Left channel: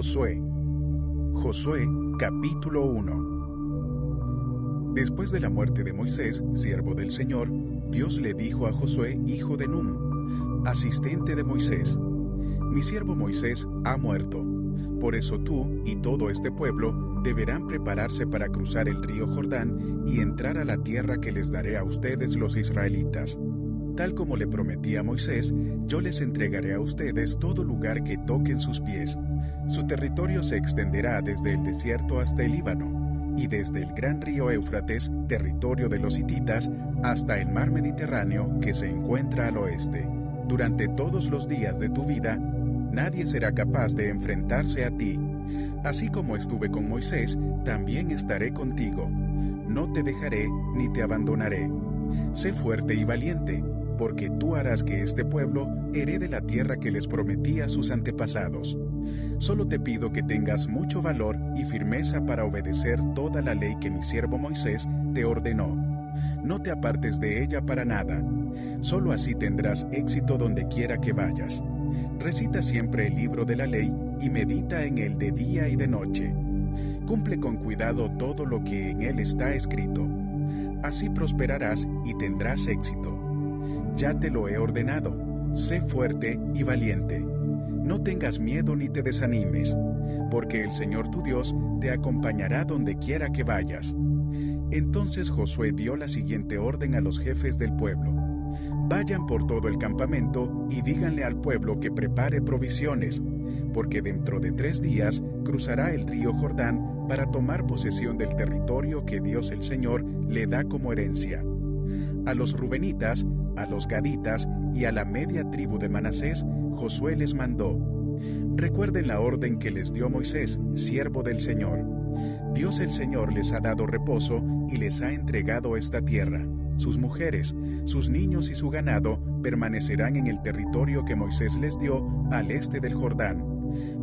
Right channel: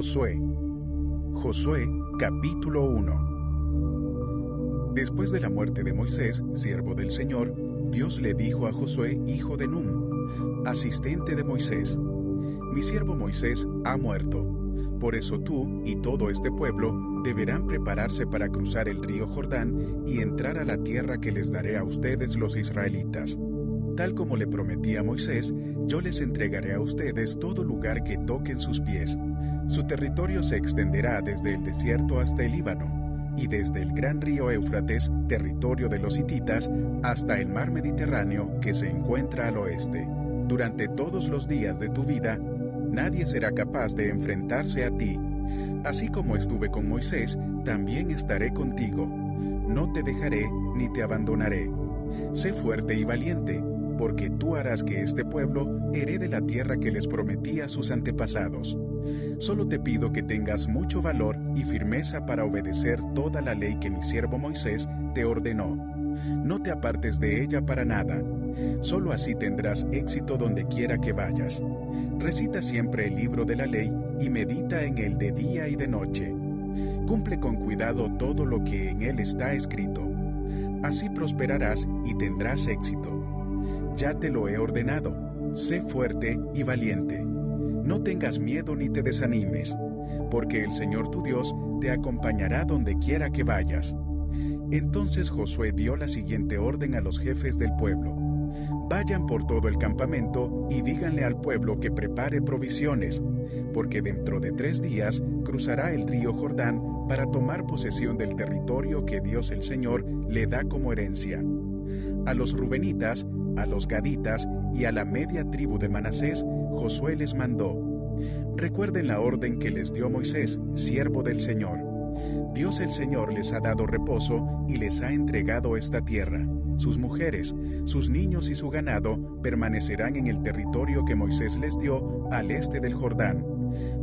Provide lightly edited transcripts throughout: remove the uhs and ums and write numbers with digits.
Josué. Josué, capítulo 1. Después de la muerte de Moisés, siervo del Señor, Dios le dijo a Josué, hijo de Nun, asistente de Moisés: Mi siervo Moisés ha muerto. Por eso tú y todo este pueblo deberán prepararse para cruzar el río Jordán y entrar a la tierra que les daré a ustedes los israelitas. Tal como le prometí a Moisés, yo les entregaré a ustedes todo lugar que toquen sus pies. Su territorio se extenderá desde el desierto hasta el Líbano, y desde el gran río Éufrates, territorio de los hititas, hasta el mar Mediterráneo que se encuentra al oeste. Durante todos los días de tu vida, nadie será capaz de enfrentarse a ti. Así como estuve con Moisés, también estaré contigo. No te dejaré ni te abandonaré. Sé fuerte y valiente, porque tú harás que este pueblo herede la tierra que les prometí a sus antepasados. Solo te pido que tengas mucho valor y firmeza para obedecer toda la ley que mi siervo Moisés te ordenó. No te apartes de ella para nada. Solo así tendrás éxito donde quiera que vayas. Recita siempre el libro de la ley y medita en él de día y de noche. Cumple con cuidado todo lo que en él está escrito. Así prosperarás y tendrás éxito. Ya te lo he ordenado. Sé fuerte y valiente. No tengas miedo ni te desanimes, porque el Señor tu Dios te acompañará donde quiera que vayas. Entonces Josué dio la siguiente orden a los jefes del pueblo: Vayan por todo el campamento y díganle al pueblo que prepare provisiones, porque dentro de 3 días cruzará el río Jordán para tomar posesión del territorio que Dios el Señor le da como herencia. A los rubenitas, a los gaditas y a la media tribu de Manasés, Josué les mandó: Recuerden la orden que les dio Moisés, siervo del Señor. Dios el Señor les ha dado reposo y les ha entregado esta tierra. Sus mujeres, sus niños y su ganado permanecerán en el territorio que Moisés les dio al este del Jordán.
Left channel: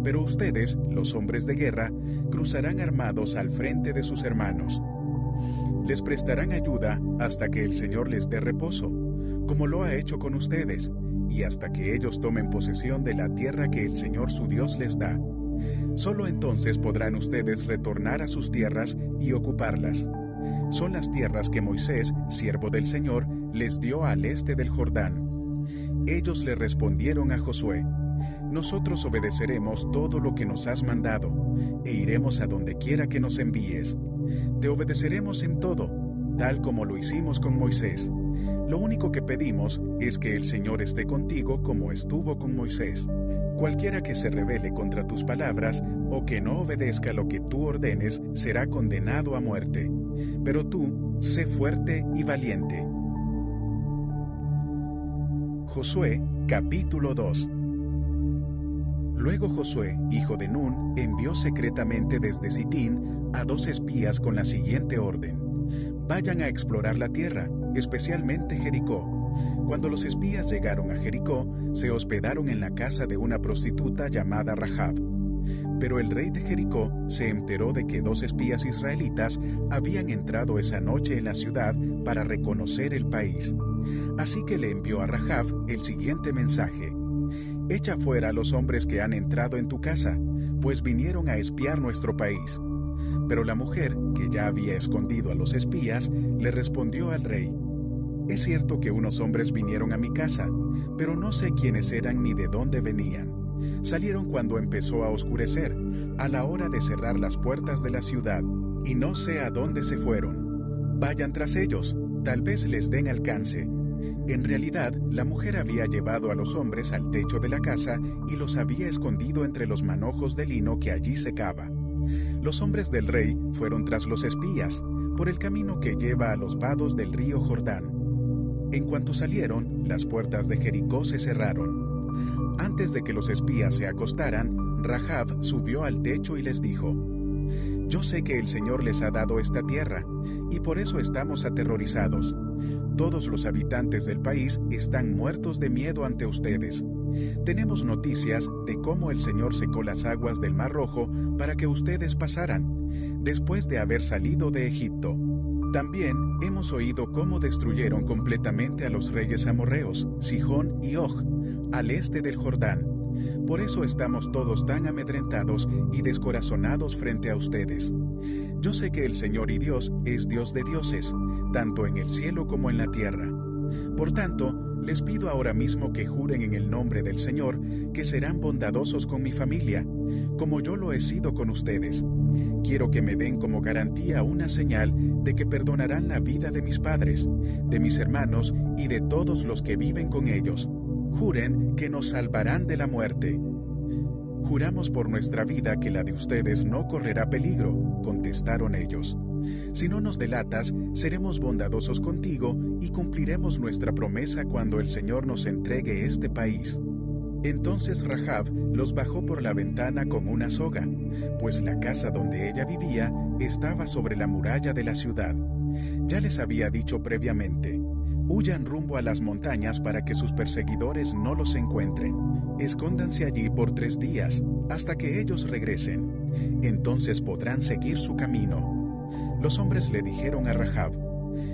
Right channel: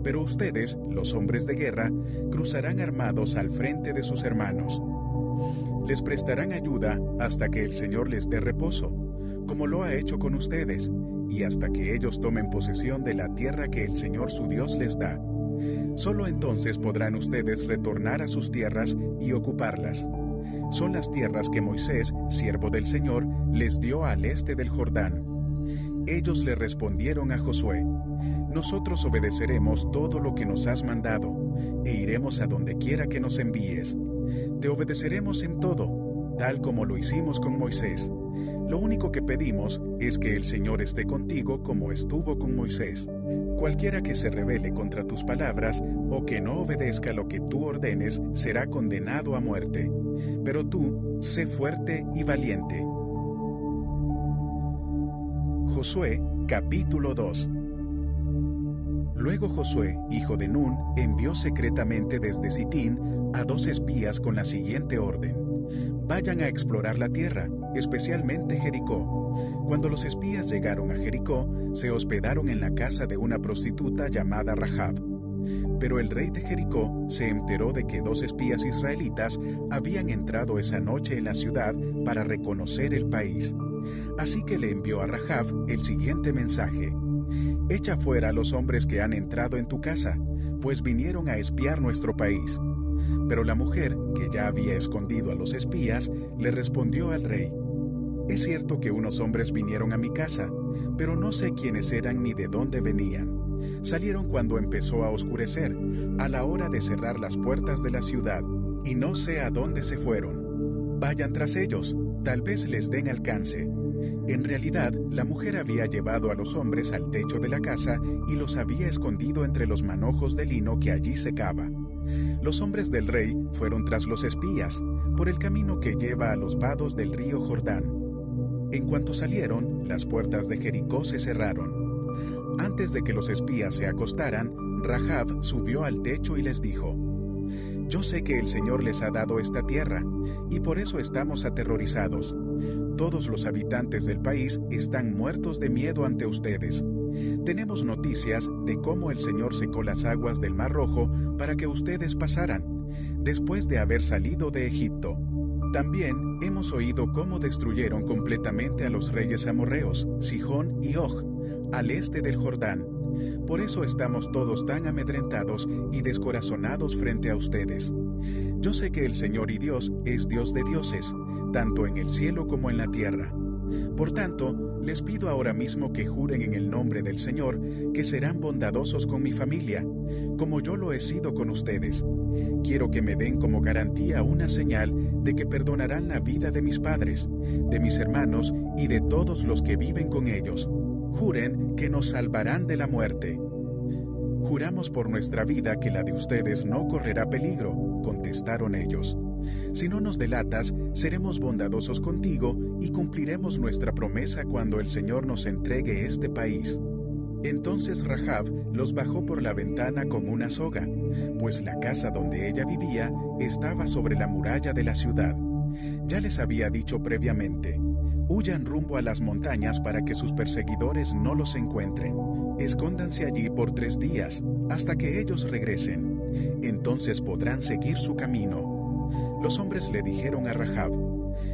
Pero ustedes, los hombres de guerra, cruzarán armados al frente de sus hermanos. Les prestarán ayuda hasta que el Señor les dé reposo, como lo ha hecho con ustedes, y hasta que ellos tomen posesión de la tierra que el Señor su Dios les da. Solo entonces podrán ustedes retornar a sus tierras y ocuparlas. Son las tierras que Moisés, siervo del Señor, les dio al este del Jordán. Ellos le respondieron a Josué: Nosotros obedeceremos todo lo que nos has mandado, e iremos a donde quiera que nos envíes. Te obedeceremos en todo, tal como lo hicimos con Moisés. Lo único que pedimos es que el Señor esté contigo como estuvo con Moisés. Cualquiera que se rebele contra tus palabras o que no obedezca lo que tú ordenes será condenado a muerte. Pero tú, sé fuerte y valiente. Josué, capítulo 2. Luego Josué, hijo de Nun, envió secretamente desde Sitín a 2 espías con la siguiente orden: Vayan a explorar la tierra, especialmente Jericó. Cuando los espías llegaron a Jericó, se hospedaron en la casa de una prostituta llamada Rahab. Pero el rey de Jericó se enteró de que 2 espías israelitas habían entrado esa noche en la ciudad para reconocer el país. Así que le envió a Rahab el siguiente mensaje: Echa fuera a los hombres que han entrado en tu casa, pues vinieron a espiar nuestro país. Pero la mujer, que ya había escondido a los espías, le respondió al rey: Es cierto que unos hombres vinieron a mi casa, pero no sé quiénes eran ni de dónde venían. Salieron cuando empezó a oscurecer, a la hora de cerrar las puertas de la ciudad, y no sé a dónde se fueron. Vayan tras ellos, tal vez les den alcance. En realidad, la mujer había llevado a los hombres al techo de la casa y los había escondido entre los manojos de lino que allí secaba. Los hombres del rey fueron tras los espías, por el camino que lleva a los vados del río Jordán. En cuanto salieron, las puertas de Jericó se cerraron. Antes de que los espías se acostaran, Rahab subió al techo y les dijo: Yo sé que el Señor les ha dado esta tierra, y por eso estamos aterrorizados. Todos los habitantes del país están muertos de miedo ante ustedes. Tenemos noticias de cómo el Señor secó las aguas del Mar Rojo para que ustedes pasaran, después de haber salido de Egipto. También hemos oído cómo destruyeron completamente a los reyes amorreos, Sihón y Og, al este del Jordán, Por eso estamos todos tan amedrentados y descorazonados frente a ustedes. Yo sé que el Señor y Dios es Dios de dioses, tanto en el cielo como en la tierra. Por tanto, les pido ahora mismo que juren en el nombre del Señor que serán bondadosos con mi familia, como yo lo he sido con ustedes. Quiero que me den como garantía una señal de que perdonarán la vida de mis padres, de mis hermanos y de todos los que viven con ellos. Juren que nos salvarán de la muerte. Juramos por nuestra vida que la de ustedes no correrá peligro, contestaron ellos. Si no nos delatas, seremos bondadosos contigo y cumpliremos nuestra promesa cuando el Señor nos entregue este país. Entonces Rahab los bajó por la ventana con una soga, pues la casa donde ella vivía estaba sobre la muralla de la ciudad. Ya les había dicho previamente: huyan rumbo a las montañas para que sus perseguidores no los encuentren. Escóndanse allí por 3 días, hasta que ellos regresen. Entonces podrán seguir su camino. Los hombres le dijeron a Rahab:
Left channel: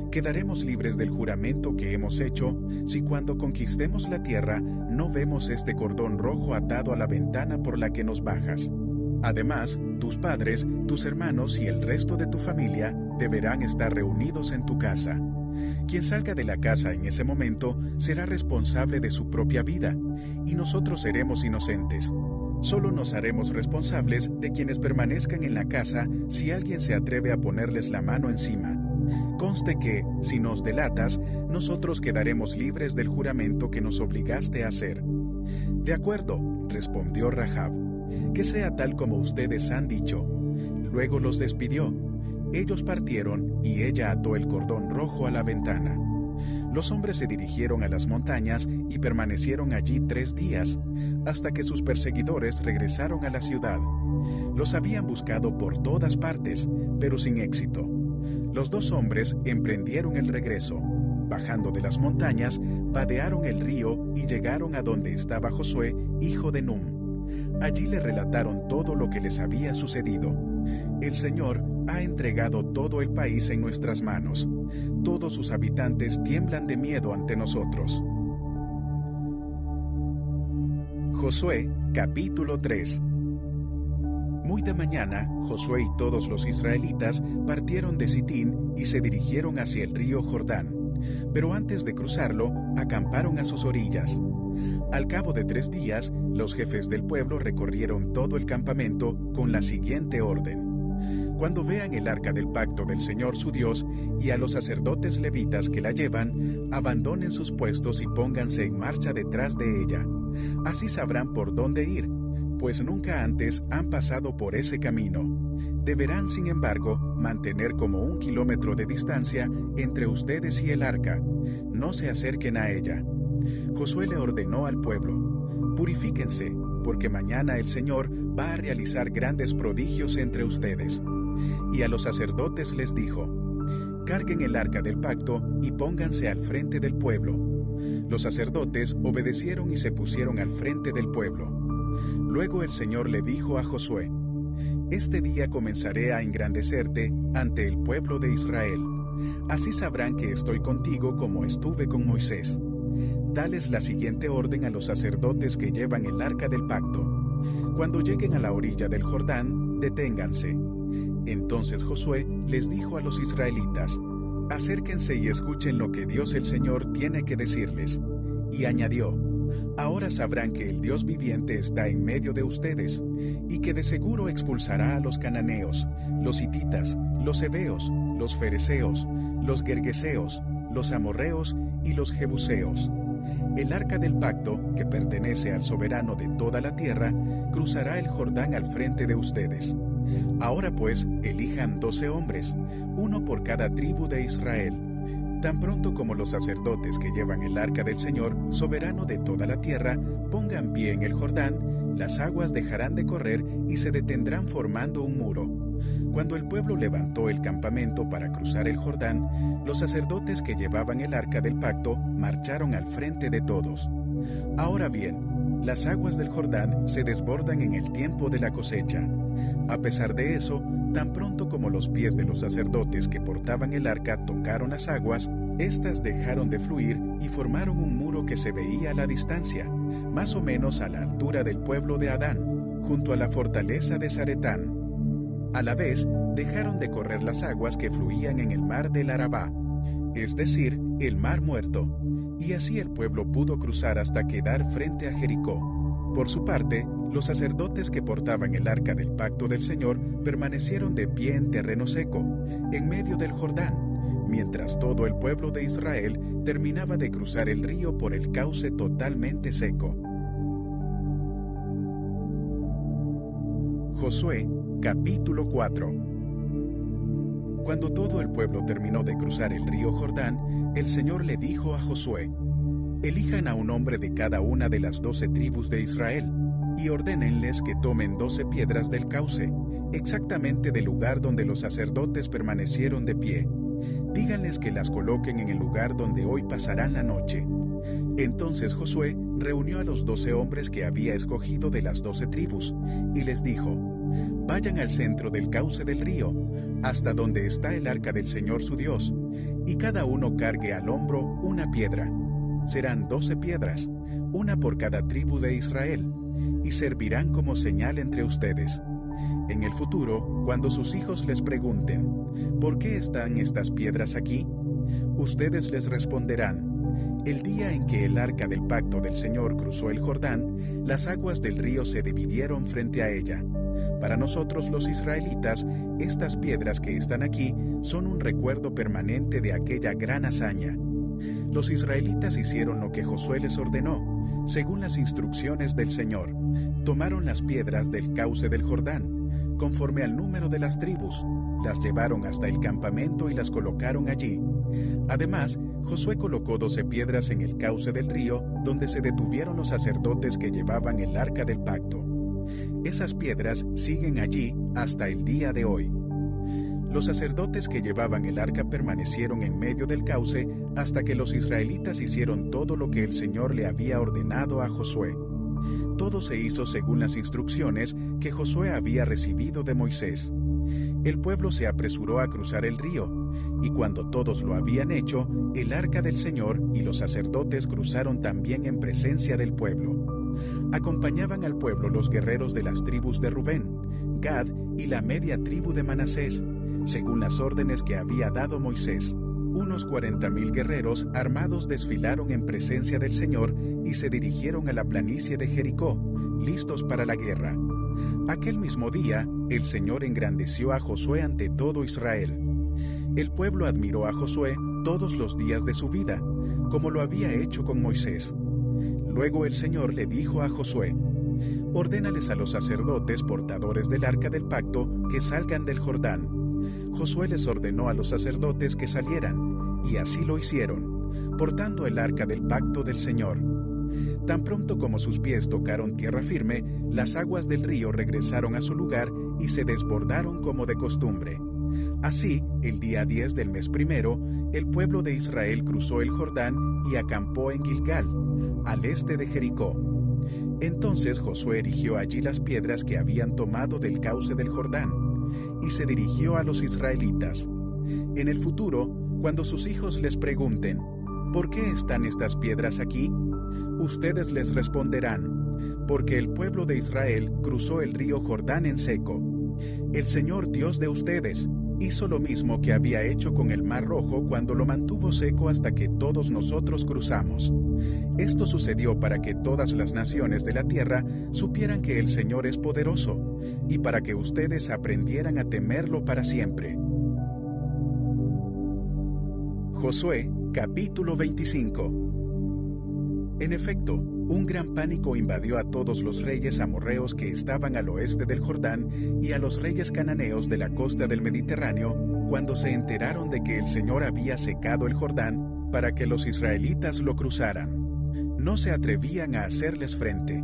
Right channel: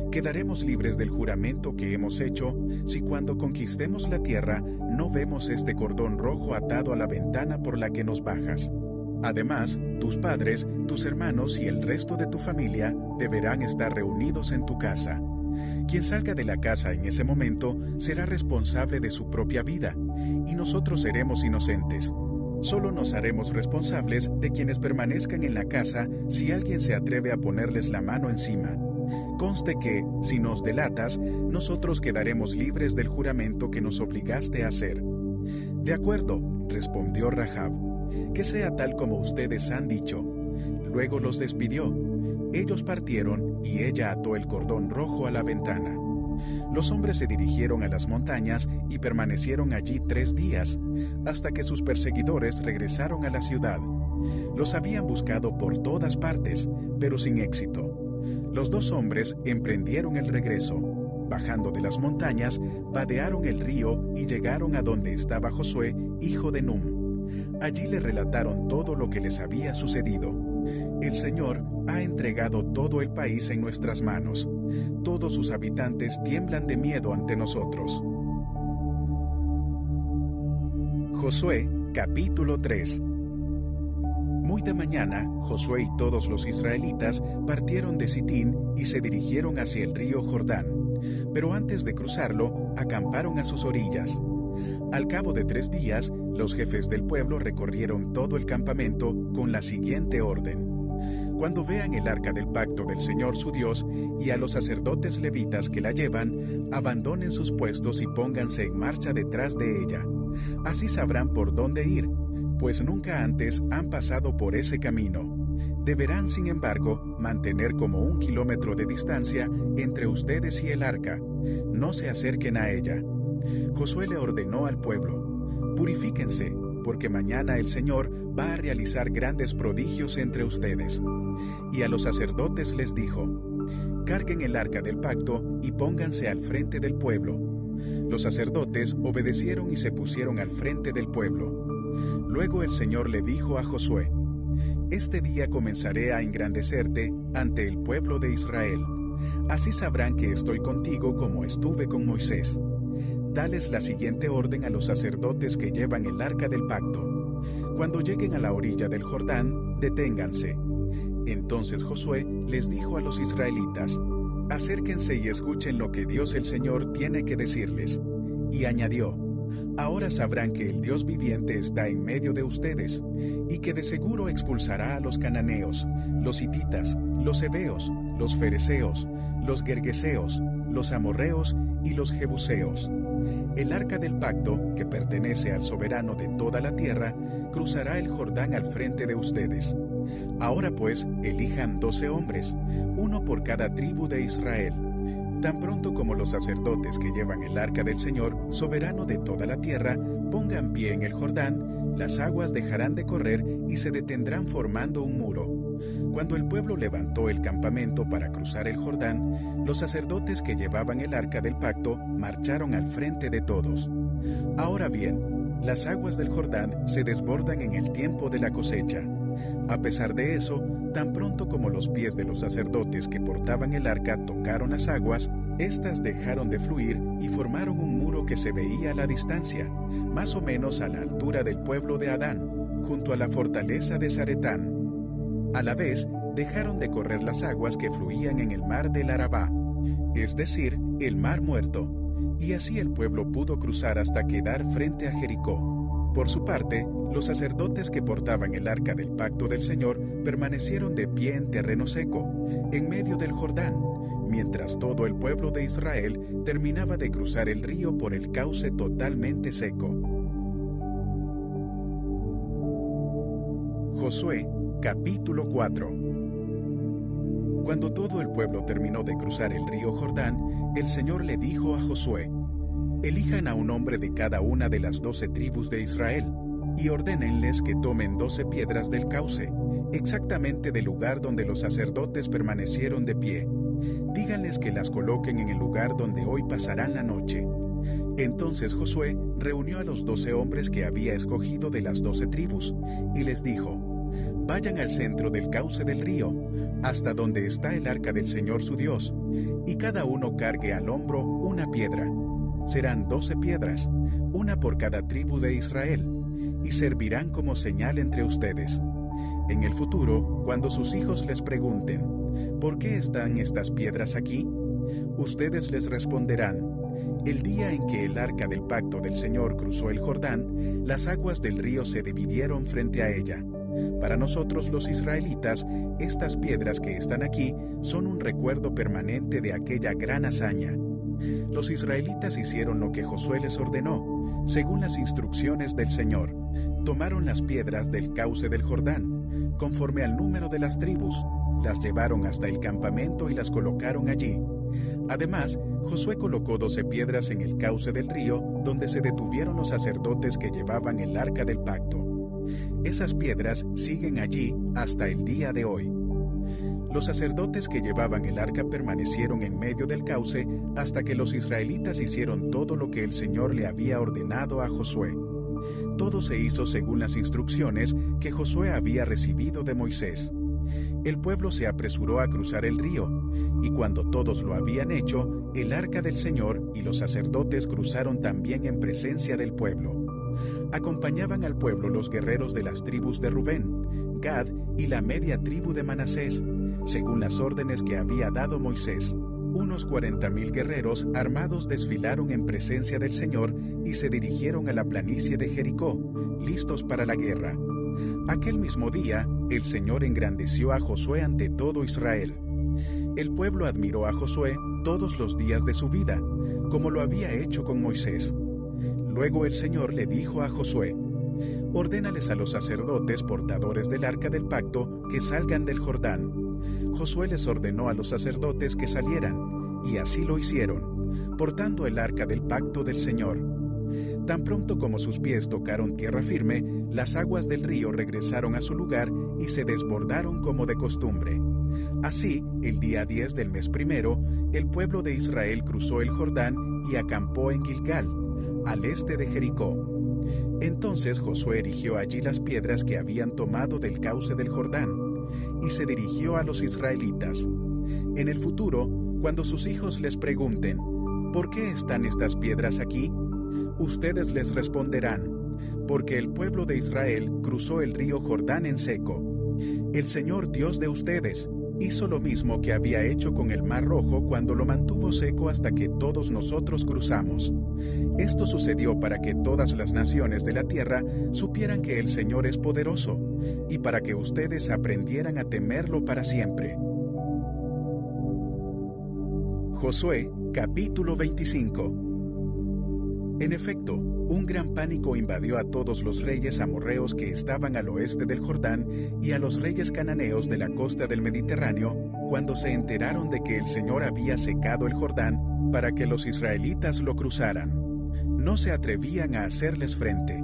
quedaremos libres del juramento que hemos hecho si cuando conquistemos la tierra no vemos este cordón rojo atado a la ventana por la que nos bajas. Además, tus padres, tus hermanos y el resto de tu familia deberán estar reunidos en tu casa. Quien salga de la casa en ese momento será responsable de su propia vida, y nosotros seremos inocentes. Solo nos haremos responsables de quienes permanezcan en la casa si alguien se atreve a ponerles la mano encima. Conste que, si nos delatas, nosotros quedaremos libres del juramento que nos obligaste a hacer. De acuerdo, respondió Rahab, que sea tal como ustedes han dicho. Luego los despidió. Ellos partieron y ella ató el cordón rojo a la ventana. Los hombres se dirigieron a las montañas y permanecieron allí 3 días, hasta que sus perseguidores regresaron a la ciudad. Los habían buscado por todas partes, pero sin éxito. Los 2 hombres emprendieron el regreso. Bajando de las montañas, vadearon el río y llegaron a donde estaba Josué, hijo de Num. Allí le relataron todo lo que les había sucedido. El Señor ha entregado todo el país en nuestras manos. Todos sus habitantes tiemblan de miedo ante nosotros. Josué, capítulo 3. Muy de mañana, Josué y todos los israelitas partieron de Sitín y se dirigieron hacia el río Jordán, pero antes de cruzarlo, acamparon a sus orillas. Al cabo de 3 días, los jefes del pueblo recorrieron todo el campamento con la siguiente orden: cuando vean el arca del pacto del Señor su Dios y a los sacerdotes levitas que la llevan, abandonen sus puestos y pónganse en marcha detrás de ella. Así sabrán por dónde ir, pues nunca antes han pasado por ese camino. Deberán, sin embargo, mantener como 1 kilómetro de distancia entre ustedes y el arca. No se acerquen a ella. Josué le ordenó al pueblo: purifíquense, porque mañana el Señor va a realizar grandes prodigios entre ustedes. Y a los sacerdotes les dijo: carguen el arca del pacto y pónganse al frente del pueblo. Los sacerdotes obedecieron y se pusieron al frente del pueblo. Luego el Señor le dijo a Josué: este día comenzaré a engrandecerte ante el pueblo de Israel. Así sabrán que estoy contigo como estuve con Moisés. Dales la siguiente orden a los sacerdotes que llevan el arca del pacto: cuando lleguen a la orilla del Jordán, deténganse. Entonces Josué les dijo a los israelitas: acérquense y escuchen lo que Dios el Señor tiene que decirles. Y añadió: ahora sabrán que el Dios viviente está en medio de ustedes, y que de seguro expulsará a los cananeos, los hititas, los heveos, los fereceos, los gergeseos, los amorreos y los jebuseos. El arca del pacto, que pertenece al soberano de toda la tierra, cruzará el Jordán al frente de ustedes. Ahora pues, elijan 12 hombres, uno por cada tribu de Israel. Tan pronto como los sacerdotes que llevan el arca del Señor, soberano de toda la tierra, pongan pie en el Jordán, las aguas dejarán de correr y se detendrán formando un muro. Cuando el pueblo levantó el campamento para cruzar el Jordán, los sacerdotes que llevaban el arca del pacto marcharon al frente de todos. Ahora bien, las aguas del Jordán se desbordan en el tiempo de la cosecha. A pesar de eso, tan pronto como los pies de los sacerdotes que portaban el arca tocaron las aguas, Estas dejaron de fluir y formaron un muro que se veía a la distancia, más o menos a la altura del pueblo de Adán, junto a la fortaleza de Zaretán. A la vez, dejaron de correr las aguas que fluían en el mar del Arabá, es decir, el mar muerto, y así el pueblo pudo cruzar hasta quedar frente a Jericó. Por su parte, los sacerdotes que portaban el arca del pacto del Señor permanecieron de pie en terreno seco, en medio del Jordán, mientras todo el pueblo de Israel terminaba de cruzar el río por el cauce totalmente seco. Josué, capítulo 4. Cuando todo el pueblo terminó de cruzar el río Jordán, el Señor le dijo a Josué: «Elijan a un hombre de cada una de las 12 tribus de Israel, y ordénenles que tomen 12 piedras del cauce, exactamente del lugar donde los sacerdotes permanecieron de pie. Díganles que las coloquen en el lugar donde hoy pasarán la noche». Entonces Josué reunió a los 12 hombres que había escogido de las 12 tribus, y les dijo: «Vayan al centro del cauce del río, hasta donde está el arca del Señor su Dios, y cada uno cargue al hombro una piedra. Serán 12 piedras, una por cada tribu de Israel, y servirán como señal entre ustedes. En el futuro, cuando sus hijos les pregunten: ¿por qué están estas piedras aquí?, ustedes les responderán: el día en que el arca del pacto del Señor cruzó el Jordán, las aguas del río se dividieron frente a ella. Para nosotros los israelitas, estas piedras que están aquí son un recuerdo permanente de aquella gran hazaña». Los israelitas hicieron lo que Josué les ordenó, según las instrucciones del Señor. Tomaron las piedras del cauce del Jordán, conforme al número de las tribus, las llevaron hasta el campamento y las colocaron allí. Además, Josué colocó 12 piedras en el cauce del río, donde se detuvieron los sacerdotes que llevaban el arca del pacto. Esas piedras siguen allí hasta el día de hoy. Los sacerdotes que llevaban el arca permanecieron en medio del cauce hasta que los israelitas hicieron todo lo que el Señor le había ordenado a Josué. Todo se hizo según las instrucciones que Josué había recibido de Moisés. El pueblo se apresuró a cruzar el río, y cuando todos lo habían hecho, el arca del Señor y los sacerdotes cruzaron también en presencia del pueblo. Acompañaban al pueblo los guerreros de las tribus de Rubén, Gad y la media tribu de Manasés, según las órdenes que había dado Moisés. Unos 40,000 guerreros armados desfilaron en presencia del Señor y se dirigieron a la planicie de Jericó, listos para la guerra. Aquel mismo día, el Señor engrandeció a Josué ante todo Israel. El pueblo admiró a Josué todos los días de su vida, como lo había hecho con Moisés. Luego el Señor le dijo a Josué: «Ordénales a los sacerdotes portadores del arca del pacto que salgan del Jordán». Josué les ordenó a los sacerdotes que salieran, y así lo hicieron, portando el arca del pacto del Señor. Tan pronto como sus pies tocaron tierra firme, las aguas del río regresaron a su lugar y se desbordaron como de costumbre. Así, el día 10 del mes primero, el pueblo de Israel cruzó el Jordán y acampó en Gilgal, al este de Jericó. Entonces Josué erigió allí las piedras que habían tomado del cauce del Jordán, y se dirigió a los israelitas. En el futuro, cuando sus hijos les pregunten: ¿por qué están estas piedras aquí?, ustedes les responderán: porque el pueblo de Israel cruzó el río Jordán en seco. El Señor Dios de ustedes hizo lo mismo que había hecho con el Mar Rojo cuando lo mantuvo seco hasta que todos nosotros cruzamos. Esto sucedió para que todas las naciones de la tierra supieran que el Señor es poderoso, y para que ustedes aprendieran a temerlo para siempre. Josué, capítulo 25. En efecto, un gran pánico invadió a todos los reyes amorreos que estaban al oeste del Jordán y a los reyes cananeos de la costa del Mediterráneo cuando se enteraron de que el Señor había secado el Jordán para que los israelitas lo cruzaran. No se atrevían a hacerles frente.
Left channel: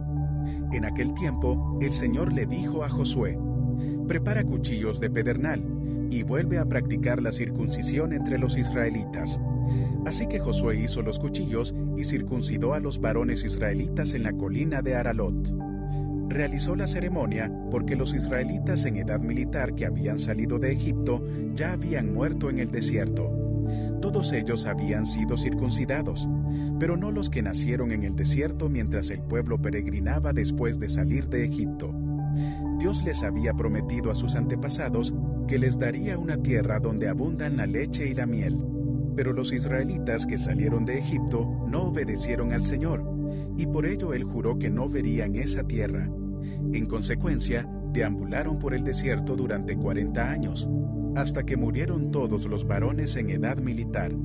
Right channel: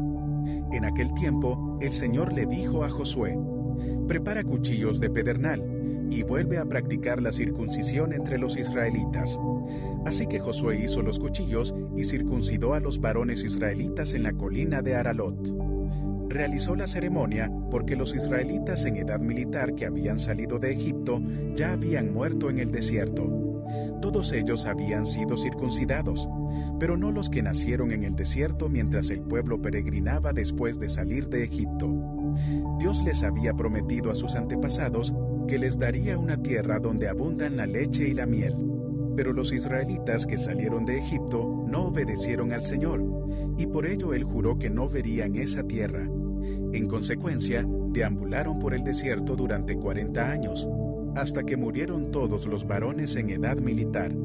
En aquel tiempo, el Señor le dijo a Josué: «Prepara cuchillos de pedernal y vuelve a practicar la circuncisión entre los israelitas». Así que Josué hizo los cuchillos y circuncidó a los varones israelitas en la colina de Aralot. Realizó la ceremonia porque los israelitas en edad militar que habían salido de Egipto ya habían muerto en el desierto. Todos ellos habían sido circuncidados, pero no los que nacieron en el desierto mientras el pueblo peregrinaba después de salir de Egipto. Dios les había prometido a sus antepasados que les daría una tierra donde abundan la leche y la miel. Pero los israelitas que salieron de Egipto no obedecieron al Señor, y por ello Él juró que no verían esa tierra. En consecuencia, deambularon por el desierto durante 40 años, hasta que murieron todos los varones en edad militar.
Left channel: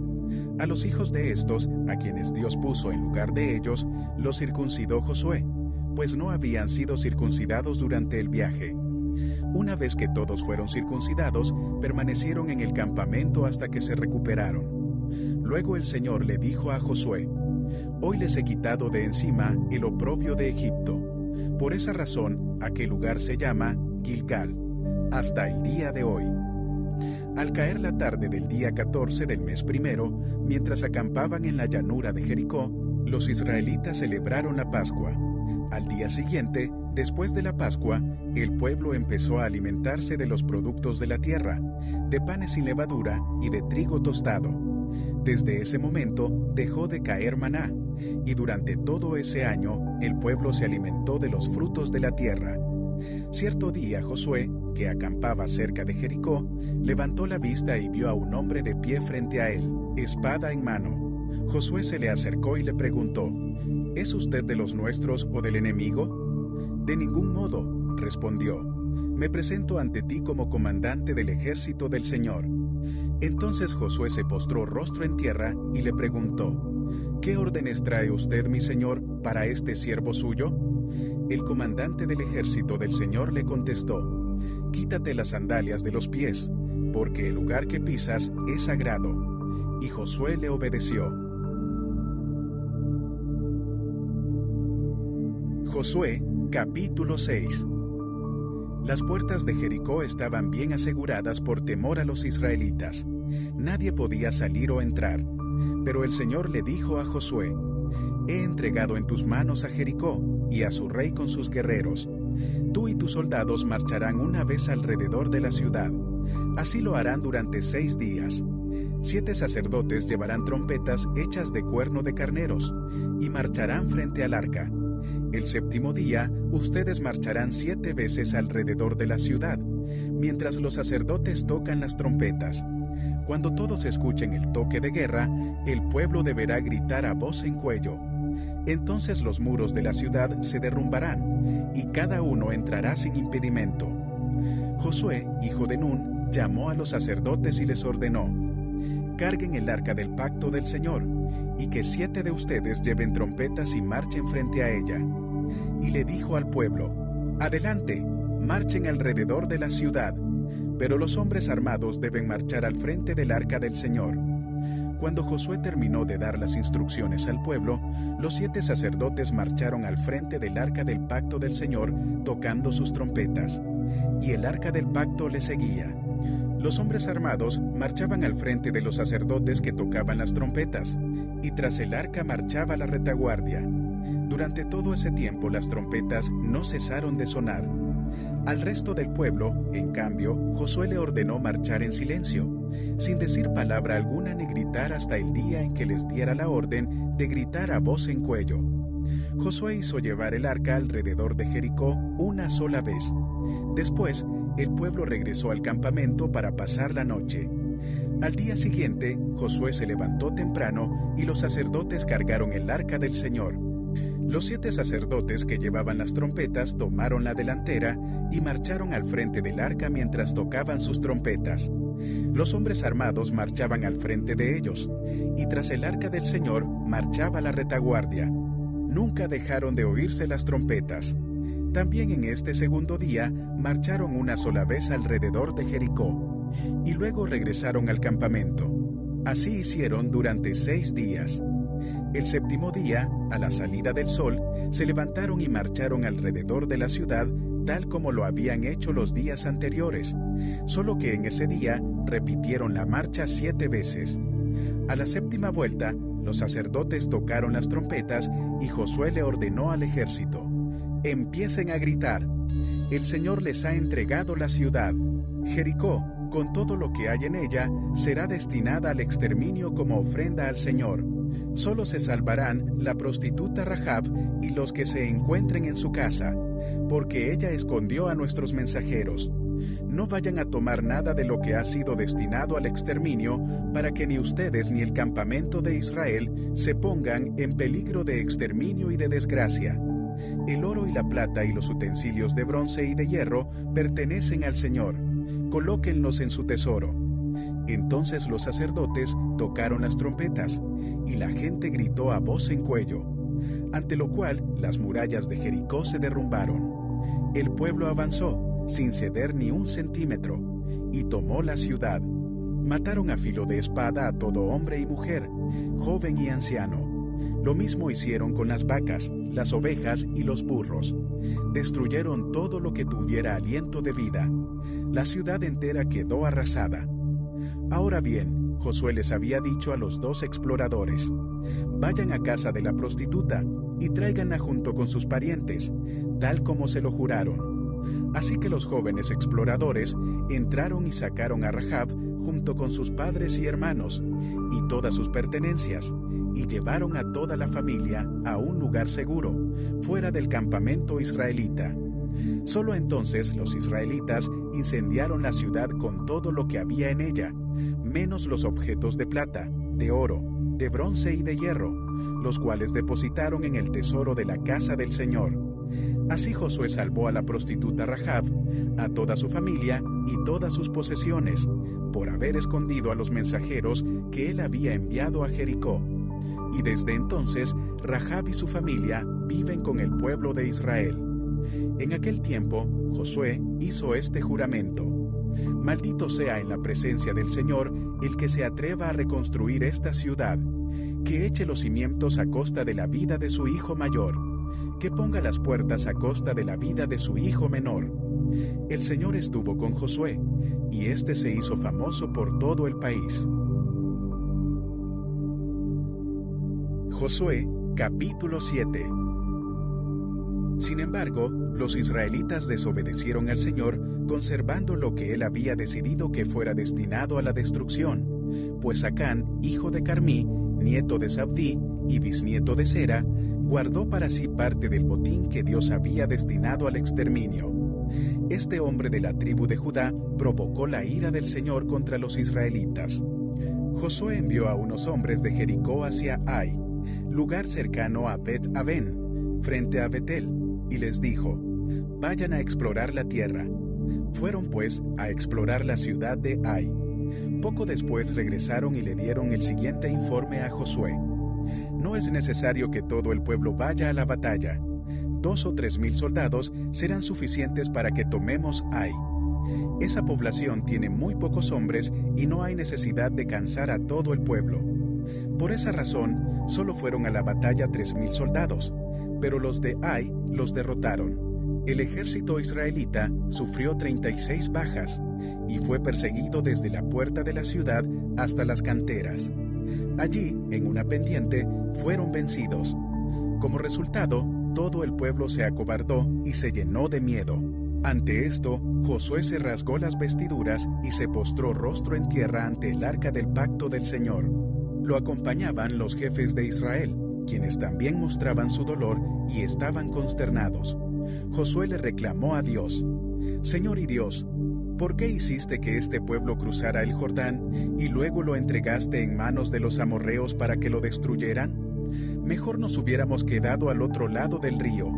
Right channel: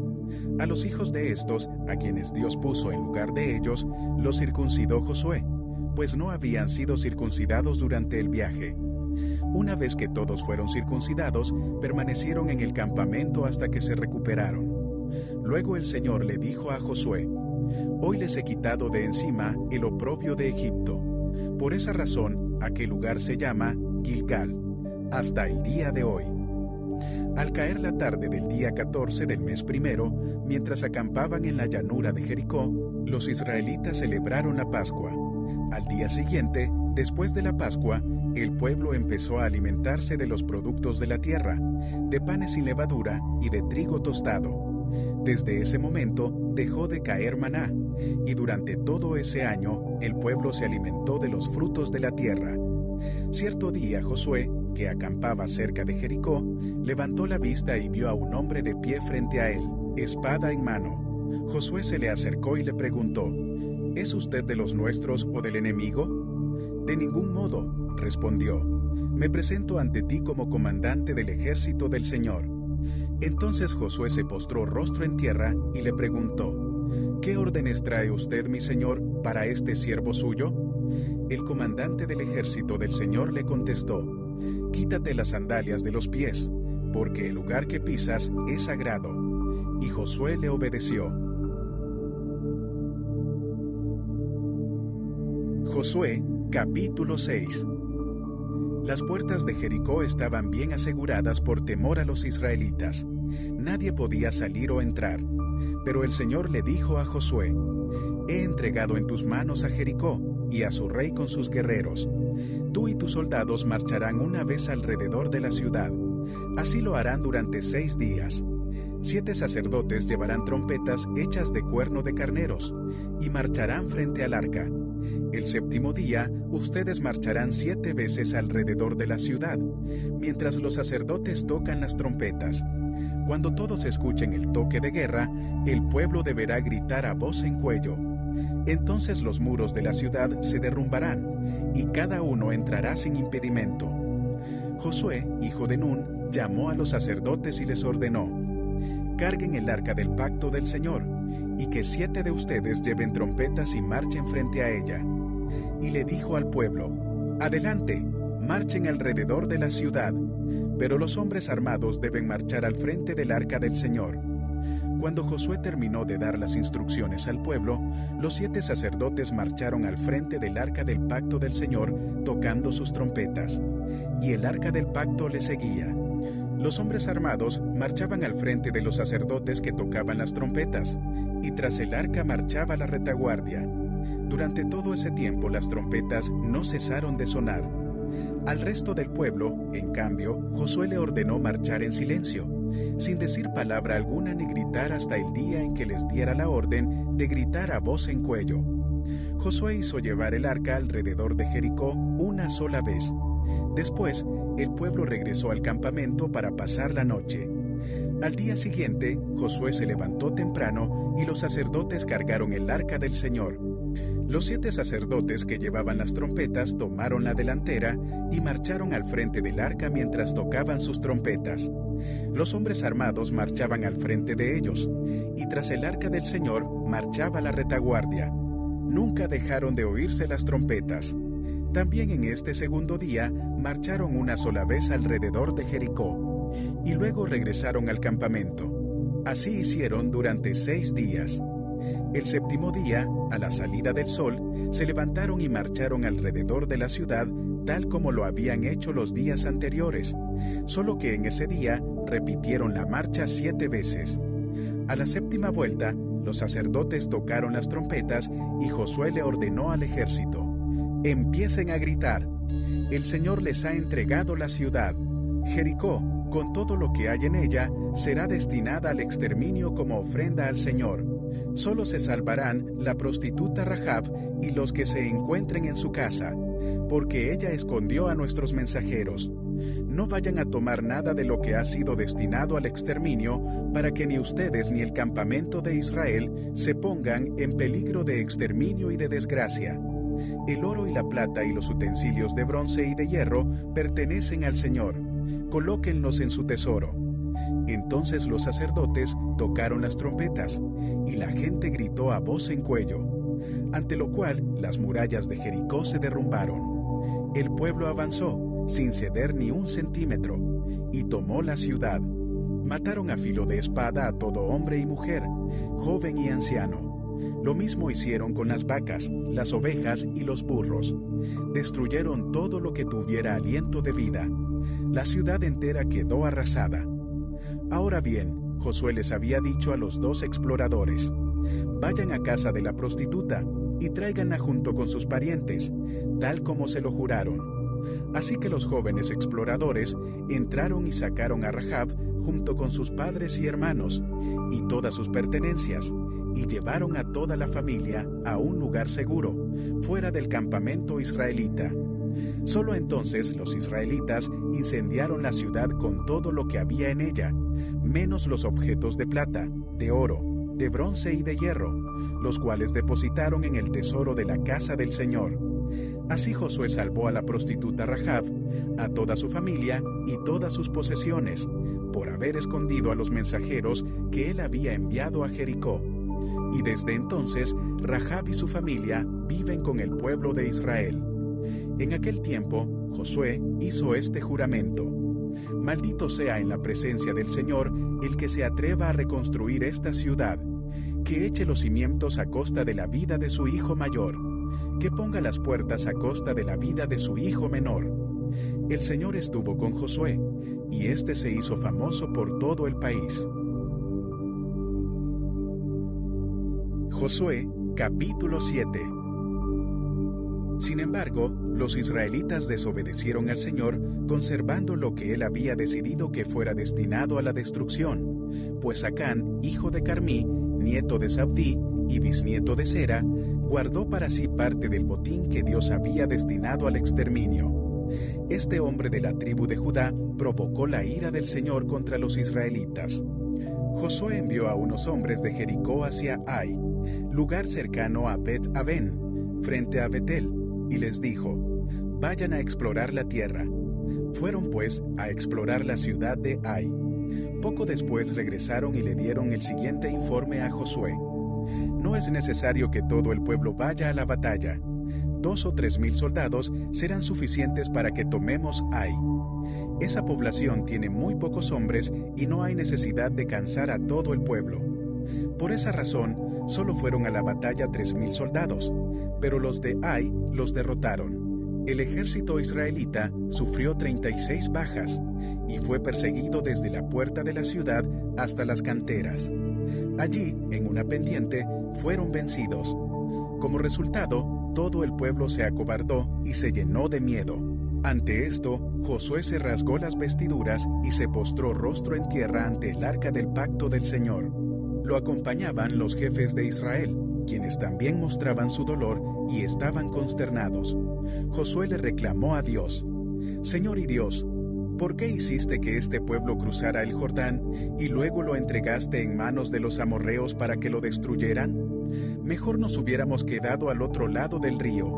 A los hijos de estos, a quienes Dios puso en lugar de ellos, los circuncidó Josué, pues no habían sido circuncidados durante el viaje. Una vez que todos fueron circuncidados, permanecieron en el campamento hasta que se recuperaron. Luego el Señor le dijo a Josué: «Hoy les he quitado de encima el oprobio de Egipto». Por esa razón, aquel lugar se llama Gilgal, hasta el día de hoy. Al caer la tarde del día 14 del mes primero, mientras acampaban en la llanura de Jericó, los israelitas celebraron la Pascua. Al día siguiente, después de la Pascua, el pueblo empezó a alimentarse de los productos de la tierra, de panes sin levadura y de trigo tostado. Desde ese momento dejó de caer maná, y durante todo ese año el pueblo se alimentó de los frutos de la tierra. Cierto día Josué, que acampaba cerca de Jericó, levantó la vista y vio a un hombre de pie frente a él, espada en mano. Josué se le acercó y le preguntó: «¿Es usted de los nuestros o del enemigo?» «De ningún modo», respondió. «Me presento ante ti como comandante del ejército del Señor». Entonces Josué se postró rostro en tierra y le preguntó: «¿Qué órdenes trae usted, mi señor, para este siervo suyo?» El comandante del ejército del Señor le contestó: «Quítate las sandalias de los pies, porque el lugar que pisas es sagrado». Y Josué le obedeció. Josué, capítulo 6. Las puertas de Jericó estaban bien aseguradas por temor a los israelitas. Nadie podía salir o entrar. Pero el Señor le dijo a Josué: «He entregado en tus manos a Jericó y a su rey con sus guerreros. Tú y tus soldados marcharán una vez alrededor de la ciudad. Así lo harán durante 6 días. 7 sacerdotes llevarán trompetas hechas de cuerno de carneros y marcharán frente al arca. El 7º día, ustedes marcharán 7 veces alrededor de la ciudad, mientras los sacerdotes tocan las trompetas. Cuando todos escuchen el toque de guerra, el pueblo deberá gritar a voz en cuello. Entonces los muros de la ciudad se derrumbarán, y cada uno entrará sin impedimento». Josué, hijo de Nun, llamó a los sacerdotes y les ordenó: «Carguen el arca del pacto del Señor, y que 7 de ustedes lleven trompetas y marchen frente a ella». Y le dijo al pueblo: «Adelante, marchen alrededor de la ciudad, pero los hombres armados deben marchar al frente del arca del Señor». Cuando Josué terminó de dar las instrucciones al pueblo, los 7 sacerdotes marcharon al frente del arca del pacto del Señor, tocando sus trompetas, y el arca del pacto le seguía. Los hombres armados marchaban al frente de los sacerdotes que tocaban las trompetas, y tras el arca marchaba la retaguardia. Durante todo ese tiempo las trompetas no cesaron de sonar. Al resto del pueblo, en cambio, Josué le ordenó marchar en silencio, sin decir palabra alguna ni gritar hasta el día en que les diera la orden de gritar a voz en cuello. Josué hizo llevar el arca alrededor de Jericó una sola vez. Después, el pueblo regresó al campamento para pasar la noche. Al día siguiente, Josué se levantó temprano y los sacerdotes cargaron el arca del Señor. Los 7 sacerdotes que llevaban las trompetas tomaron la delantera y marcharon al frente del arca mientras tocaban sus trompetas. Los hombres armados marchaban al frente de ellos, y tras el arca del Señor marchaba la retaguardia. Nunca dejaron de oírse las trompetas. También en este 2º día marcharon una sola vez alrededor de Jericó, y luego regresaron al campamento. Así hicieron durante 6 días. El 7º día, a la salida del sol, se levantaron y marcharon alrededor de la ciudad tal como lo habían hecho los días anteriores, solo que en ese día repitieron la marcha 7 veces. A la 7ª vuelta, los sacerdotes tocaron las trompetas y Josué le ordenó al ejército: «Empiecen a gritar. El Señor les ha entregado la ciudad. Jericó, con todo lo que hay en ella, será destinada al exterminio como ofrenda al Señor. Solo se salvarán la prostituta Rahab y los que se encuentren en su casa, porque ella escondió a nuestros mensajeros. No vayan a tomar nada de lo que ha sido destinado al exterminio, para que ni ustedes ni el campamento de Israel se pongan en peligro de exterminio y de desgracia. El oro y la plata y los utensilios de bronce y de hierro pertenecen al Señor. Colóquenlos en su tesoro. Entonces los sacerdotes tocaron las trompetas, y la gente gritó a voz en cuello, ante lo cual las murallas de Jericó se derrumbaron. El pueblo avanzó, sin ceder ni un centímetro, y tomó la ciudad. Mataron a filo de espada a todo hombre y mujer, joven y anciano. Lo mismo hicieron con las vacas, las ovejas y los burros. Destruyeron todo lo que tuviera aliento de vida. La ciudad entera quedó arrasada. Ahora bien, Josué les había dicho a los 2 exploradores: vayan a casa de la prostituta y tráiganla junto con sus parientes, tal como se lo juraron. Así que los jóvenes exploradores entraron y sacaron a Rahab junto con sus padres y hermanos y todas sus pertenencias, y llevaron a toda la familia a un lugar seguro, fuera del campamento israelita. Solo entonces los israelitas incendiaron la ciudad con todo lo que había en ella, menos los objetos de plata, de oro, de bronce y de hierro, los cuales depositaron en el tesoro de la casa del Señor. Así Josué salvó a la prostituta Rahab, a toda su familia y todas sus posesiones, por haber escondido a los mensajeros que él había enviado a Jericó. Y desde entonces Rahab y su familia viven con el pueblo de Israel. En aquel tiempo, Josué hizo este juramento: maldito sea en la presencia del Señor el que se atreva a reconstruir esta ciudad, que eche los cimientos a costa de la vida de su hijo mayor, que ponga las puertas a costa de la vida de su hijo menor. El Señor estuvo con Josué, y éste se hizo famoso por todo el país. Josué, capítulo 7. Sin embargo, los israelitas desobedecieron al Señor, conservando lo que él había decidido que fuera destinado a la destrucción, pues Acán, hijo de Carmí, nieto de Zabdí y bisnieto de Sera, guardó para sí parte del botín que Dios había destinado al exterminio. Este hombre de la tribu de Judá provocó la ira del Señor contra los israelitas. Josué envió a unos hombres de Jericó hacia Ai, lugar cercano a Bet-Aven, frente a Betel, y les dijo: vayan a explorar la tierra. Fueron pues a explorar la ciudad de Ai. Poco después regresaron y le dieron el siguiente informe a Josué: no es necesario que todo el pueblo vaya a la batalla. 2 o 3 mil soldados serán suficientes para que tomemos Ai. Esa población tiene muy pocos hombres y no hay necesidad de cansar a todo el pueblo. Por esa razón, solo fueron a la batalla 3,000 soldados, pero los de Ai los derrotaron. El ejército israelita sufrió 36 bajas y fue perseguido desde la puerta de la ciudad hasta las canteras. Allí, en una pendiente, fueron vencidos. Como resultado, todo el pueblo se acobardó y se llenó de miedo. Ante esto, Josué se rasgó las vestiduras y se postró rostro en tierra ante el arca del pacto del Señor. Lo acompañaban los jefes de Israel, quienes también mostraban su dolor y estaban consternados. Josué le reclamó a Dios: Señor y Dios, ¿por qué hiciste que este pueblo cruzara el Jordán y luego lo entregaste en manos de los amorreos para que lo destruyeran? Mejor nos hubiéramos quedado al otro lado del río.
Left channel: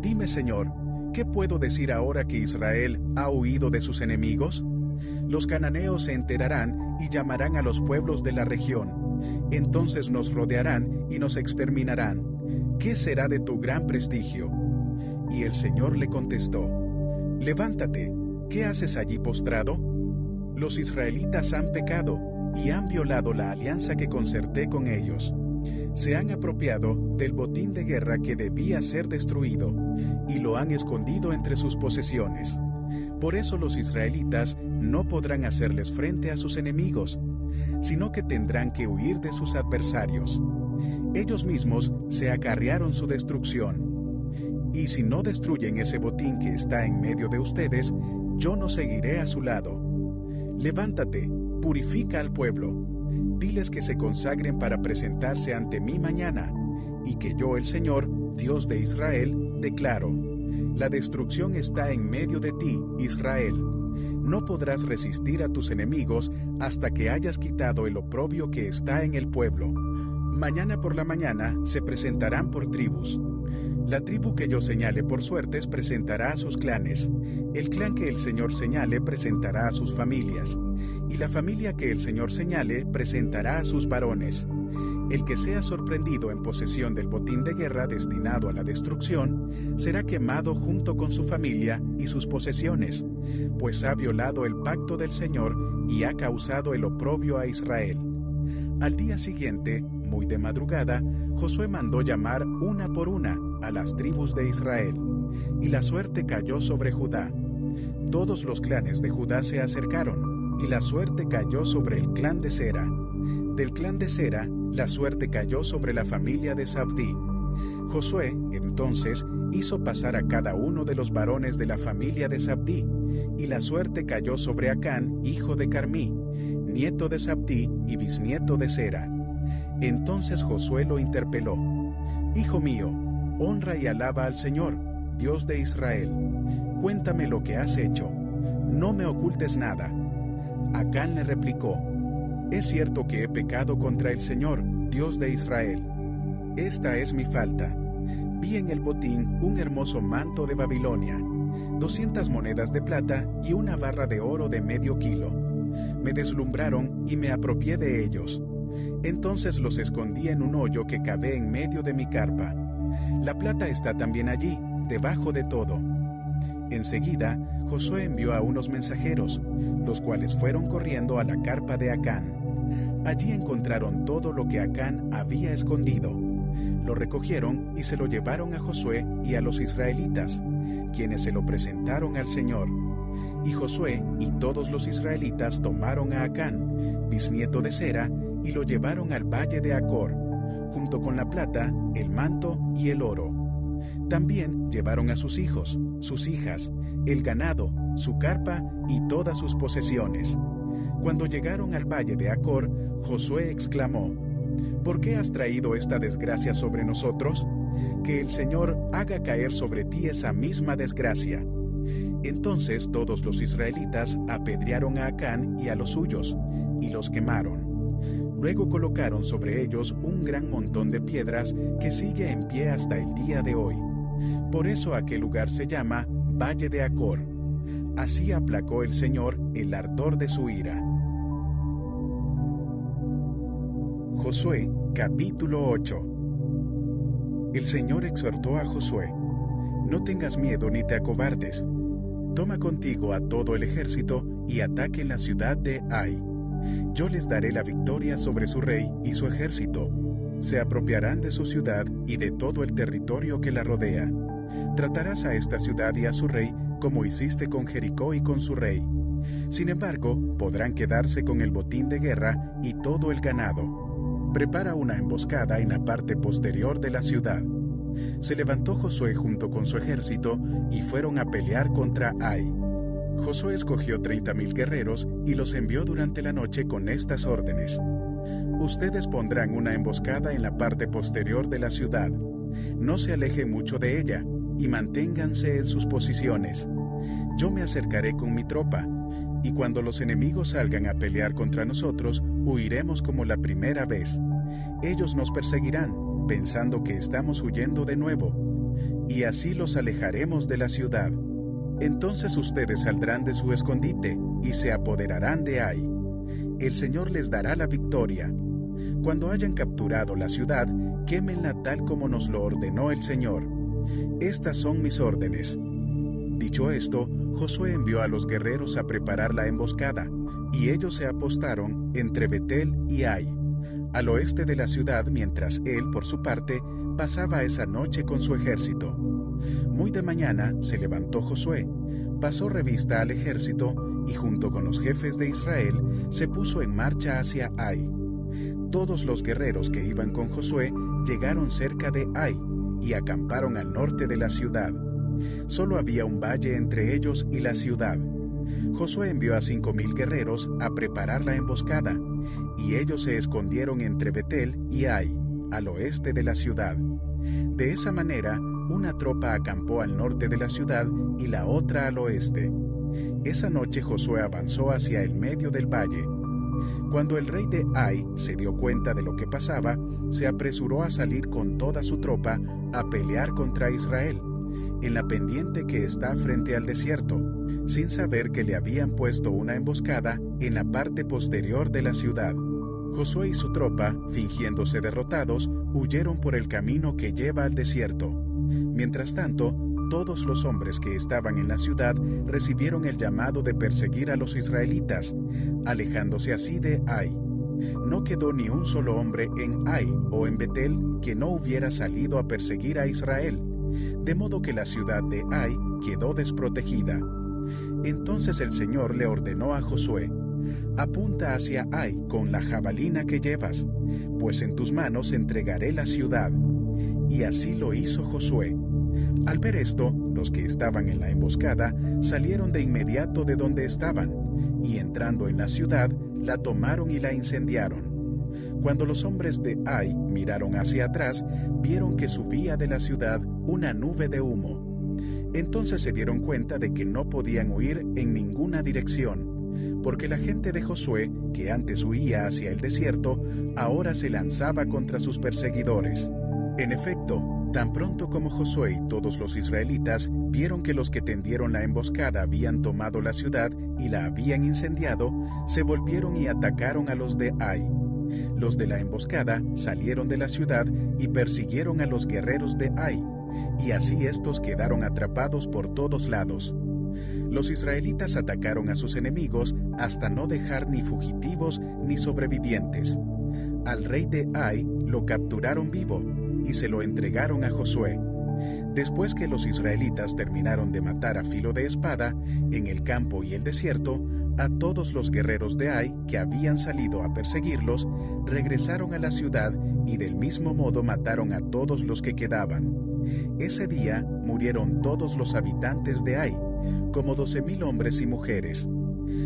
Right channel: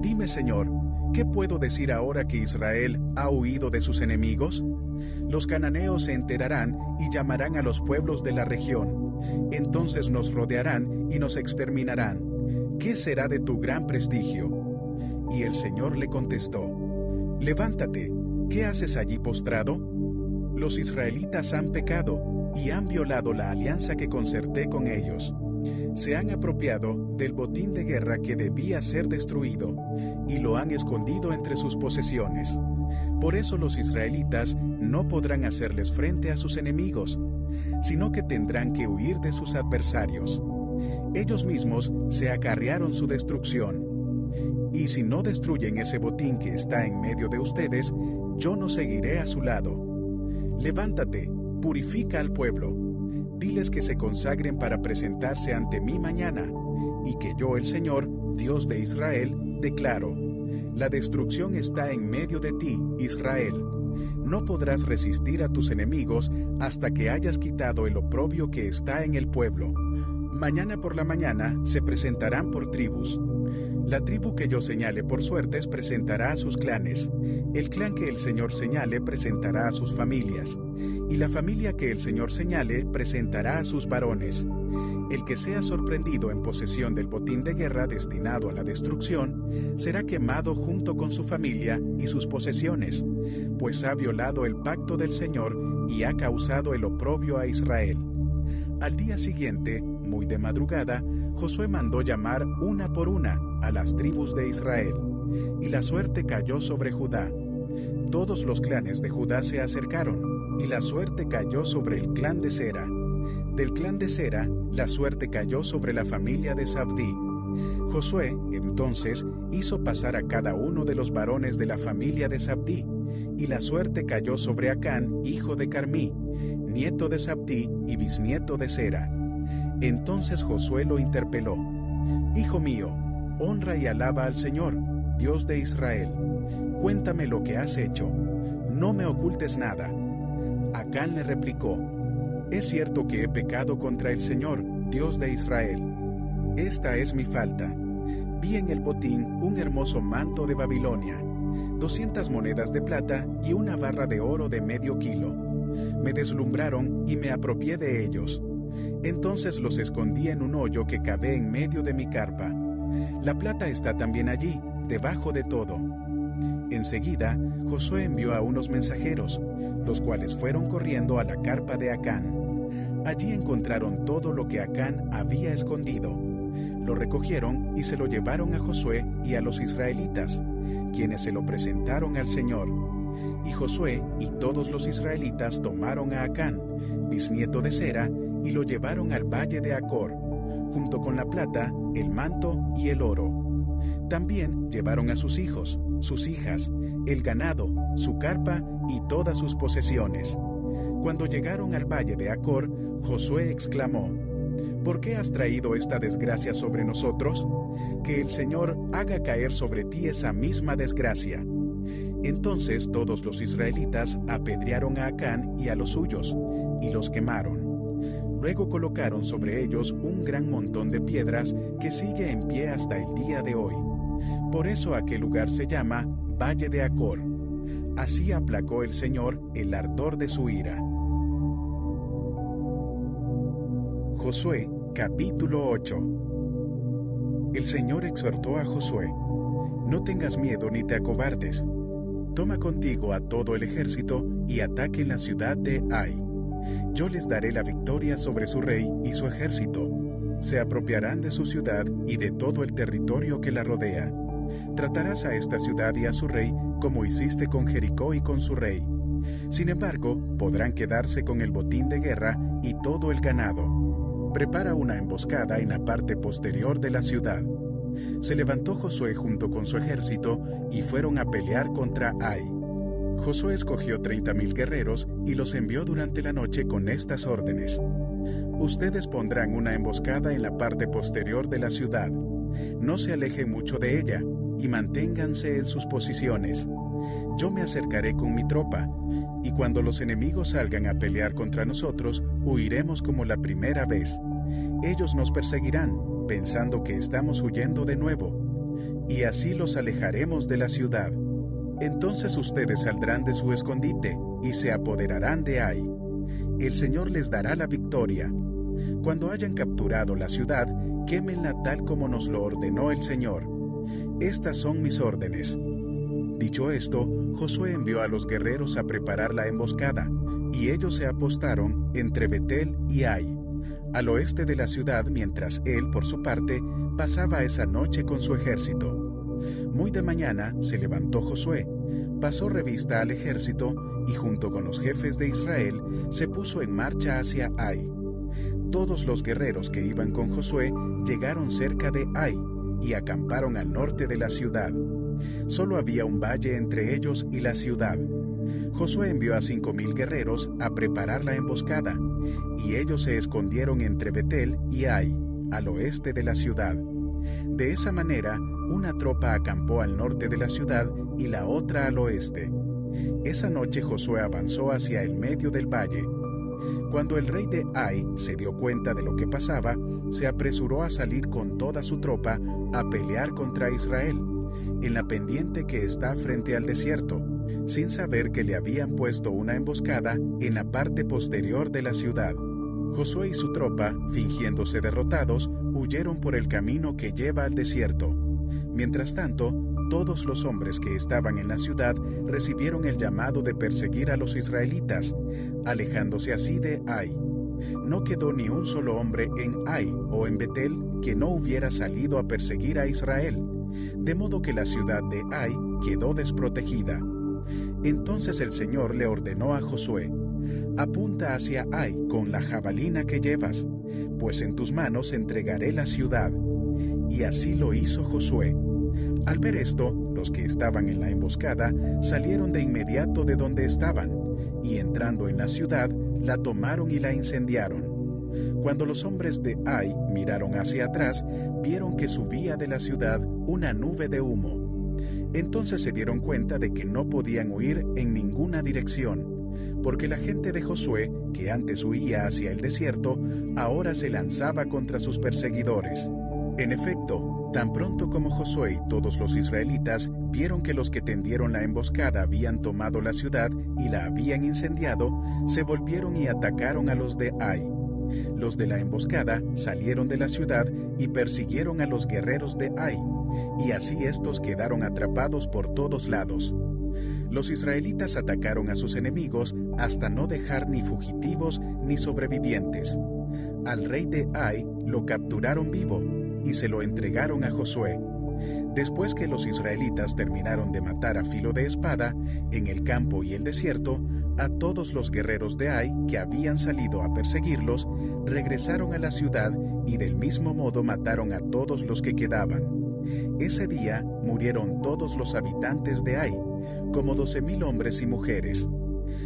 Dime, Señor, ¿qué puedo decir ahora que Israel ha huido de sus enemigos? Los cananeos se enterarán y llamarán a los pueblos de la región. Entonces nos rodearán y nos exterminarán. ¿Qué será de tu gran prestigio? Y el Señor le contestó: levántate, ¿qué haces allí postrado? Los israelitas han pecado y han violado la alianza que concerté con ellos. Se han apropiado del botín de guerra que debía ser destruido y lo han escondido entre sus posesiones. Por eso los israelitas no podrán hacerles frente a sus enemigos, sino que tendrán que huir de sus adversarios. Ellos mismos se acarrearon su destrucción. Y si no destruyen ese botín que está en medio de ustedes, yo no seguiré a su lado. Levántate, purifica al pueblo. Diles que se consagren para presentarse ante mí mañana, y que yo, el Señor, Dios de Israel, declaro: la destrucción está en medio de ti, Israel. No podrás resistir a tus enemigos hasta que hayas quitado el oprobio que está en el pueblo. Mañana por la mañana se presentarán por tribus. La tribu que yo señale por suertes presentará a sus clanes. El clan que el Señor señale presentará a sus familias. Y la familia que el Señor señale presentará a sus varones. El que sea sorprendido en posesión del botín de guerra destinado a la destrucción, será quemado junto con su familia y sus posesiones, pues ha violado el pacto del Señor y ha causado el oprobio a Israel. Al día siguiente, muy de madrugada, Josué mandó llamar una por una a las tribus de Israel, y la suerte cayó sobre Judá. Todos los clanes de Judá se acercaron, y la suerte cayó sobre el clan de Sera. Del clan de Sera, la suerte cayó sobre la familia de Zabdí. Josué, entonces, hizo pasar a cada uno de los varones de la familia de Zabdí, y la suerte cayó sobre Acán, hijo de Carmí, nieto de Zabdí y bisnieto de Sera. Entonces Josué lo interpeló: Hijo mío, honra y alaba al Señor, Dios de Israel. Cuéntame lo que has hecho. No me ocultes nada. Acán le replicó: Es cierto que he pecado contra el Señor, Dios de Israel. Esta es mi falta. Vi en el botín un hermoso manto de Babilonia, 200 monedas de plata y una barra de oro de medio kilo. Me deslumbraron y me apropié de ellos. Entonces los escondí en un hoyo que cavé en medio de mi carpa. La plata está también allí, debajo de todo. Enseguida, Josué envió a unos mensajeros, los cuales fueron corriendo a la carpa de Acán. Allí encontraron todo lo que Acán había escondido. Lo recogieron y se lo llevaron a Josué y a los israelitas, quienes se lo presentaron al Señor. Y Josué y todos los israelitas tomaron a Acán, bisnieto de Sera, y lo llevaron al valle de Acor, junto con la plata, el manto y el oro. También llevaron a sus hijos, sus hijas, el ganado, su carpa y todas sus posesiones. Cuando llegaron al valle de Acor, Josué exclamó: ¿Por qué has traído esta desgracia sobre nosotros? Que el Señor haga caer sobre ti esa misma desgracia. Entonces todos los israelitas apedrearon a Acán y a los suyos, y los quemaron. Luego colocaron sobre ellos un gran montón de piedras que sigue en pie hasta el día de hoy. Por eso aquel lugar se llama Valle de Acor. Así aplacó el Señor el ardor de su ira. Josué, capítulo 8. El Señor exhortó a Josué: No tengas miedo ni te acobardes. Toma contigo a todo el ejército y ataquen la ciudad de Ai. Yo les daré la victoria sobre su rey y su ejército. Se apropiarán de su ciudad y de todo el territorio que la rodea. Tratarás a esta ciudad y a su rey como hiciste con Jericó y con su rey. Sin embargo, podrán quedarse con el botín de guerra y todo el ganado. Prepara una emboscada en la parte posterior de la ciudad. Se levantó Josué junto con su ejército y fueron a pelear contra Ai. Josué escogió 30,000 guerreros y los envió durante la noche con estas órdenes: Ustedes pondrán una emboscada en la parte posterior de la ciudad. No se alejen mucho de ella y manténganse en sus posiciones. Yo me acercaré con mi tropa, y cuando los enemigos salgan a pelear contra nosotros, huiremos como la primera vez. Ellos nos perseguirán, pensando que estamos huyendo de nuevo, y así los alejaremos de la ciudad. Entonces ustedes saldrán de su escondite y se apoderarán de Ai. El Señor les dará la victoria. Cuando hayan capturado la ciudad, quémenla tal como nos lo ordenó el Señor. Estas son mis órdenes. Dicho esto, Josué envió a los guerreros a preparar la emboscada, y ellos se apostaron entre Betel y Ai, al oeste de la ciudad, mientras él, por su parte, pasaba esa noche con su ejército. Muy de mañana se levantó Josué, pasó revista al ejército y junto con los jefes de Israel se puso en marcha hacia Ai. Todos los guerreros que iban con Josué llegaron cerca de Ai y acamparon al norte de la ciudad. Solo había un valle entre ellos y la ciudad. Josué envió a 5,000 guerreros a preparar la emboscada, y ellos se escondieron entre Betel y Ai, al oeste de la ciudad. De esa manera, una tropa acampó al norte de la ciudad y la otra al oeste. Esa noche Josué avanzó hacia el medio del valle. Cuando el rey de Ai se dio cuenta de lo que pasaba, se apresuró a salir con toda su tropa a pelear contra Israel, en la pendiente que está frente al desierto, sin saber que le habían puesto una emboscada en la parte posterior de la ciudad. Josué y su tropa, fingiéndose derrotados, huyeron por el camino que lleva al desierto. Mientras tanto, todos los hombres que estaban en la ciudad recibieron el llamado de perseguir a los israelitas, alejándose así de Ai. No quedó ni un solo hombre en Ai o en Betel que no hubiera salido a perseguir a Israel, de modo que la ciudad de Ai quedó desprotegida. Entonces el Señor le ordenó a Josué: apunta hacia Ai con la jabalina que llevas, pues en tus manos entregaré la ciudad. Y así lo hizo Josué. Al ver esto, los que estaban en la emboscada salieron de inmediato de donde estaban, y entrando en la ciudad, la tomaron y la incendiaron. Cuando los hombres de Ai miraron hacia atrás, vieron que subía de la ciudad una nube de humo. Entonces se dieron cuenta de que no podían huir en ninguna dirección, porque la gente de Josué, que antes huía hacia el desierto, ahora se lanzaba contra sus perseguidores. En efecto, tan pronto como Josué y todos los israelitas vieron que los que tendieron la emboscada habían tomado la ciudad y la habían incendiado, se volvieron y atacaron a los de Ai. Los de la emboscada salieron de la ciudad y persiguieron a los guerreros de Ai, y así estos quedaron atrapados por todos lados. Los israelitas atacaron a sus enemigos hasta no dejar ni fugitivos ni sobrevivientes. Al rey de Ai lo capturaron vivo y se lo entregaron a Josué. Después que los israelitas terminaron de matar a filo de espada, en el campo y el desierto, a todos los guerreros de Ai que habían salido a perseguirlos, regresaron a la ciudad y del mismo modo mataron a todos los que quedaban. Ese día murieron todos los habitantes de Ai, como 12,000 hombres y mujeres.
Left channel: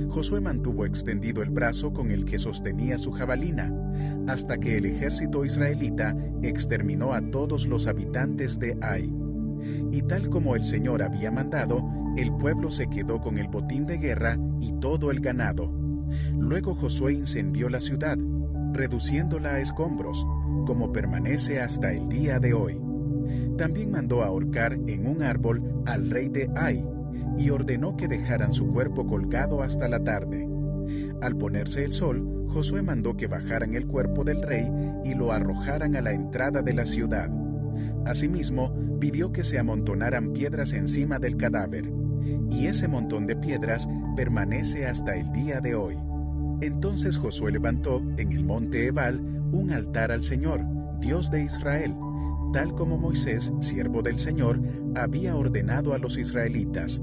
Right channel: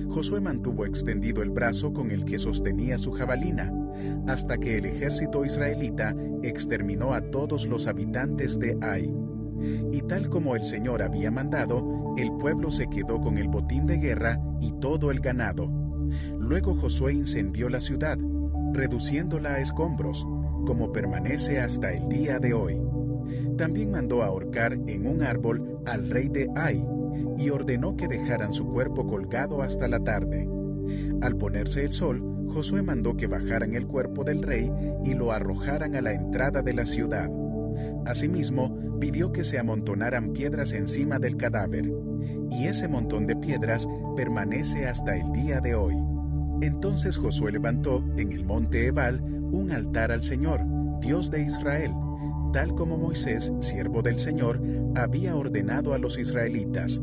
Josué mantuvo extendido el brazo con el que sostenía su jabalina, hasta que el ejército israelita exterminó a todos los habitantes de Ai. Y tal como el Señor había mandado, el pueblo se quedó con el botín de guerra y todo el ganado. Luego Josué incendió la ciudad, reduciéndola a escombros, como permanece hasta el día de hoy. También mandó ahorcar en un árbol al rey de Ai, y ordenó que dejaran su cuerpo colgado hasta la tarde. Al ponerse el sol, Josué mandó que bajaran el cuerpo del rey y lo arrojaran a la entrada de la ciudad. Asimismo, pidió que se amontonaran piedras encima del cadáver, y ese montón de piedras permanece hasta el día de hoy. Entonces Josué levantó en el monte Ebal un altar al Señor, Dios de Israel, tal como Moisés, siervo del Señor, había ordenado a los israelitas.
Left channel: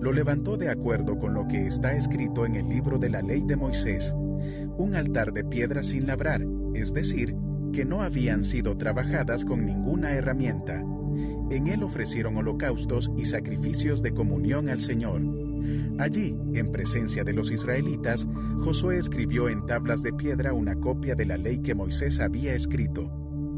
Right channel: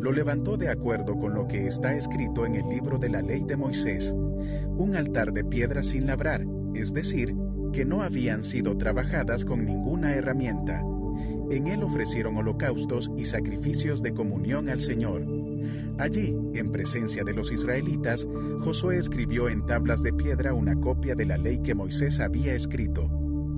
Lo levantó de acuerdo con lo que está escrito en el libro de la ley de Moisés, un altar de piedra sin labrar, es decir, que no habían sido trabajadas con ninguna herramienta. En él ofrecieron holocaustos y sacrificios de comunión al Señor. Allí, en presencia de los israelitas, Josué escribió en tablas de piedra una copia de la ley que Moisés había escrito.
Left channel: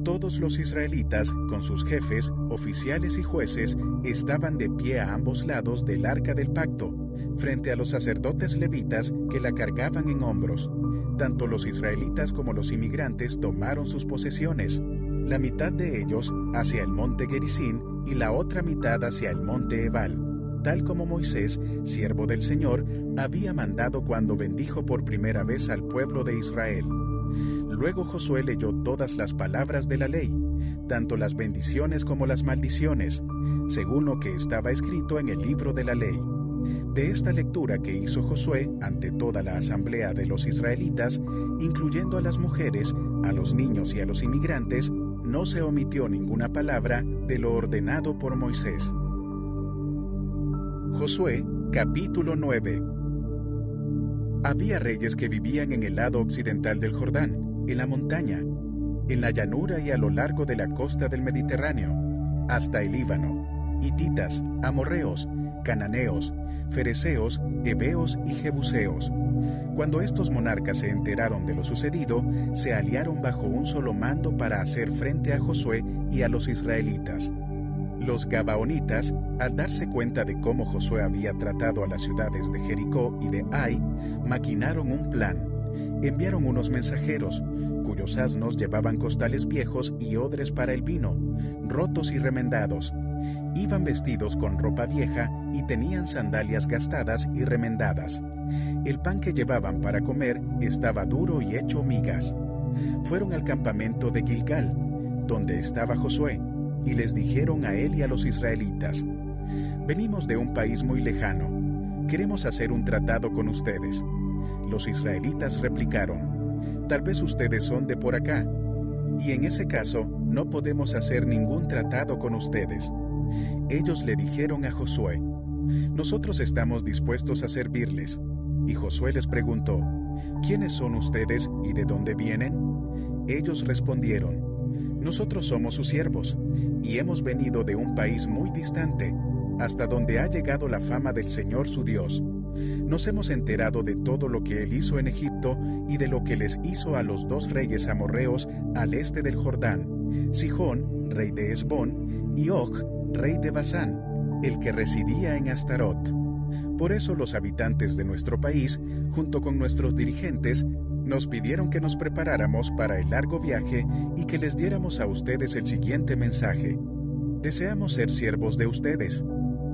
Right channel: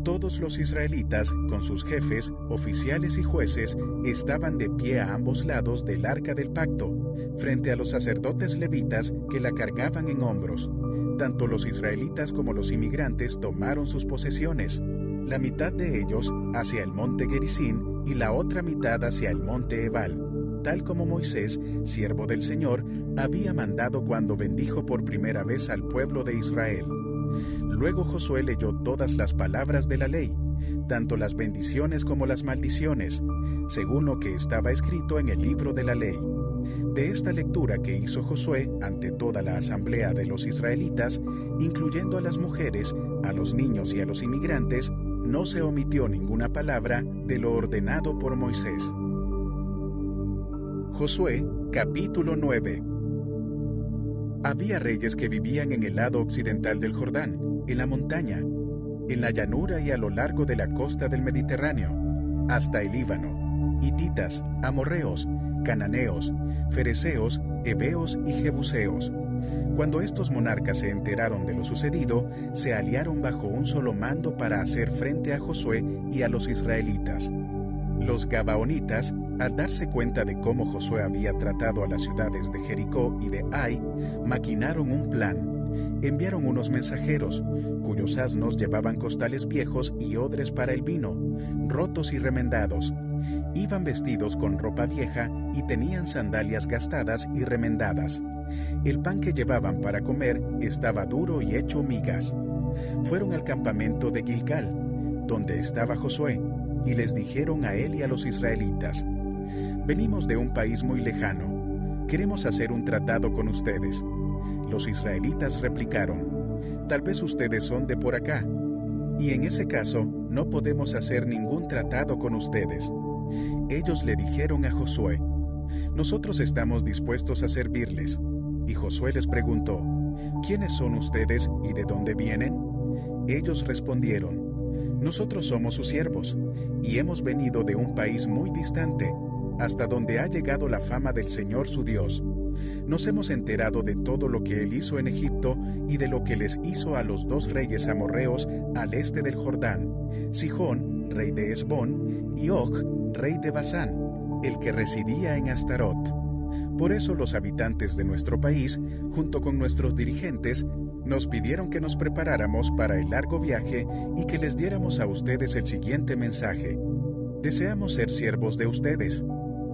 Todos los israelitas, con sus jefes, oficiales y jueces, estaban de pie a ambos lados del arca del pacto, frente a los sacerdotes levitas que la cargaban en hombros. Tanto los israelitas como los inmigrantes tomaron sus posesiones, la mitad de ellos hacia el monte Gerizim y la otra mitad hacia el monte Ebal, tal como Moisés, siervo del Señor, había mandado cuando bendijo por primera vez al pueblo de Israel. Luego Josué leyó todas las palabras de la ley, tanto las bendiciones como las maldiciones, según lo que estaba escrito en el libro de la ley. De esta lectura que hizo Josué ante toda la asamblea de los israelitas, incluyendo a las mujeres, a los niños y a los inmigrantes, no se omitió ninguna palabra de lo ordenado por Moisés. Josué, capítulo 9. Había reyes que vivían en el lado occidental del Jordán, en la montaña, en la llanura y a lo largo de la costa del Mediterráneo, hasta el Líbano, hititas, amorreos, cananeos, fereceos heveos y jebuseos. Cuando estos monarcas se enteraron de lo sucedido, se aliaron bajo un solo mando para hacer frente a Josué y a los israelitas. Los gabaonitas, al darse cuenta de cómo Josué había tratado a las ciudades de Jericó y de Ai, maquinaron un plan. Enviaron unos mensajeros, cuyos asnos llevaban costales viejos y odres para el vino, rotos y remendados. Iban vestidos con ropa vieja y tenían sandalias gastadas y remendadas. El pan que llevaban para comer estaba duro y hecho migas. Fueron al campamento de Gilgal, donde estaba Josué, y les dijeron a él y a los israelitas: «Venimos de un país muy lejano. Queremos hacer un tratado con ustedes». Los israelitas replicaron: «Tal vez ustedes son de por acá, y en ese caso no podemos hacer ningún tratado con ustedes». Ellos le dijeron a Josué: «Nosotros estamos dispuestos a servirles». Y Josué les preguntó: «¿Quiénes son ustedes y de dónde vienen?». Ellos respondieron: «Nosotros somos sus siervos, y hemos venido de un país muy distante, hasta donde ha llegado la fama del Señor su Dios. Nos hemos enterado de todo lo que Él hizo en Egipto y de lo que les hizo a los 2 reyes amorreos al este del Jordán, Sihón, rey de Hesbón, y Og, rey de Basán, el que residía en Astarot. Por eso los habitantes de nuestro país, junto con nuestros dirigentes, nos pidieron que nos preparáramos para el largo viaje y que les diéramos a ustedes el siguiente mensaje: deseamos ser siervos de ustedes.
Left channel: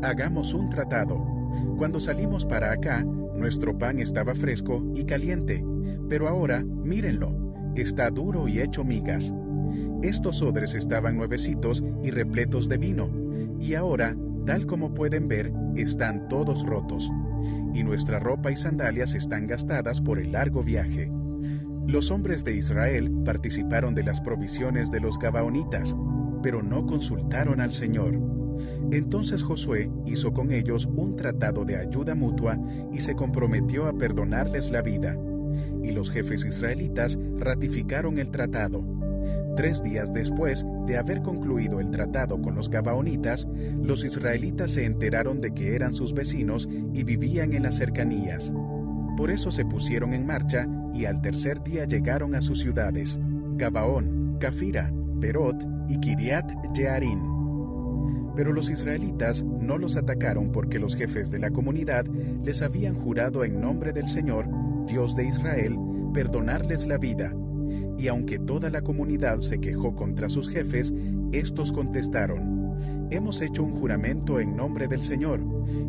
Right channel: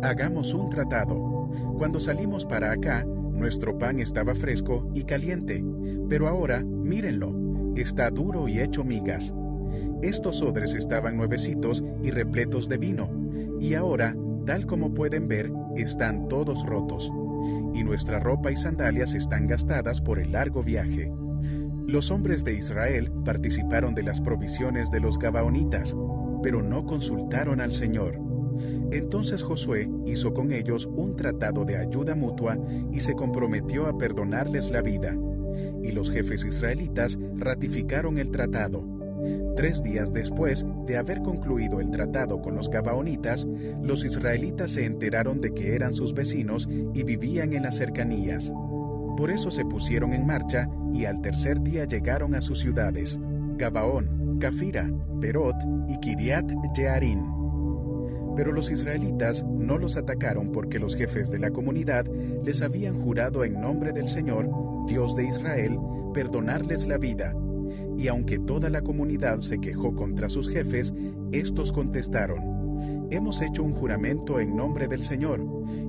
Hagamos un tratado. Cuando salimos para acá, nuestro pan estaba fresco y caliente, pero ahora, mírenlo, está duro y hecho migas. Estos odres estaban nuevecitos y repletos de vino, y ahora, tal como pueden ver, están todos rotos, y nuestra ropa y sandalias están gastadas por el largo viaje». Los hombres de Israel participaron de las provisiones de los gabaonitas, pero no consultaron al Señor. Entonces Josué hizo con ellos un tratado de ayuda mutua y se comprometió a perdonarles la vida. Y los jefes israelitas ratificaron el tratado. 3 días después de haber concluido el tratado con los gabaonitas, los israelitas se enteraron de que eran sus vecinos y vivían en las cercanías. Por eso se pusieron en marcha y al tercer día llegaron a sus ciudades, Gabaón, Cafira, Berot y Kiriat Jearim. Pero los israelitas no los atacaron porque los jefes de la comunidad les habían jurado en nombre del Señor, Dios de Israel, perdonarles la vida. Y aunque toda la comunidad se quejó contra sus jefes, estos contestaron: «Hemos hecho un juramento en nombre del Señor,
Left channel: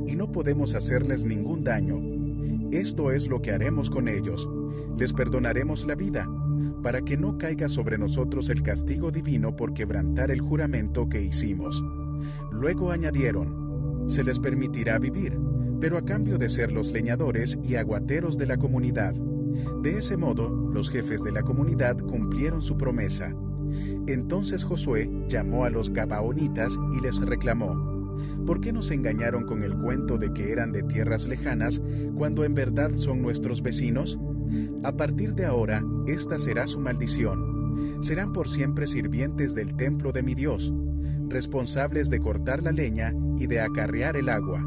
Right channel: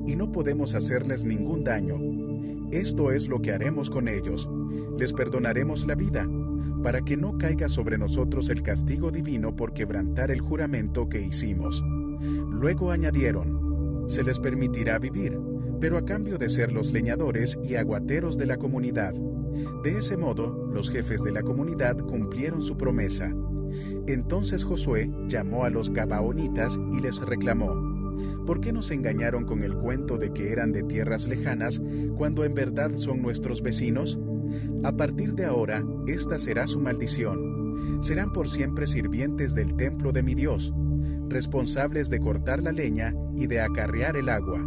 y no podemos hacerles ningún daño. Esto es lo que haremos con ellos: les perdonaremos la vida, para que no caiga sobre nosotros el castigo divino por quebrantar el juramento que hicimos». Luego añadieron: «Se les permitirá vivir, pero a cambio de ser los leñadores y aguateros de la comunidad». De ese modo, los jefes de la comunidad cumplieron su promesa. Entonces Josué llamó a los gabaonitas y les reclamó: «¿Por qué nos engañaron con el cuento de que eran de tierras lejanas, cuando en verdad son nuestros vecinos? A partir de ahora, esta será su maldición. Serán por siempre sirvientes del templo de mi Dios, responsables de cortar la leña y de acarrear el agua».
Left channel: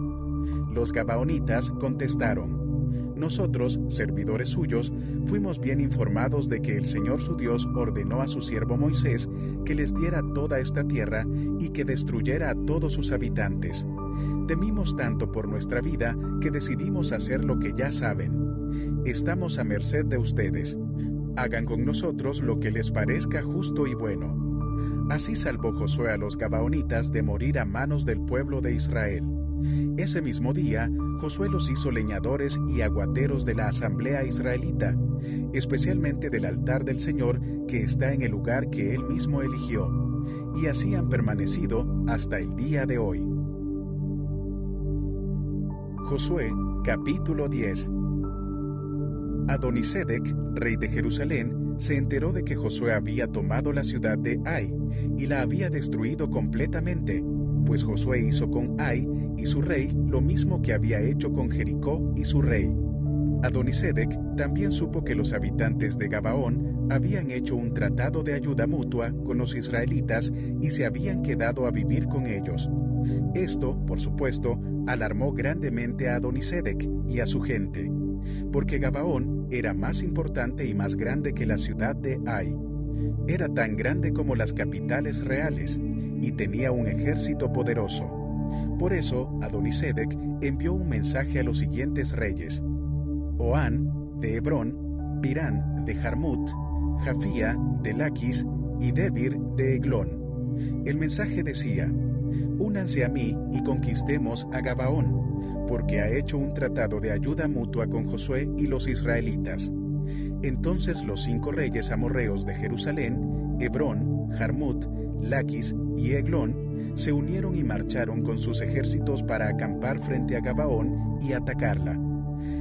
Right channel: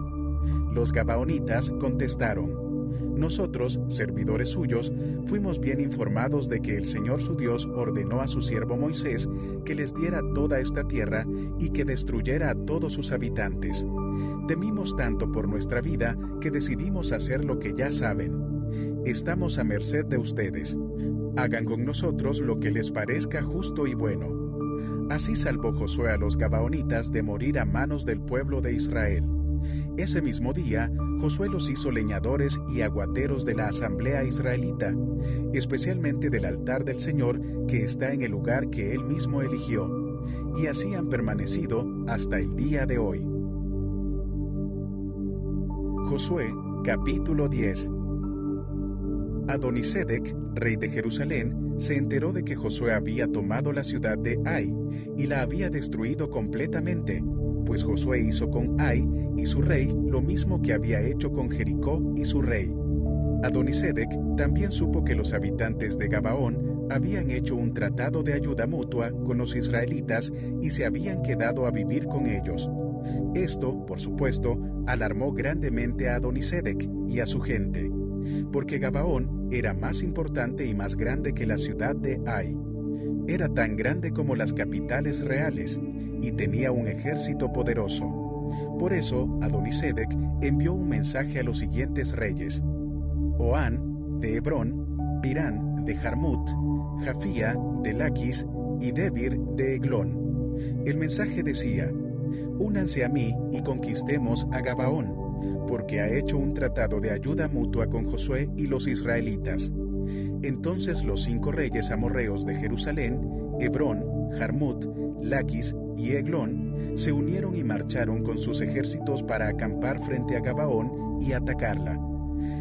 Los gabaonitas contestaron: «Nosotros, servidores suyos, fuimos bien informados de que el Señor su Dios ordenó a su siervo Moisés que les diera toda esta tierra y que destruyera a todos sus habitantes. Temimos tanto por nuestra vida que decidimos hacer lo que ya saben. Estamos a merced de ustedes. Hagan con nosotros lo que les parezca justo y bueno». Así salvó Josué a los gabaonitas de morir a manos del pueblo de Israel. Ese mismo día, Josué los hizo leñadores y aguateros de la asamblea israelita, especialmente del altar del Señor que está en el lugar que él mismo eligió, y así han permanecido hasta el día de hoy. Josué, capítulo 10. Adonisedec, rey de Jerusalén, se enteró de que Josué había tomado la ciudad de Ai y la había destruido completamente, pues Josué hizo con Ai y su rey lo mismo que había hecho con Jericó y su rey. Adonisedec también supo que los habitantes de Gabaón habían hecho un tratado de ayuda mutua con los israelitas y se habían quedado a vivir con ellos. Esto, por supuesto, alarmó grandemente a Adonisedec y a su gente, porque Gabaón era más importante y más grande que la ciudad de Ai. Era tan grande como las capitales reales, y tenía un ejército poderoso. Por eso, Adonisedec envió un mensaje a los siguientes reyes: Oán, de Hebrón, Pirán, de Jarmut, Jafía, de Laquis, y Debir, de Eglón. El mensaje decía: únanse a mí y conquistemos a Gabaón, porque ha hecho un tratado de ayuda mutua con Josué y los israelitas. Entonces los 5 reyes amorreos de Jerusalén, Hebrón, Jarmut, Laquis y Eglón, se unieron y marcharon con sus ejércitos para acampar frente a Gabaón y atacarla.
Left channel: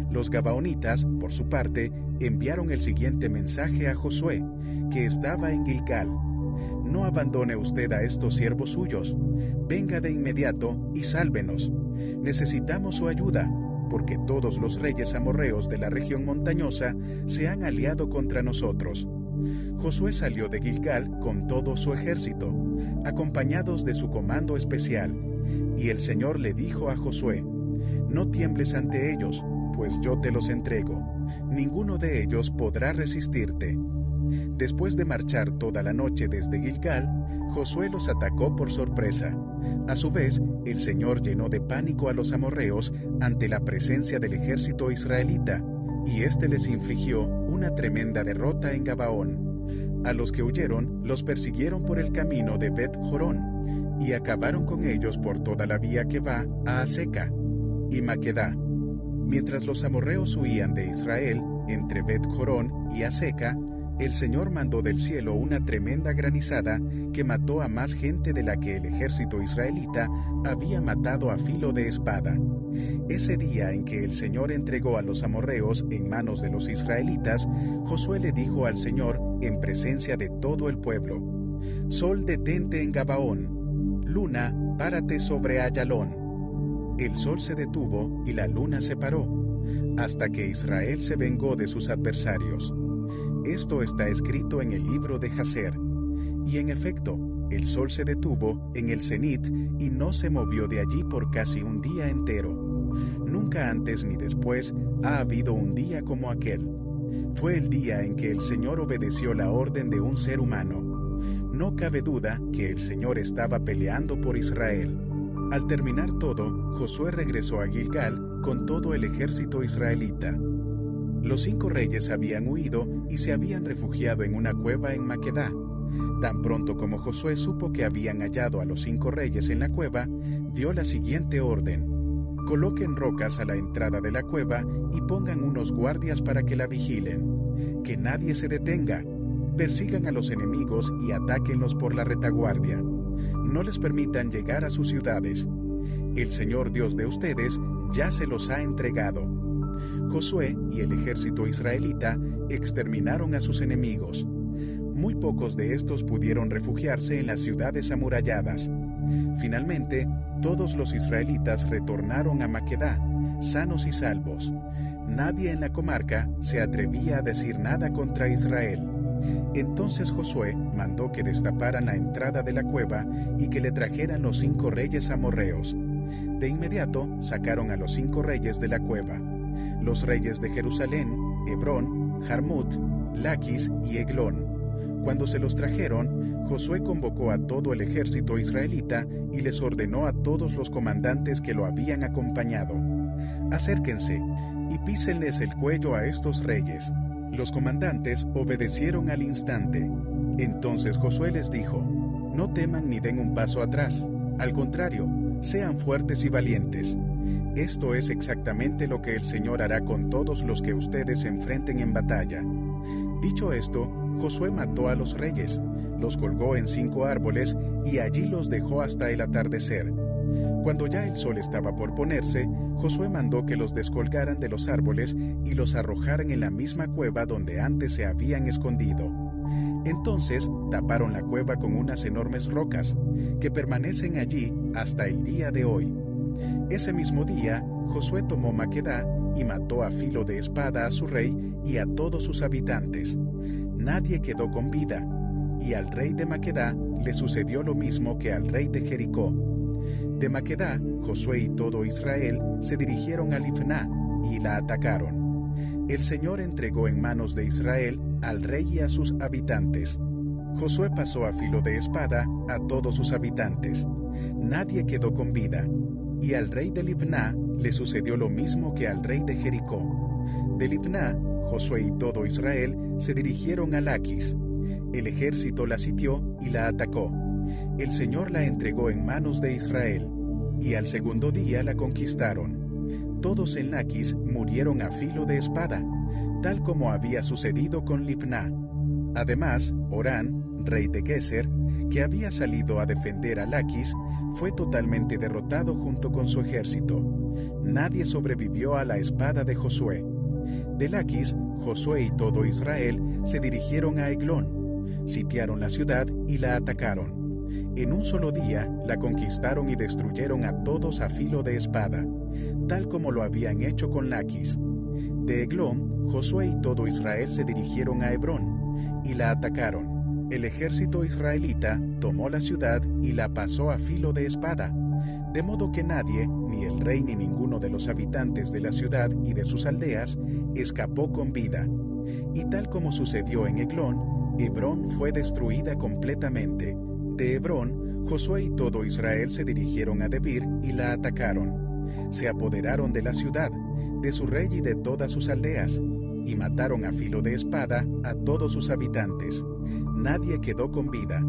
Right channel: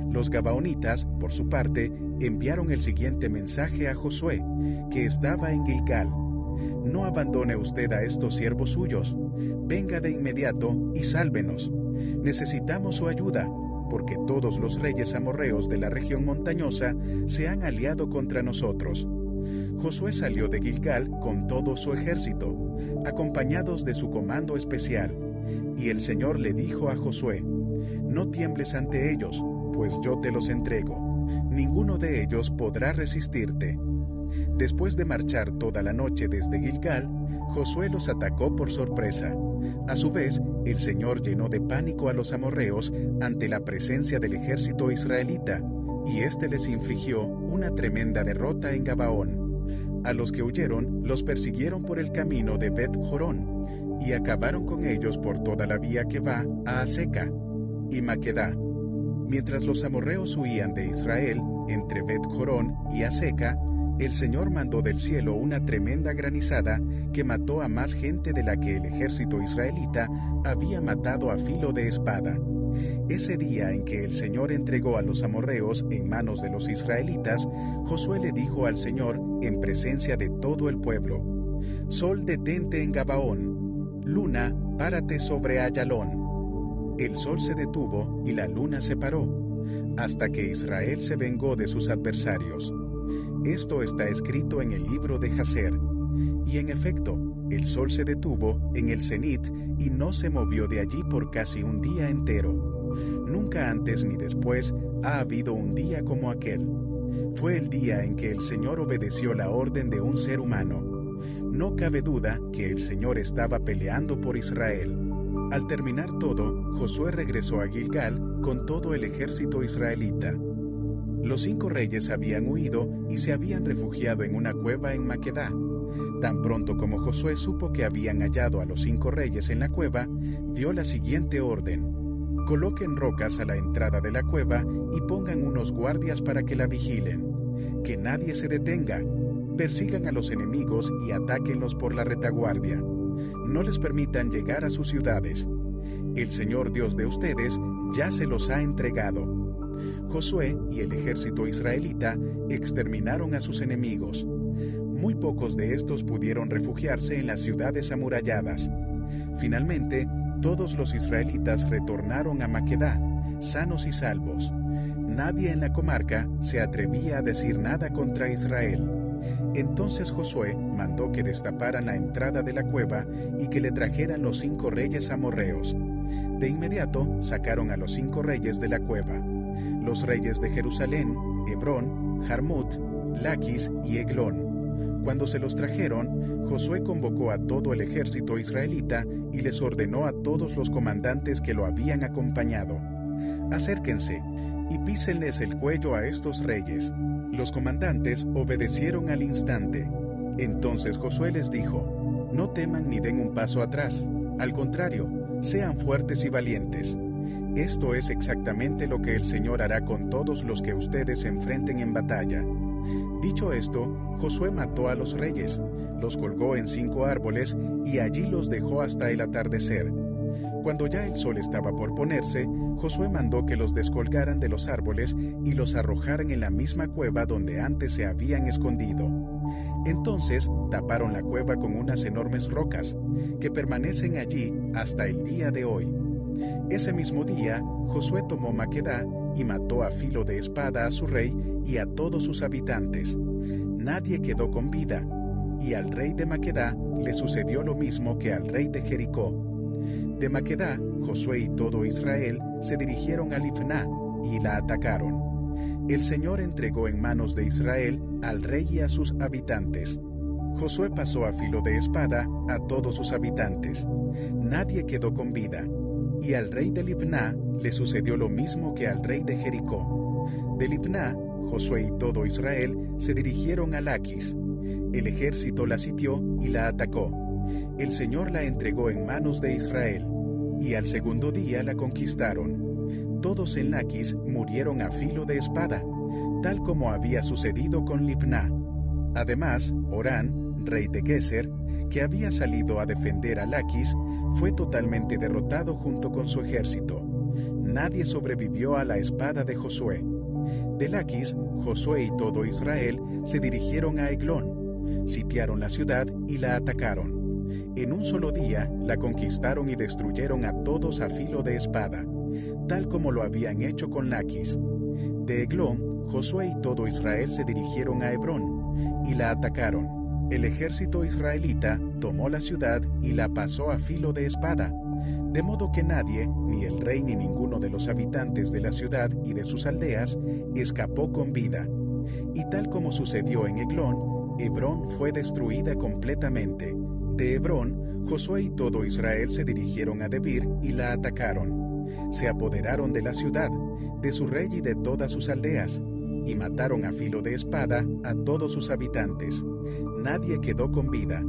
Los gabaonitas, por su parte, enviaron el siguiente mensaje a Josué, que estaba en Gilgal: no abandone usted a estos siervos suyos, venga de inmediato y sálvenos. Necesitamos su ayuda, porque todos los reyes amorreos de la región montañosa se han aliado contra nosotros. Josué salió de Gilgal con todo su ejército, acompañados de su comando especial, y el Señor le dijo a Josué: no tiembles ante ellos, pues yo te los entrego. Ninguno de ellos podrá resistirte. Después de marchar toda la noche desde Gilgal, Josué los atacó por sorpresa. A su vez, el Señor llenó de pánico a los amorreos ante la presencia del ejército israelita, y éste les infligió una tremenda derrota en Gabaón. A los que huyeron, los persiguieron por el camino de Bet-Jorón, y acabaron con ellos por toda la vía que va a Aseca y Maquedá. Mientras los amorreos huían de Israel, entre Bet-Jorón y Aseca, el Señor mandó del cielo una tremenda granizada que mató a más gente de la que el ejército israelita había matado a filo de espada. Ese día en que el Señor entregó a los amorreos en manos de los israelitas, Josué le dijo al Señor en presencia de todo el pueblo: Sol, detente en Gabaón; luna, párate sobre Ayalón. El sol se detuvo y la luna se paró, hasta que Israel se vengó de sus adversarios. Esto está escrito en el libro de Jaser. Y en efecto, el sol se detuvo en el cenit y no se movió de allí por casi un día entero. Nunca antes ni después ha habido un día como aquel. Fue el día en que el Señor obedeció la orden de un ser humano. No cabe duda que el Señor estaba peleando por Israel. Al terminar todo, Josué regresó a Gilgal con todo el ejército israelita. Los 5 reyes habían huido y se habían refugiado en una cueva en Maquedá. Tan pronto como Josué supo que habían hallado a los 5 reyes en la cueva, dio la siguiente orden: coloquen rocas a la entrada de la cueva y pongan unos guardias para que la vigilen. Que nadie se detenga. Persigan a los enemigos y atáquenlos por la retaguardia. No les permitan llegar a sus ciudades. El Señor Dios de ustedes ya se los ha entregado. Josué y el ejército israelita exterminaron a sus enemigos. Muy pocos de estos pudieron refugiarse en las ciudades amuralladas. Finalmente, todos los israelitas retornaron a Maquedá, sanos y salvos. Nadie en la comarca se atrevía a decir nada contra Israel. Entonces Josué mandó que destaparan la entrada de la cueva y que le trajeran los 5 reyes amorreos. De inmediato sacaron a los 5 reyes de la cueva: los reyes de Jerusalén, Hebrón, Jarmut, Laquis y Eglón. Cuando se los trajeron, Josué convocó a todo el ejército israelita y les ordenó a todos los comandantes que lo habían acompañado: acérquense y písenles el cuello a estos reyes. Los comandantes obedecieron al instante. Entonces Josué les dijo: no teman ni den un paso atrás. Al contrario, sean fuertes y valientes. Esto es exactamente lo que el Señor hará con todos los que ustedes enfrenten en batalla. Dicho esto, Josué mató a los reyes, los colgó en 5 árboles y allí los dejó hasta el atardecer. Cuando ya el sol estaba por ponerse, Josué mandó que los descolgaran de los árboles y los arrojaran en la misma cueva donde antes se habían escondido. Entonces taparon la cueva con unas enormes rocas, que permanecen allí hasta el día de hoy. Ese mismo día, Josué tomó Maquedá y mató a filo de espada a su rey y a todos sus habitantes. Nadie quedó con vida, y al rey de Maquedá le sucedió lo mismo que al rey de Jericó. De Maquedá, Josué y todo Israel se dirigieron a Libná y la atacaron. El Señor entregó en manos de Israel al rey y a sus habitantes. Josué pasó a filo de espada a todos sus habitantes. Nadie quedó con vida. Y al rey de Libná le sucedió lo mismo que al rey de Jericó. De Libná, Josué y todo Israel se dirigieron a Laquis. El ejército la sitió y la atacó. El Señor la entregó en manos de Israel, y al segundo día la conquistaron. Todos en Laquis murieron a filo de espada, tal como había sucedido con Libná. Además, Orán, rey de Geser, que había salido a defender a Laquis, fue totalmente derrotado junto con su ejército. Nadie sobrevivió a la espada de Josué. De Laquis, Josué y todo Israel se dirigieron a Eglón, sitiaron la ciudad y la atacaron. En un solo día la conquistaron y destruyeron a todos a filo de espada, tal como lo habían hecho con Laquis. De Eglón, Josué y todo Israel se dirigieron a Hebrón y la atacaron. El ejército israelita tomó la ciudad y la pasó a filo de espada, de modo que nadie, ni el rey ni ninguno de los habitantes de la ciudad y de sus aldeas, escapó con vida. Y tal como sucedió en Eglón, Hebrón fue destruida completamente. De Hebrón, Josué y todo Israel se dirigieron a Debir y la atacaron. Se apoderaron de la ciudad, de su rey y de todas sus aldeas, y mataron a filo de espada a todos sus habitantes. Nadie quedó con vida,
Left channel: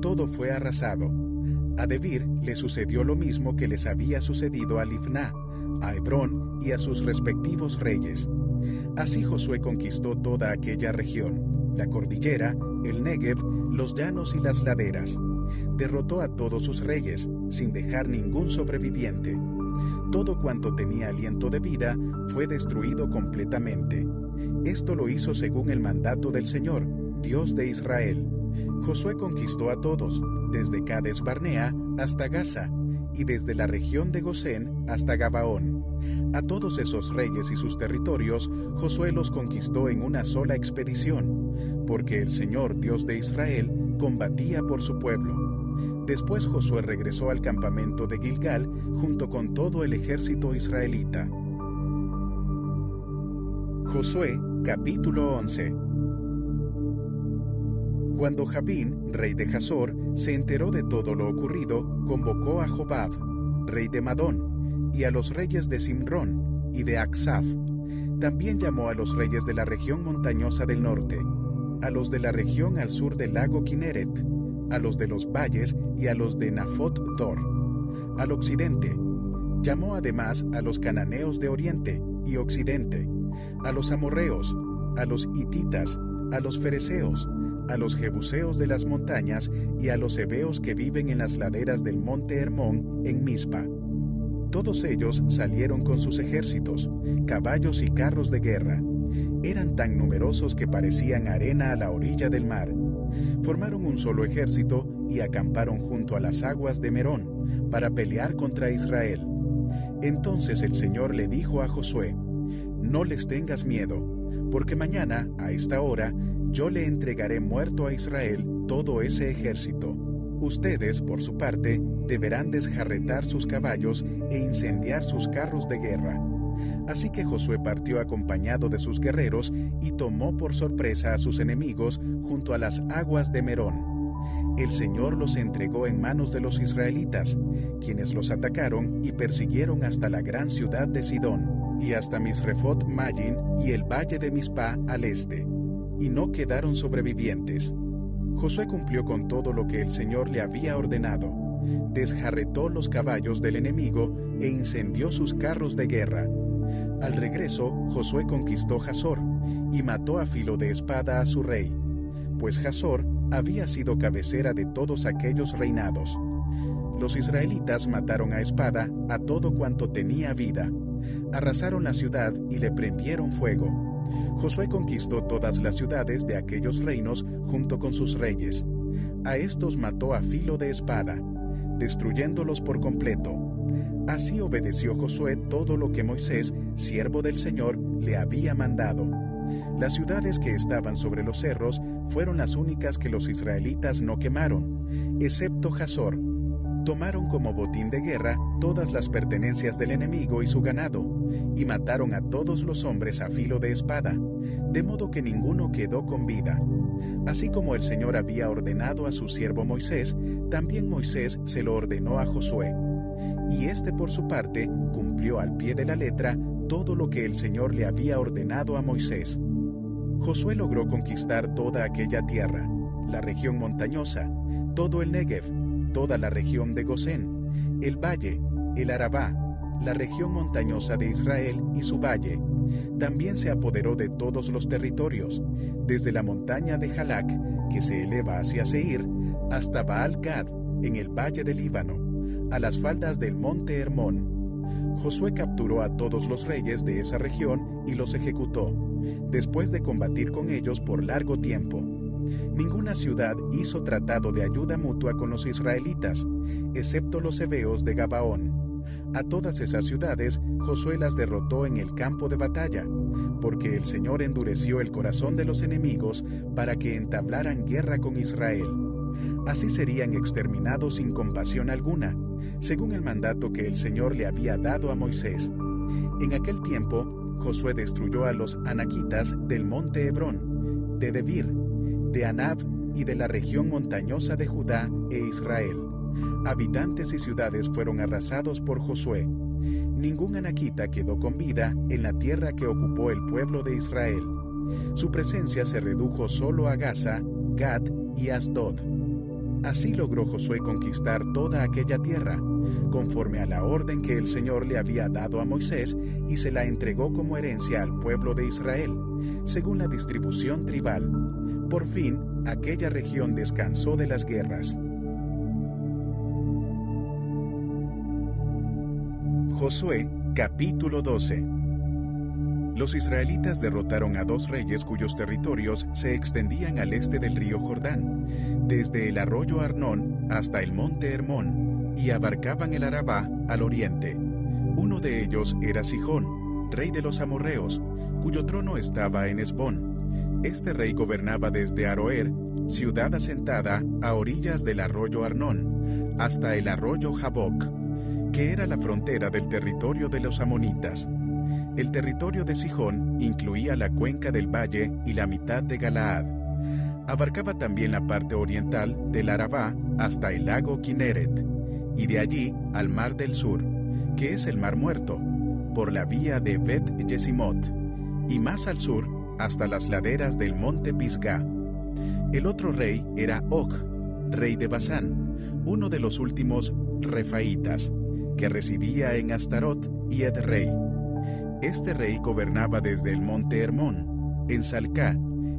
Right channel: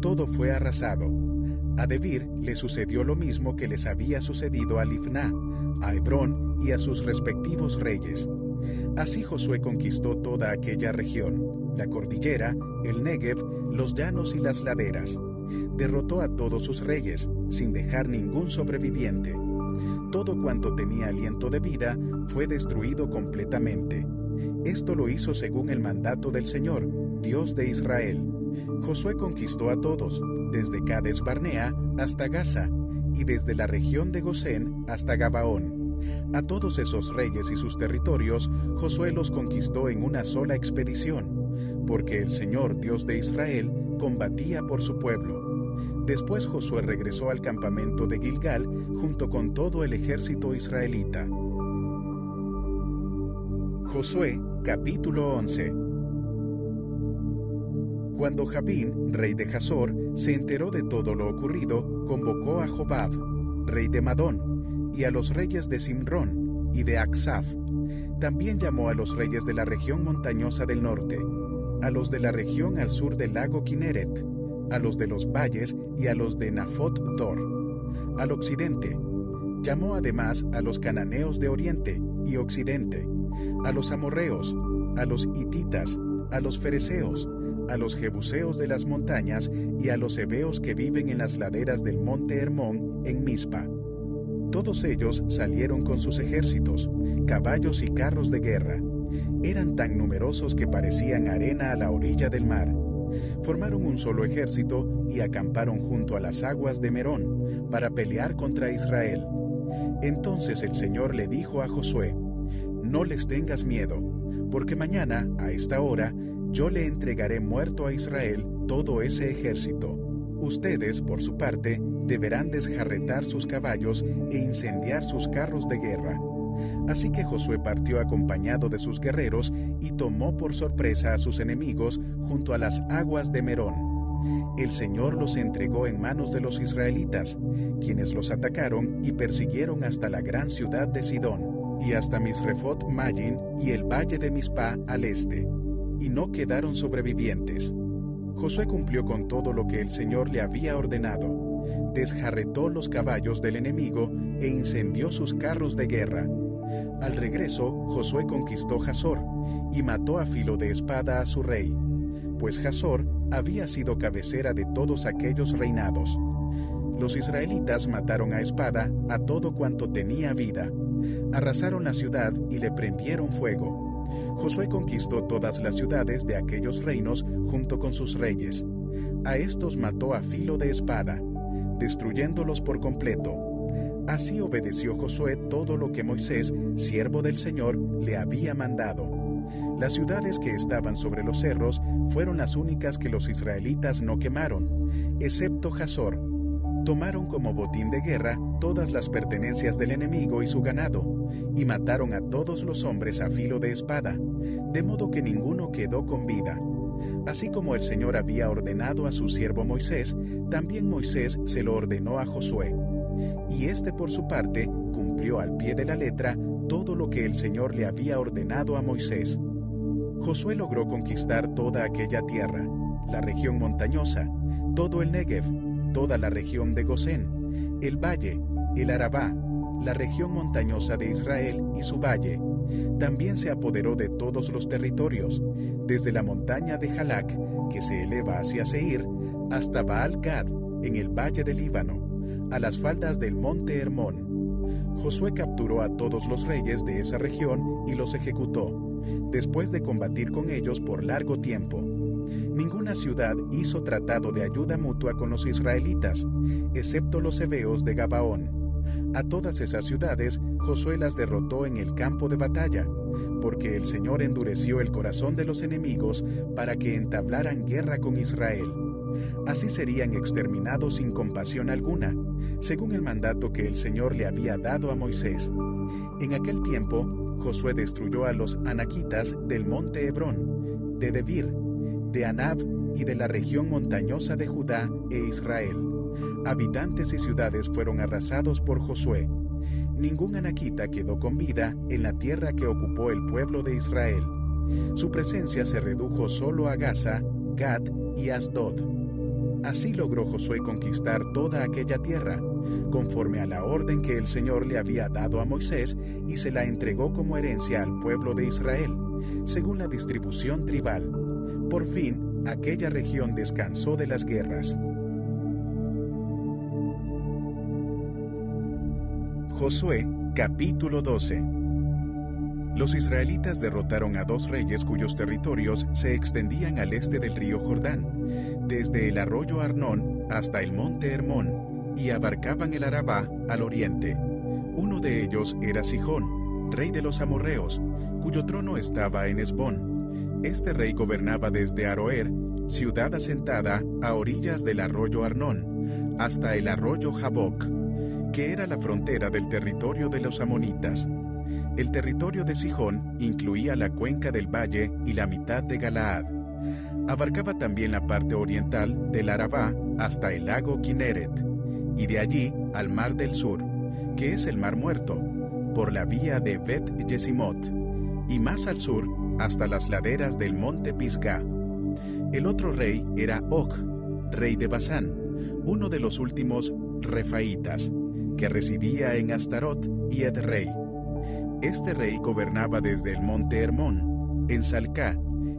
todo fue arrasado. A Debir le sucedió lo mismo que les había sucedido a Libná, a Hebrón y a sus respectivos reyes. Así Josué conquistó toda aquella región, la cordillera, el Negev, los llanos y las laderas. Derrotó a todos sus reyes, sin dejar ningún sobreviviente. Todo cuanto tenía aliento de vida fue destruido completamente. Esto lo hizo según el mandato del Señor, Dios de Israel. Josué conquistó a todos, desde Cades Barnea hasta Gaza, y desde la región de Gosén hasta Gabaón. A todos esos reyes y sus territorios, Josué los conquistó en una sola expedición, porque el Señor, Dios de Israel, combatía por su pueblo. Después Josué regresó al campamento de Gilgal junto con todo el ejército israelita. Josué, capítulo 11. Cuando Jabín, rey de Hazor, se enteró de todo lo ocurrido, convocó a Jobab, rey de Madón, y a los reyes de Simrón y de Aksaf. También llamó a los reyes de la región montañosa del norte, a los de la región al sur del lago Kineret, a los de los valles y a los de Nafot Dor. Al occidente, llamó además a los cananeos de oriente y occidente, a los amorreos, a los hititas, a los fereceos, a los jebuseos de las montañas y a los heveos que viven en las laderas del monte Hermón en Mispa. Todos ellos salieron con sus ejércitos, caballos y carros de guerra. Eran tan numerosos que parecían arena a la orilla del mar. Formaron un solo ejército y acamparon junto a las aguas de Merón para pelear contra Israel. Entonces el Señor le dijo a Josué: «No les tengas miedo, porque mañana, a esta hora, yo le entregaré muerto a Israel todo ese ejército. Ustedes, por su parte, deberán desjarretar sus caballos e incendiar sus carros de guerra». Así que Josué partió acompañado de sus guerreros y tomó por sorpresa a sus enemigos junto a las aguas de Merón. El Señor los entregó en manos de los israelitas, quienes los atacaron y persiguieron hasta la gran ciudad de Sidón, y hasta Misrefot Mayín y el valle de Mispa al este, y no quedaron sobrevivientes. Josué cumplió con todo lo que el Señor le había ordenado. Desjarretó los caballos del enemigo e incendió sus carros de guerra. Al regreso, Josué conquistó Hazor y mató a filo de espada a su rey, pues Hazor había sido cabecera de todos aquellos reinados. Los israelitas mataron a espada a todo cuanto tenía vida. Arrasaron la ciudad y le prendieron fuego. Josué conquistó todas las ciudades de aquellos reinos junto con sus reyes. A estos mató a filo de espada, destruyéndolos por completo. Así obedeció Josué todo lo que Moisés, siervo del Señor, le había mandado. Las ciudades que estaban sobre los cerros fueron las únicas que los israelitas no quemaron, excepto Hazor. Tomaron como botín de guerra todas las pertenencias del enemigo y su ganado, y mataron a todos los hombres a filo de espada, de modo que ninguno quedó con vida. Así como el Señor había ordenado a su siervo Moisés, también Moisés se lo ordenó a Josué. Y éste por su parte cumplió al pie de la letra todo lo que el Señor le había ordenado a Moisés. Josué logró conquistar toda aquella tierra, la región montañosa, todo el Negev, toda la región de Gosén, el valle, el Arabá, la región montañosa de Israel y su valle. También se apoderó de todos los territorios, desde la montaña de Jalac, que se eleva hacia Seir, hasta Baal-Gad, en el valle del Líbano, a las faldas del monte Hermón. Josué capturó a todos los reyes de esa región y los ejecutó, después de combatir con ellos por largo tiempo. Ninguna ciudad hizo tratado de ayuda mutua con los israelitas, excepto los heveos de Gabaón. A todas esas ciudades Josué las derrotó en el campo de batalla, porque el Señor endureció el corazón de los enemigos para que entablaran guerra con Israel. Así serían exterminados sin compasión alguna, según el mandato que el Señor le había dado a Moisés. En aquel tiempo, Josué destruyó a los anaquitas del monte Hebrón, de Debir, de Anab y de la región montañosa de Judá e Israel. Habitantes y ciudades fueron arrasados por Josué. Ningún anaquita quedó con vida en la tierra que ocupó el pueblo de Israel. Su presencia se redujo solo a Gaza, Gad y Asdod. Así logró Josué conquistar toda aquella tierra, conforme a la orden que el Señor le había dado a Moisés, y se la entregó como herencia al pueblo de Israel, según la distribución tribal. Por fin, aquella región descansó de las guerras. Josué, capítulo 12. Los israelitas derrotaron a 2 reyes cuyos territorios se extendían al este del río Jordán, desde el arroyo Arnón hasta el monte Hermón, y abarcaban el Arabá al oriente. Uno de ellos era Sihón, rey de los amorreos, cuyo trono estaba en Hesbón. Este rey gobernaba desde Aroer, ciudad asentada a orillas del arroyo Arnón, hasta el arroyo Jaboc, que era la frontera del territorio de los amonitas. El territorio de Sihón incluía la cuenca del valle y la mitad de Galaad. Abarcaba también la parte oriental del Arabá hasta el lago Kineret, y de allí al mar del sur, que es el mar Muerto, por la vía de Bet-Yesimot, y más al sur hasta las laderas del monte Pisgá. El otro rey era Og, rey de Basán, uno de los últimos refaitas, que residía en Astarot y Edrei. Este rey gobernaba desde el monte Hermón, en Salcá,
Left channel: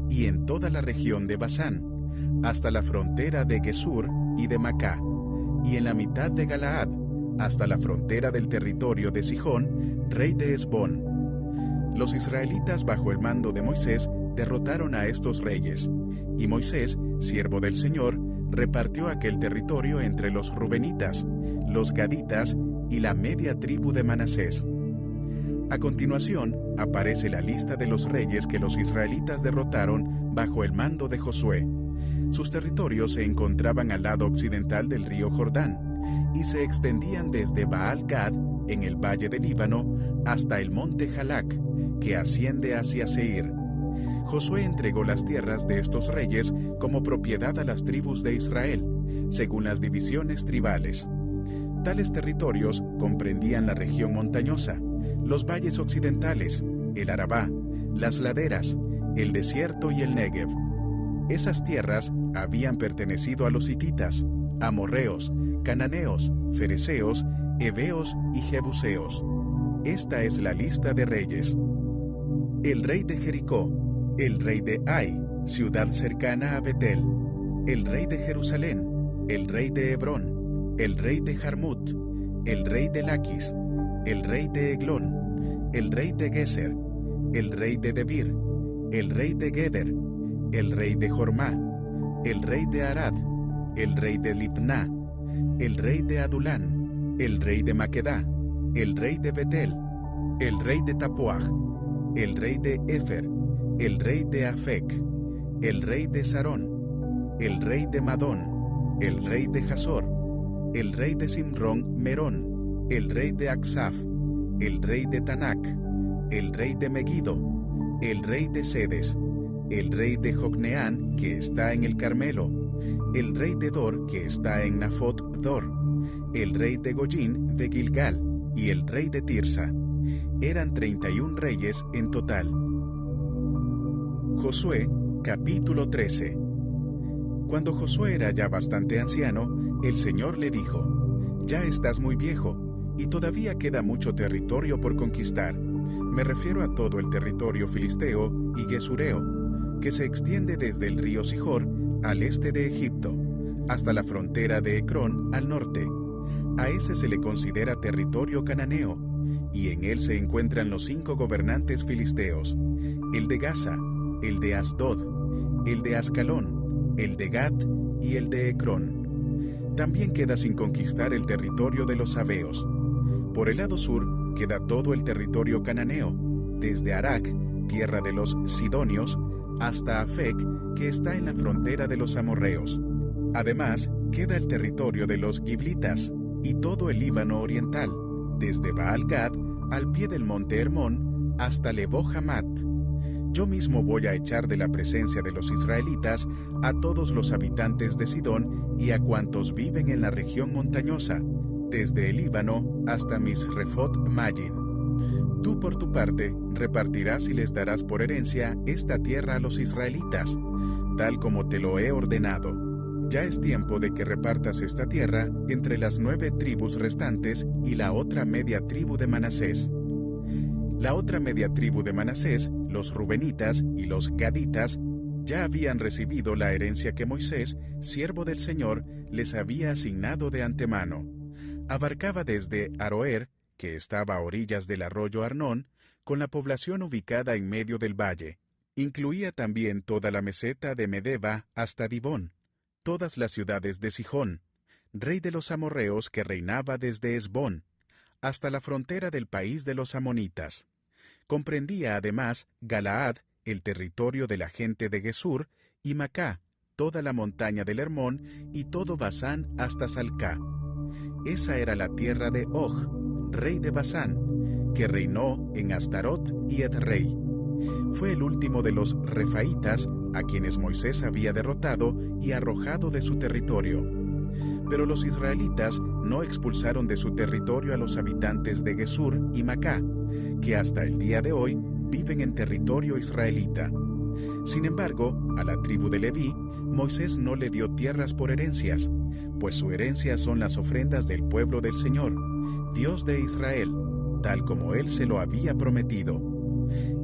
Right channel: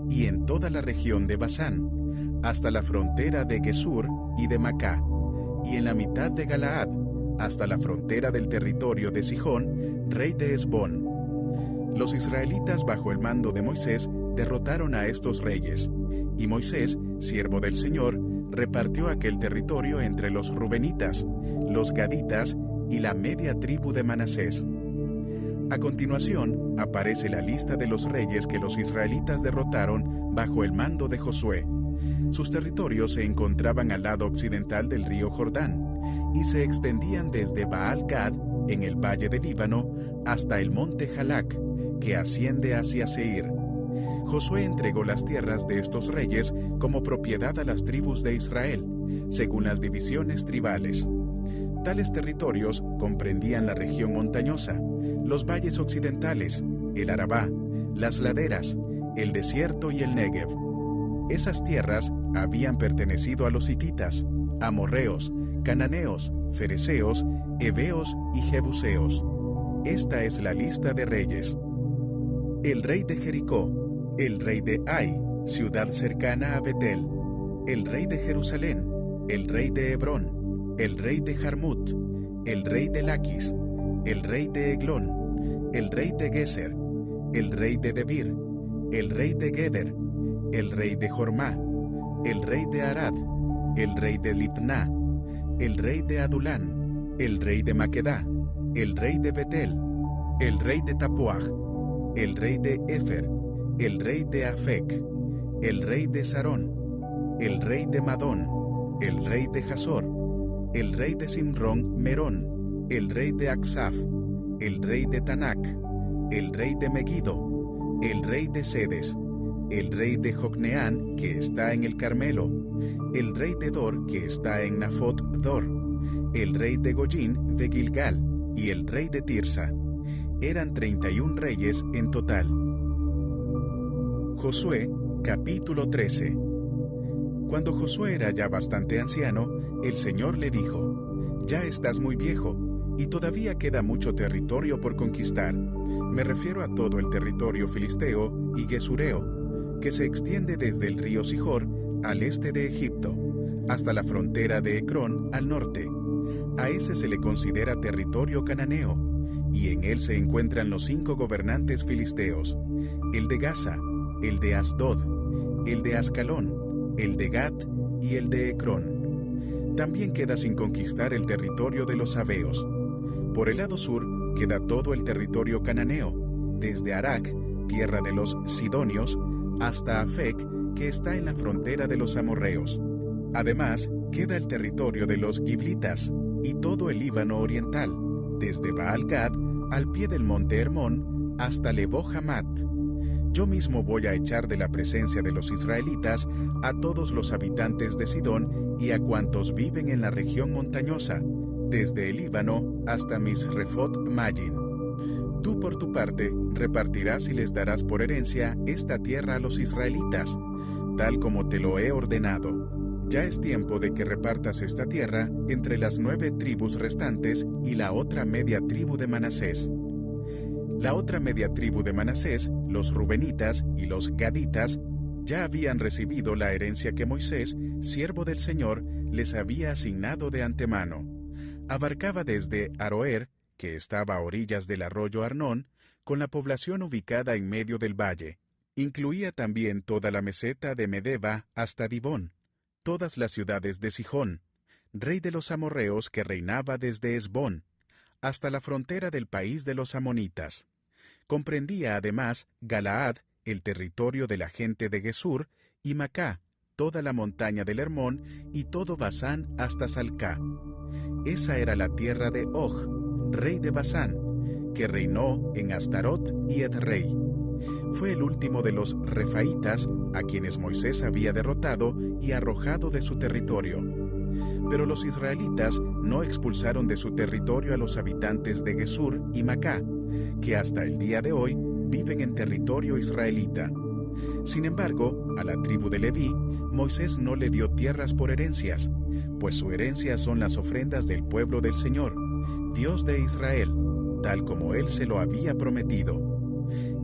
y en toda la región de Basán, hasta la frontera de Gesur y de Macá, y en la mitad de Galaad, hasta la frontera del territorio de Sihón, rey de Hesbón. Los israelitas bajo el mando de Moisés derrotaron a estos reyes, y Moisés, siervo del Señor, repartió aquel territorio entre los rubenitas, los gaditas y la media tribu de Manasés. A continuación, aparece la lista de los reyes que los israelitas derrotaron bajo el mando de Josué. Sus territorios se encontraban al lado occidental del río Jordán, y se extendían desde Baal-Gad, en el valle del Líbano, hasta el monte Jalac, que asciende hacia Seir. Josué entregó las tierras de estos reyes como propiedad a las tribus de Israel, según las divisiones tribales. Tales territorios comprendían la región montañosa, los valles occidentales, el Arabá, las laderas, el desierto y el Negev. Esas tierras habían pertenecido a los hititas, amorreos, cananeos, fereceos, heveos y jebuseos. Esta es la lista de reyes. El rey de Jericó, el rey de Ai, ciudad cercana a Betel, el rey de Jerusalén, el rey de Hebrón, el rey de Jarmut, el rey de Laquis, el rey de Eglón, el rey de Geser, el rey de Debir, el rey de Geder, el rey de Jormá, el rey de Arad, el rey de Libná, el rey de Adulán, el rey de Maquedá, el rey de Betel, el rey de Tapuaj, el rey de Efer, el rey de Afec, el rey de Sarón, el rey de Madón, el rey de Jasor, el rey de Simrón, Merón, el rey de Aksaf, el rey de Tanac, el rey de Megiddo, el rey de Sedes, el rey de Jocneán, que está en el Carmelo, el rey de Dor, que está en Nafot Dor, el rey de Goyín de Gilgal, y el rey de Tirsa. Eran 31 reyes en total. Josué, capítulo 13. Cuando Josué era ya bastante anciano, el Señor le dijo: «Ya estás muy viejo, y todavía queda mucho territorio por conquistar. Me refiero a todo el territorio filisteo y gesureo, que se extiende desde el río Sihor al este de Egipto, hasta la frontera de Ecrón al norte. A ese se le considera territorio cananeo, y en él se encuentran los 5 gobernantes filisteos: el de Gaza, el de Asdod, el de Ascalón, el de Gat y el de Ecrón. También queda sin conquistar el territorio de los sabeos. Por el lado sur queda todo el territorio cananeo, desde Arac, tierra de los sidonios, hasta Afec, que está en la frontera de los amorreos. Además, queda el territorio de los giblitas y todo el Líbano oriental, desde Baal-Gad al pie del monte Hermón hasta Lebo Hamat. Yo mismo voy a echar de la presencia de los israelitas a todos los habitantes de Sidón y a cuantos viven en la región montañosa, desde el Líbano hasta Misrefot Mayim. Tú por tu parte repartirás y les darás por herencia esta tierra a los israelitas, tal como te lo he ordenado. Ya es tiempo de que repartas esta tierra entre las 9 tribus restantes y la otra media tribu de Manasés. La otra media tribu de Manasés, los rubenitas y los gaditas, ya habían recibido la herencia que Moisés, siervo del Señor, les había asignado de antemano. Abarcaba desde Aroer, que estaba a orillas del arroyo Arnón, con la población ubicada en medio del valle. Incluía también toda la meseta de Medeba hasta Dibón, todas las ciudades de Sihón, rey de los amorreos que reinaba desde Esbón, hasta la frontera del país de los amonitas. Comprendía además Galaad, el territorio de la gente de Gesur, y Macá, toda la montaña del Hermón, y todo Basán hasta Salcá. Esa era la tierra de Og, rey de Basán, que reinó en Astarot y Edrei. Fue el último de los refaitas a quienes Moisés había derrotado y arrojado de su territorio. Pero los israelitas no expulsaron de su territorio a los habitantes de Gesur y Macá, que hasta el día de hoy viven en territorio israelita. Sin embargo, a la tribu de Leví, Moisés no le dio tierras por herencias, pues su herencia son las ofrendas del pueblo del Señor, Dios de Israel, tal como él se lo había prometido.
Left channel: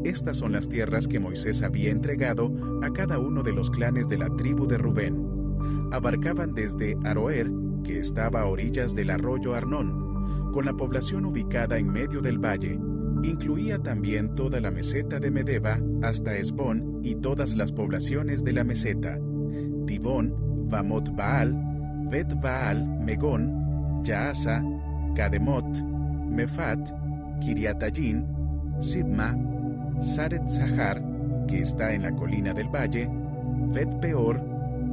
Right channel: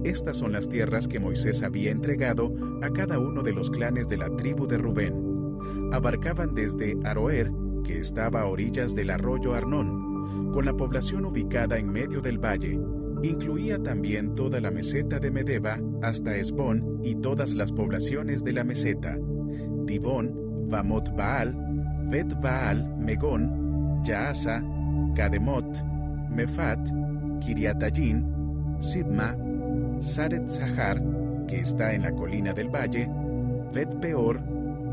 Estas son las tierras que Moisés había entregado a cada uno de los clanes de la tribu de Rubén. Abarcaban desde Aroer, que estaba a orillas del arroyo Arnón, con la población ubicada en medio del valle. Incluía también toda la meseta de Medeba hasta Esbón y todas las poblaciones de la meseta: Dibón, Bamot Baal, Bet Baal, Megón, Yaasa, Kademot, Mefat, Kiriatayín, Sidma, Saret Zahar, que está en la colina del valle, Bet Peor,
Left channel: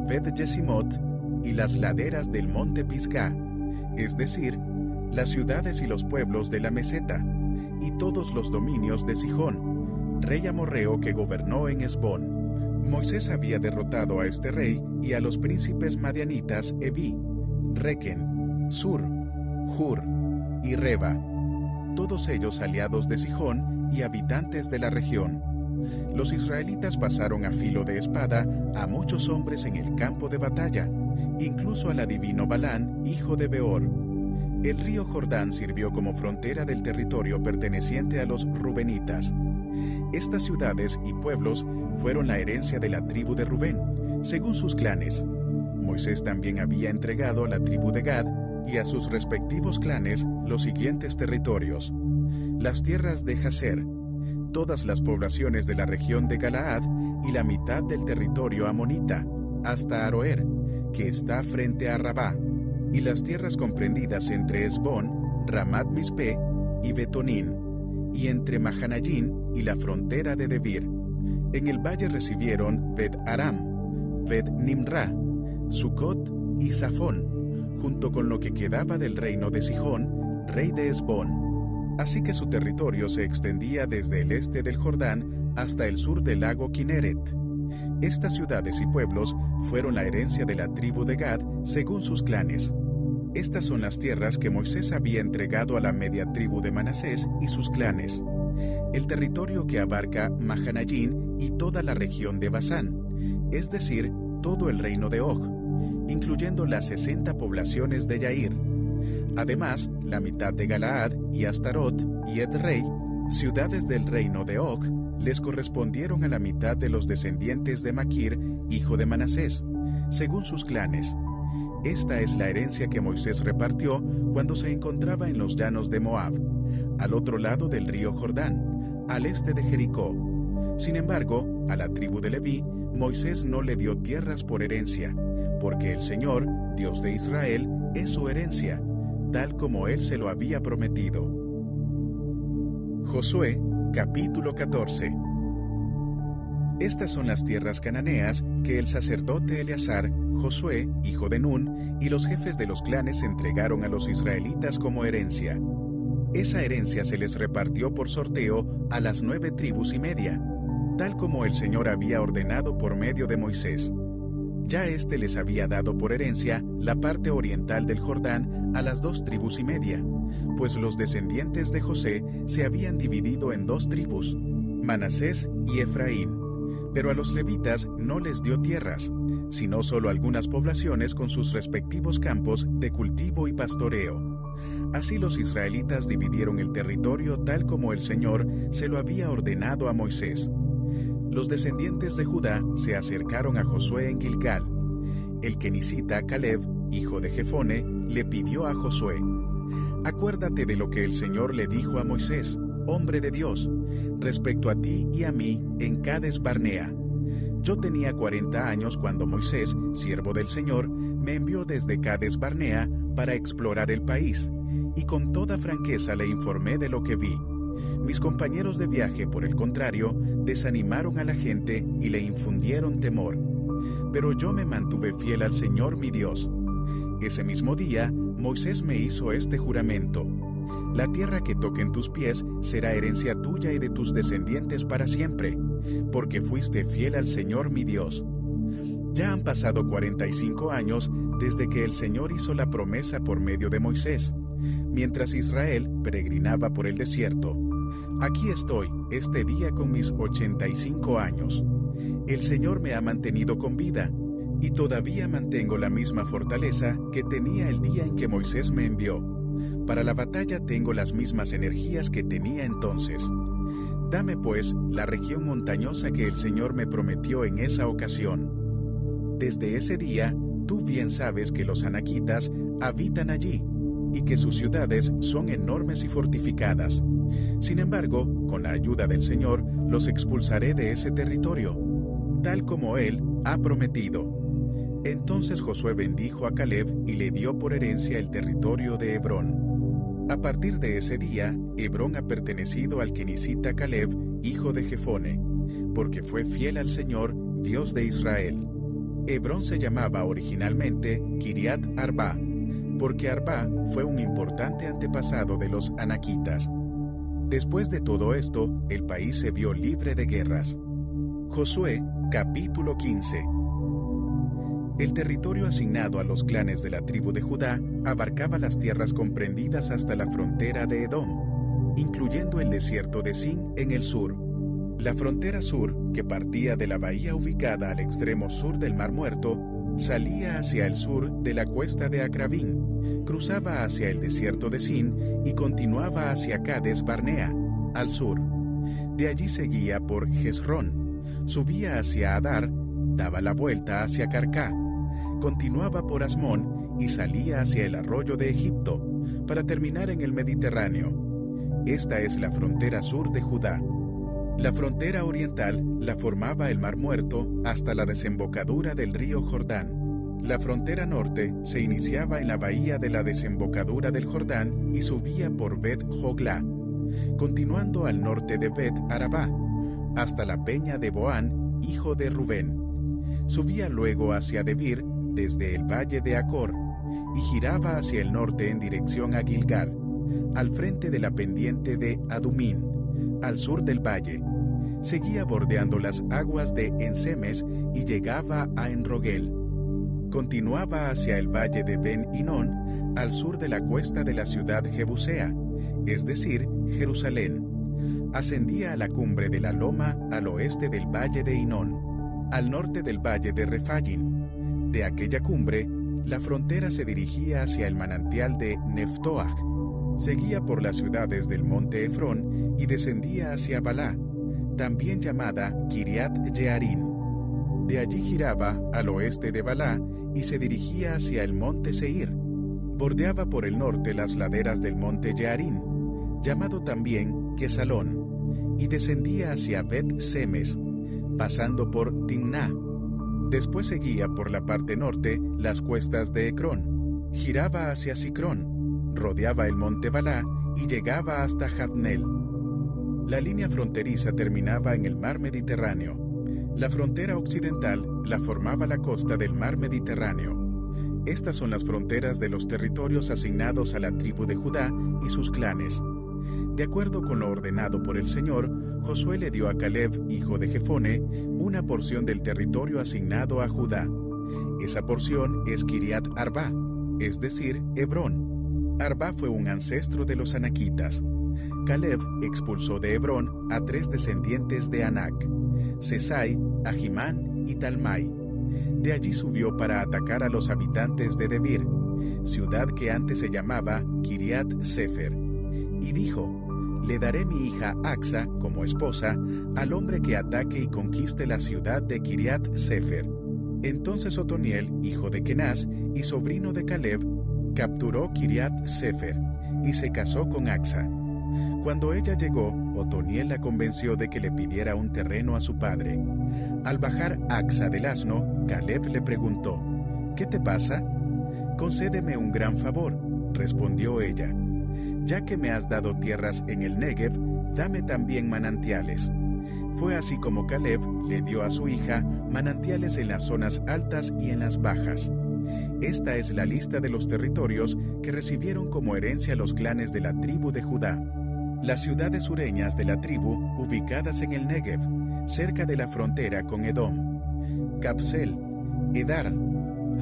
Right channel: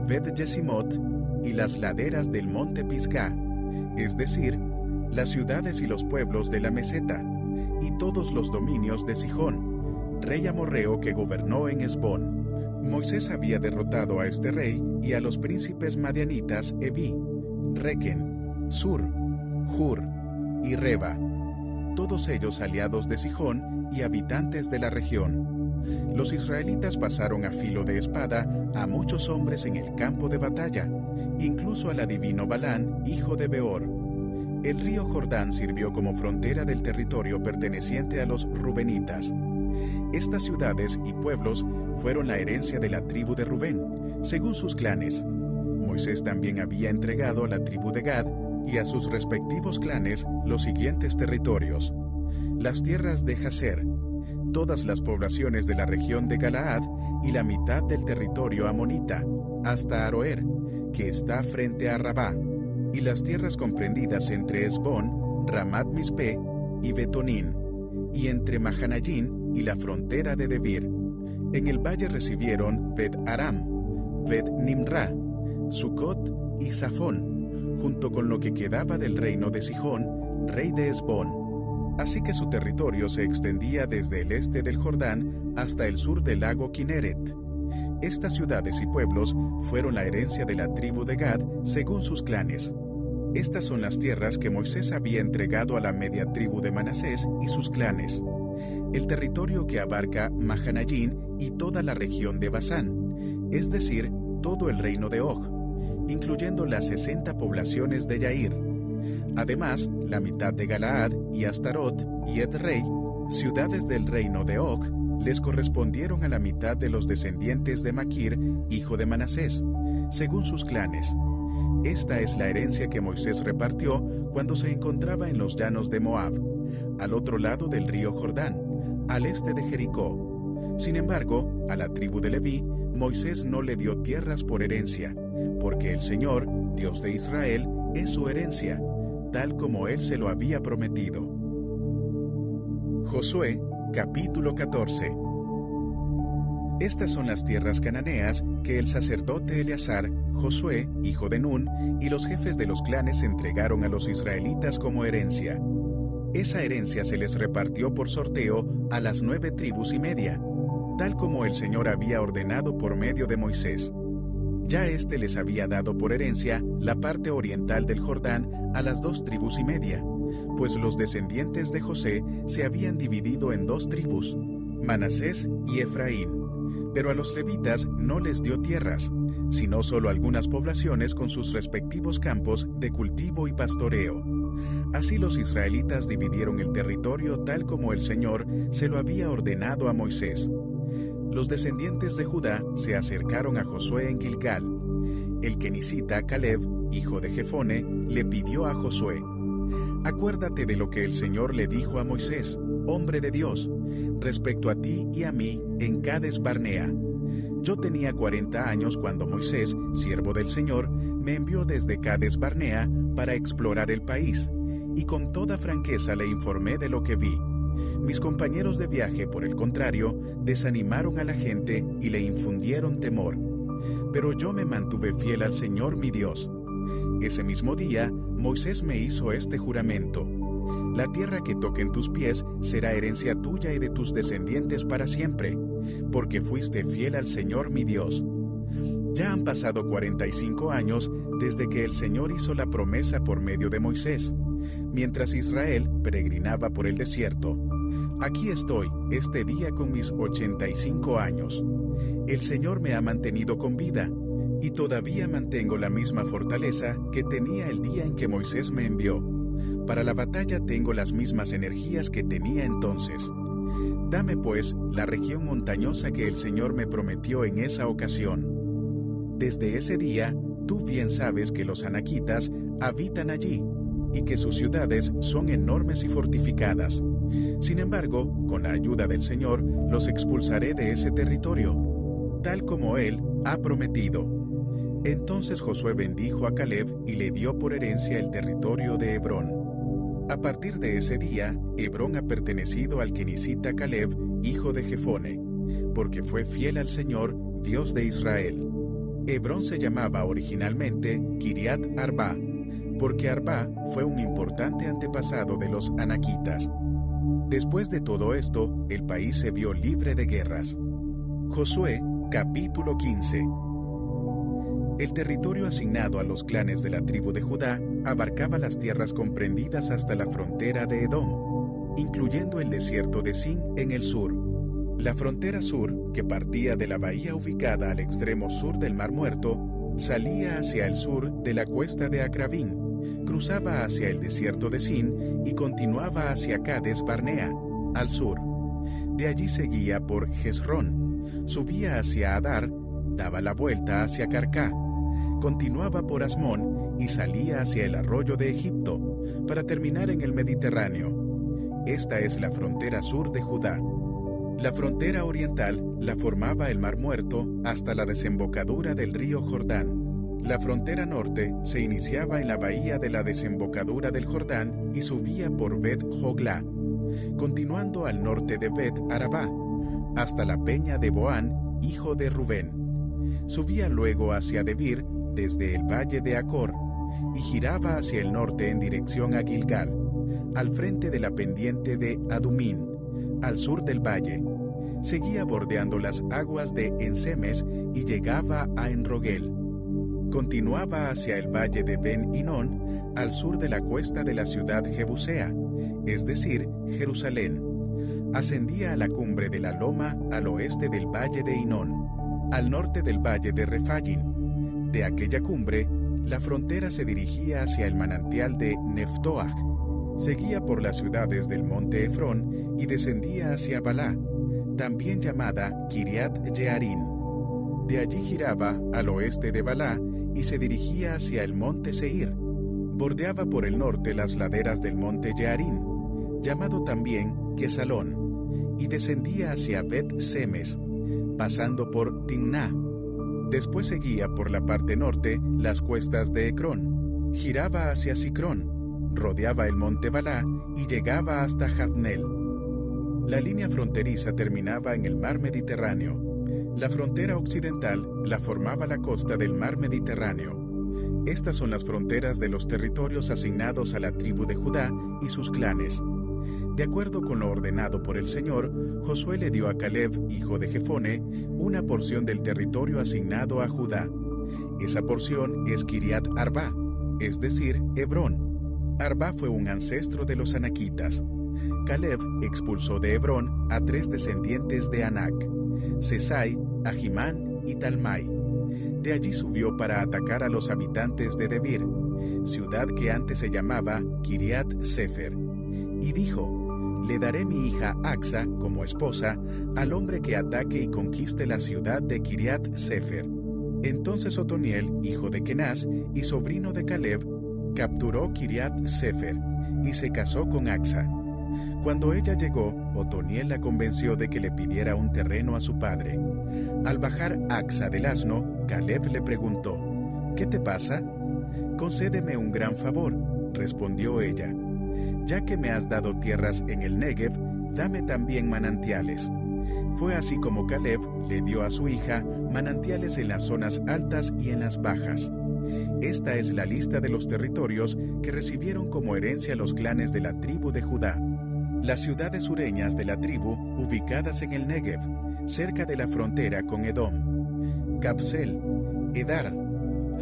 Bet Yesimot y las laderas del monte Pisgá, es decir, las ciudades y los pueblos de la meseta, y todos los dominios de Sihón, rey amorreo que gobernó en Esbón. Moisés había derrotado a este rey y a los príncipes madianitas Eví, Requen, Sur, Hur y Reba, todos ellos aliados de Sihón y habitantes de la región. Los israelitas pasaron a filo de espada a muchos hombres en el campo de batalla, incluso al adivino Balán, hijo de Beor. El río Jordán sirvió como frontera del territorio perteneciente a los rubenitas. Estas ciudades y pueblos fueron la herencia de la tribu de Rubén, según sus clanes. Moisés también había entregado a la tribu de Gad y a sus respectivos clanes los siguientes territorios: las tierras de Jaser, todas las poblaciones de la región de Galaad y la mitad del territorio amonita, hasta Aroer, que está frente a Rabá, y las tierras comprendidas entre Esbón, Ramat Mispe y Betonín, y entre Mahanayín y la frontera de Debir. En el valle recibieron Bet Aram, Bet Nimra, Sucot y Safón, junto con lo que quedaba del reino de Sihón, rey de Hesbón. Así que su territorio se extendía desde el este del Jordán hasta el sur del lago Kineret. Estas ciudades y pueblos fueron la herencia de la tribu de Gad según sus clanes. Estas son las tierras que Moisés había entregado a la media tribu de Manasés y sus clanes. El territorio que abarca Mahanayín y toda la región de Basán, es decir, todo el reino de Og, incluyendo las 60 poblaciones de Yair. Además, la mitad de Galaad y Astarot y Edrei, ciudades del reino de Og, les correspondieron a la mitad de los descendientes de Maquir, hijo de Manasés, según sus clanes. Esta es la herencia que Moisés repartió cuando se encontraba en los llanos de Moab, al otro lado del río Jordán, al este de Jericó. Sin embargo, a la tribu de Leví, Moisés no le dio tierras por herencia, porque el Señor, Dios de Israel, es su herencia, tal como Él se lo había prometido. Josué, capítulo 14. Estas son las tierras cananeas que el sacerdote Eleazar, Josué, hijo de Nun, y los jefes de los clanes entregaron a los israelitas como herencia. Esa herencia se les repartió por sorteo a las 9 tribus y media, tal como el Señor había ordenado por medio de Moisés. Ya éste les había dado por herencia la parte oriental del Jordán a las 2 tribus y media, pues los descendientes de José se habían dividido en 2 tribus, Manasés y Efraín. Pero a los levitas no les dio tierras, sino solo algunas poblaciones con sus respectivos campos de cultivo y pastoreo. Así los israelitas dividieron el territorio tal como el Señor se lo había ordenado a Moisés. Los descendientes de Judá se acercaron a Josué en Gilgal. El kenisita Caleb, hijo de Jefone, le pidió a Josué: «Acuérdate de lo que el Señor le dijo a Moisés, hombre de Dios, respecto a ti y a mí en Cades Barnea. Yo tenía 40 años cuando Moisés, siervo del Señor, me envió desde Cades Barnea para explorar el país, y con toda franqueza le informé de lo que vi. Mis compañeros de viaje, por el contrario, desanimaron a la gente y le infundieron temor. Pero yo me mantuve fiel al Señor mi Dios. Ese mismo día, Moisés me hizo este juramento: la tierra que toquen tus pies será herencia tuya y de tus descendientes para siempre, porque fuiste fiel al Señor mi Dios. Ya han pasado 45 años desde que el Señor hizo la promesa por medio de Moisés, mientras Israel peregrinaba por el desierto. Aquí estoy, este día con mis 85 años. El Señor me ha mantenido con vida, y todavía mantengo la misma fortaleza que tenía el día en que Moisés me envió. Para la batalla tengo las mismas energías que tenía entonces. Dame, pues, la región montañosa que el Señor me prometió en esa ocasión. Desde ese día, tú bien sabes que los anaquitas habitan allí, y que sus ciudades son enormes y fortificadas. Sin embargo, con la ayuda del Señor, los expulsaré de ese territorio, tal como Él ha prometido». Entonces Josué bendijo a Caleb y le dio por herencia el territorio de Hebrón. A partir de ese día, Hebrón ha pertenecido al kenisita Caleb, hijo de Jefone, porque fue fiel al Señor, Dios de Israel. Hebrón se llamaba originalmente Kiriat Arba, porque Arba fue un importante antepasado de los anaquitas. Después de todo esto, el país se vio libre de guerras. Josué, capítulo 15. El territorio asignado a los clanes de la tribu de Judá abarcaba las tierras comprendidas hasta la frontera de Edom, incluyendo el desierto de Sin en el sur. La frontera sur, que partía de la bahía ubicada al extremo sur del Mar Muerto, salía hacia el sur de la cuesta de Acrabín, cruzaba hacia el desierto de Sin y continuaba hacia Cades Barnea, al sur. De allí seguía por Jezrón, subía hacia Adar, daba la vuelta hacia Carcá, continuaba por Asmón y salía hacia el arroyo de Egipto, para terminar en el Mediterráneo. Esta es la frontera sur de Judá. La frontera oriental la formaba el Mar Muerto hasta la desembocadura del río Jordán. La frontera norte se iniciaba en la bahía de la desembocadura del Jordán y subía por Bet Joglá, continuando al norte de Bet Arabá, hasta la peña de Boán, hijo de Rubén. Subía luego hacia Debir desde el valle de Acor, y giraba hacia el norte en dirección a Gilgal, al frente de la pendiente de Adumín, al sur del valle. Seguía bordeando las aguas de Ensemes y llegaba a Enrogel. Continuaba hacia el valle de Ben-Hinón, al sur de la cuesta de la ciudad Jebusea, es decir, Jerusalén. Ascendía a la cumbre de la loma al oeste del valle de Hinón, al norte del valle de Refaim. De aquella cumbre, la frontera se dirigía hacia el manantial de Neftoach. Seguía por las ciudades del monte Efrón y descendía hacia Balá, también llamada Kiriat Jearim. De allí giraba al oeste de Balá y se dirigía hacia el monte Seir. Bordeaba por el norte las laderas del monte Jearim, llamado también Quesalón, y descendía hacia Bet-Semes, pasando por Timná. Después seguía por la parte norte las cuestas de Ecrón, giraba hacia Sicrón, rodeaba el monte Balá y llegaba hasta Jabneel. La línea fronteriza terminaba en el mar Mediterráneo. La frontera occidental la formaba la costa del mar Mediterráneo. Estas son las fronteras de los territorios asignados a la tribu de Judá y sus clanes. De acuerdo con lo ordenado por el Señor, Josué le dio a Caleb, hijo de Jefone, una porción del territorio asignado a Judá. Esa porción es Kiriat Arba, es decir, Hebrón. Arba fue un ancestro de los anaquitas. Caleb expulsó de Hebrón a 3 descendientes de Anac: Sesai, Ahimán y Talmai. De allí subió para atacar a los habitantes de Debir, ciudad que antes se llamaba Kiriat Sefer, y dijo: le daré mi hija Axa como esposa al hombre que ataque y conquiste la ciudad de Kiriat Sefer. Entonces Otoniel, hijo de Kenaz y sobrino de Caleb, capturó Kiriat Sefer y se casó con Axa. Cuando ella llegó, Otoniel la convenció de que le pidiera un terreno a su padre. Al bajar Axa del asno, Caleb le preguntó: ¿qué te pasa? Concédeme un gran favor, respondió ella. Ya que me has dado tierras en el Negev, dame también manantiales. Fue así como Caleb le dio a su hija manantiales en las zonas altas y en las bajas. Esta es la lista de los territorios que recibieron como herencia los clanes de la tribu de Judá. Las ciudades sureñas de la tribu ubicadas en el Negev, cerca de la frontera con Edom: Capsel, Edar,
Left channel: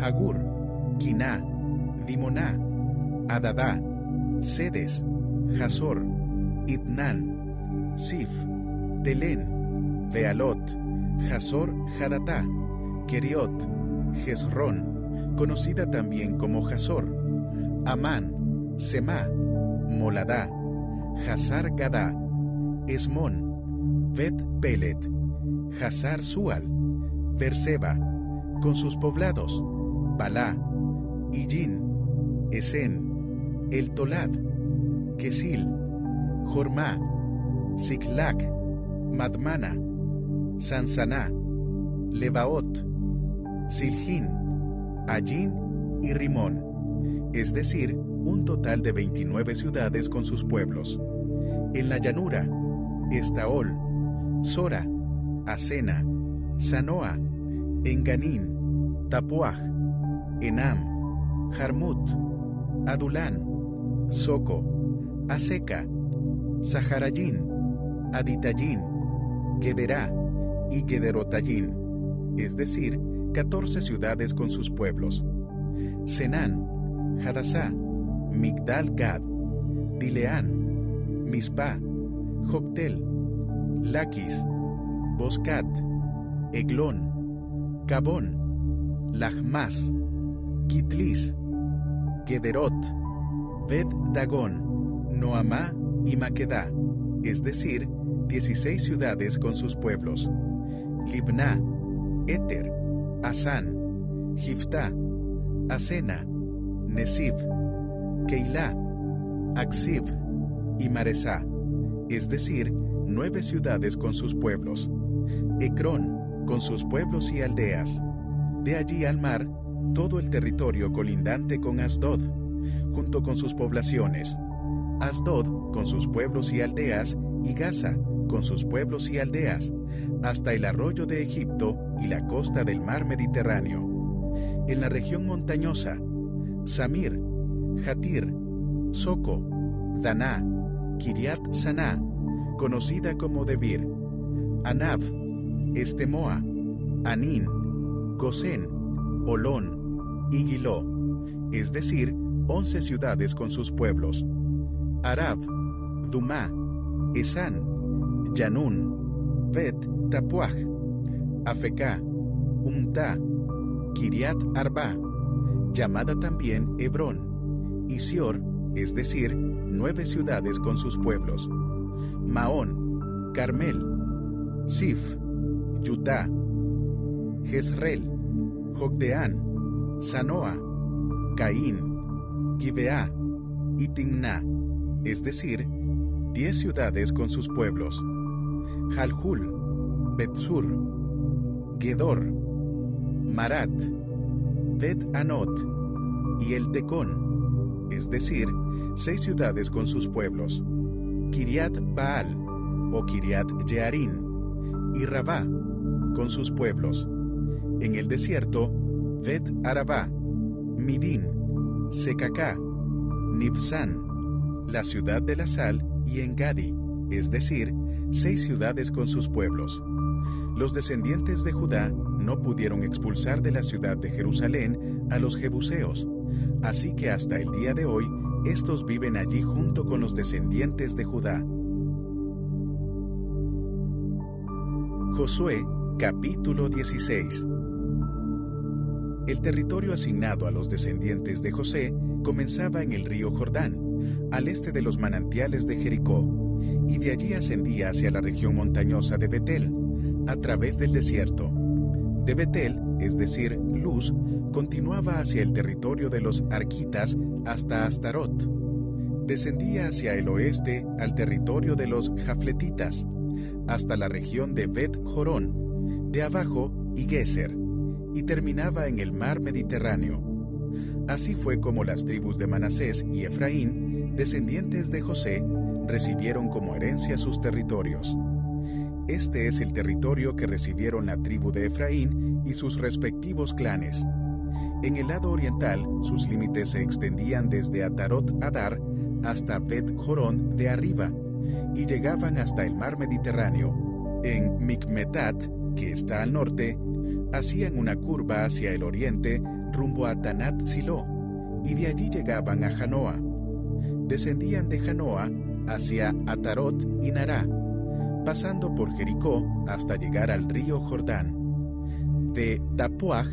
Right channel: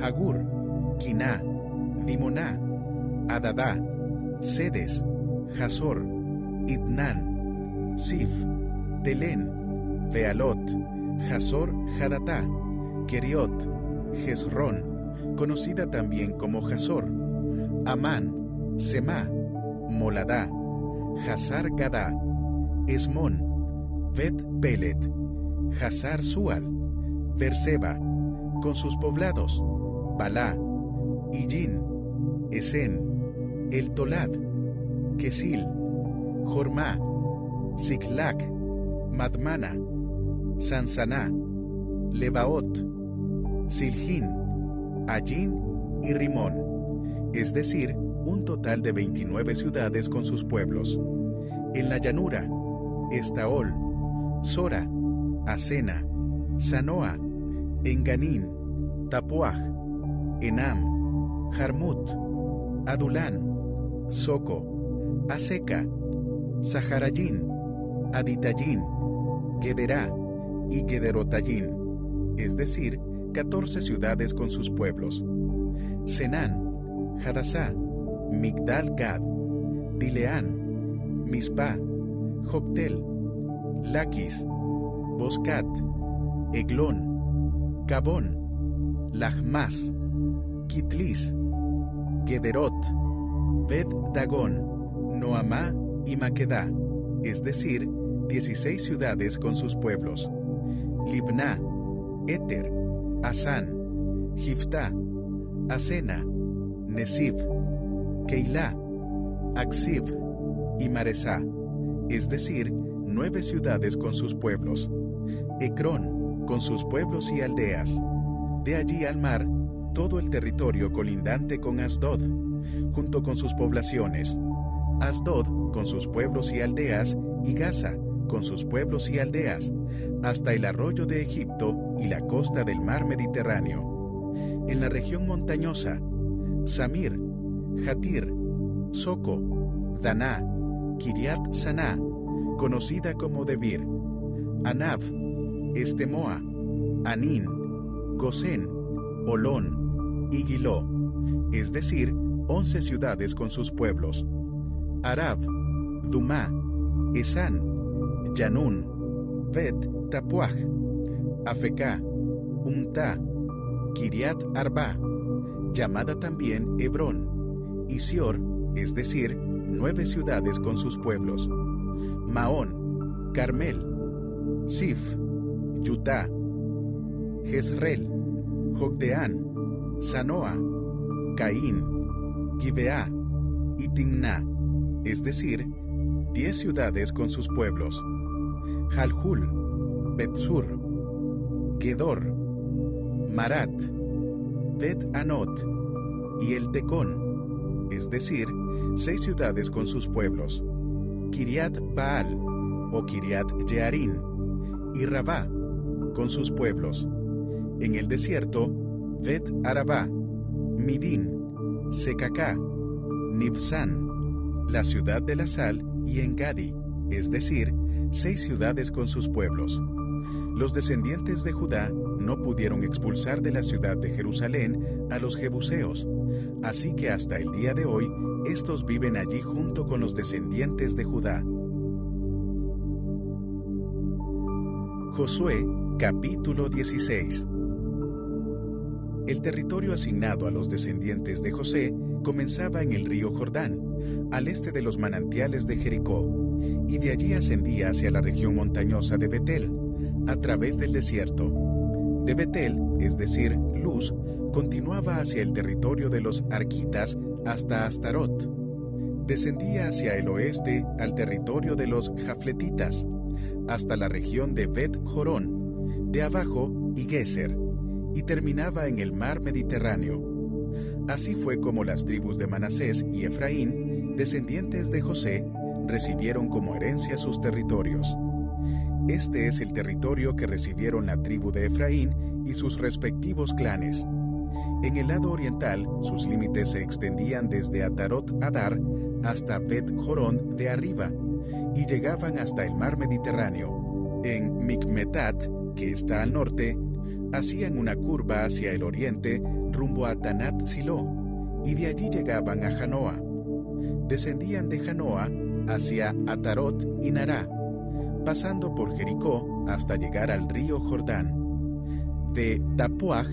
Hagur, Quiná, Dimoná, Adadá, Sedes, Hazor, Itnán, Sif, Telén, Bealot, Hazor Hadatá, Keriot, Jezrón, conocida también como Hazor, Amán, Semá, Moladá, Hazar Gadá, Esmón, Bet Pelet, Hazar Sual, Berseba, con sus poblados, Balá, Illín, Esen, El Tolad, Quesil, Jormá, Siclac, Madmana, Sansaná, Lebaot, Siljín, Allín y Rimón, es decir, un total de 29 ciudades con sus pueblos. En la llanura, Estaol, Sora, Asena, Sanoa, Enganín, Tapuaj, Enam, Jarmut, Adulán, Soco, Aseca, Saharayín, Aditayín, Gederá y Gederotayín, es decir, 14 ciudades con sus pueblos. Senán, Hadasá, Migdal Gad, Dileán, Mispa, Joctel, Laquis, Boscat, Eglón, Cabón, Lachmas, Kitlis, Gederot, Bet Dagón, Noamá y Maquedá, es decir, 16 ciudades con sus pueblos. Libná, Éter, Asán, Jiftá, Asena, Nesib, Keilá, Aksib y Maresá, es decir, 9 ciudades con sus pueblos. Ecrón, con sus pueblos y aldeas. De allí al mar, todo el territorio colindante con Asdod, junto con sus poblaciones. Asdod, con sus pueblos y aldeas, y Gaza, con sus pueblos y aldeas, hasta el arroyo de Egipto y la costa del mar Mediterráneo. En la región montañosa, Samir, Jatir, Soco, Daná, Kiriat Saná, conocida como Debir, Anab, Estemoa, Anín, Gosén, Olón y Giló, es decir, 11 ciudades con sus pueblos. Arab, Dumá, Esán, Yanún, Bet Tapuaj, Afecá, Umtá, Kiriat Arba, llamada también Hebrón, y Sior, es decir, 9 ciudades con sus pueblos. Maón, Carmel, Sif, Yutá, Jezreel, Jogdeán, Sanoa, Caín, Gibeá y Timná, es decir, 10 ciudades con sus pueblos. Jalhul, Betsur, Gedor, Marat, Bet Anot y El Tecón, es decir, 6 ciudades con sus pueblos. Kiriat Baal o Kiriat Jearín y Rabá con sus pueblos. En el desierto, Bet Arabá, Midín, Secacá, Nibsán, la ciudad de la sal y Engadi, es decir, 6 ciudades con sus pueblos. Los descendientes de Judá no pudieron expulsar de la ciudad de Jerusalén a los jebuseos, así que hasta el día de hoy, estos viven allí junto con los descendientes de Judá. Josué, capítulo 16. El territorio asignado a los descendientes de José comenzaba en el río Jordán, al este de los manantiales de Jericó, y de allí ascendía hacia la región montañosa de Betel, a través del desierto. De Betel, es decir, Luz, continuaba hacia el territorio de los arquitas hasta Astarot. Descendía hacia el oeste al territorio de los jafletitas, hasta la región de Bet Jorón, de abajo y Geser, y terminaba en el mar Mediterráneo. Así fue como las tribus de Manasés y Efraín, descendientes de José, recibieron como herencia sus territorios. Este es el territorio que recibieron la tribu de Efraín y sus respectivos clanes. En el lado oriental, sus límites se extendían desde Atarot Adar hasta Bet Jorón de arriba, y llegaban hasta el mar Mediterráneo. En Micmetat, que está al norte, hacían una curva hacia el oriente rumbo a Tanat Siló, y de allí llegaban a Janoa. Descendían de Janoa hacia Atarot y Nará, pasando por Jericó hasta llegar al río Jordán. De Tapuaj,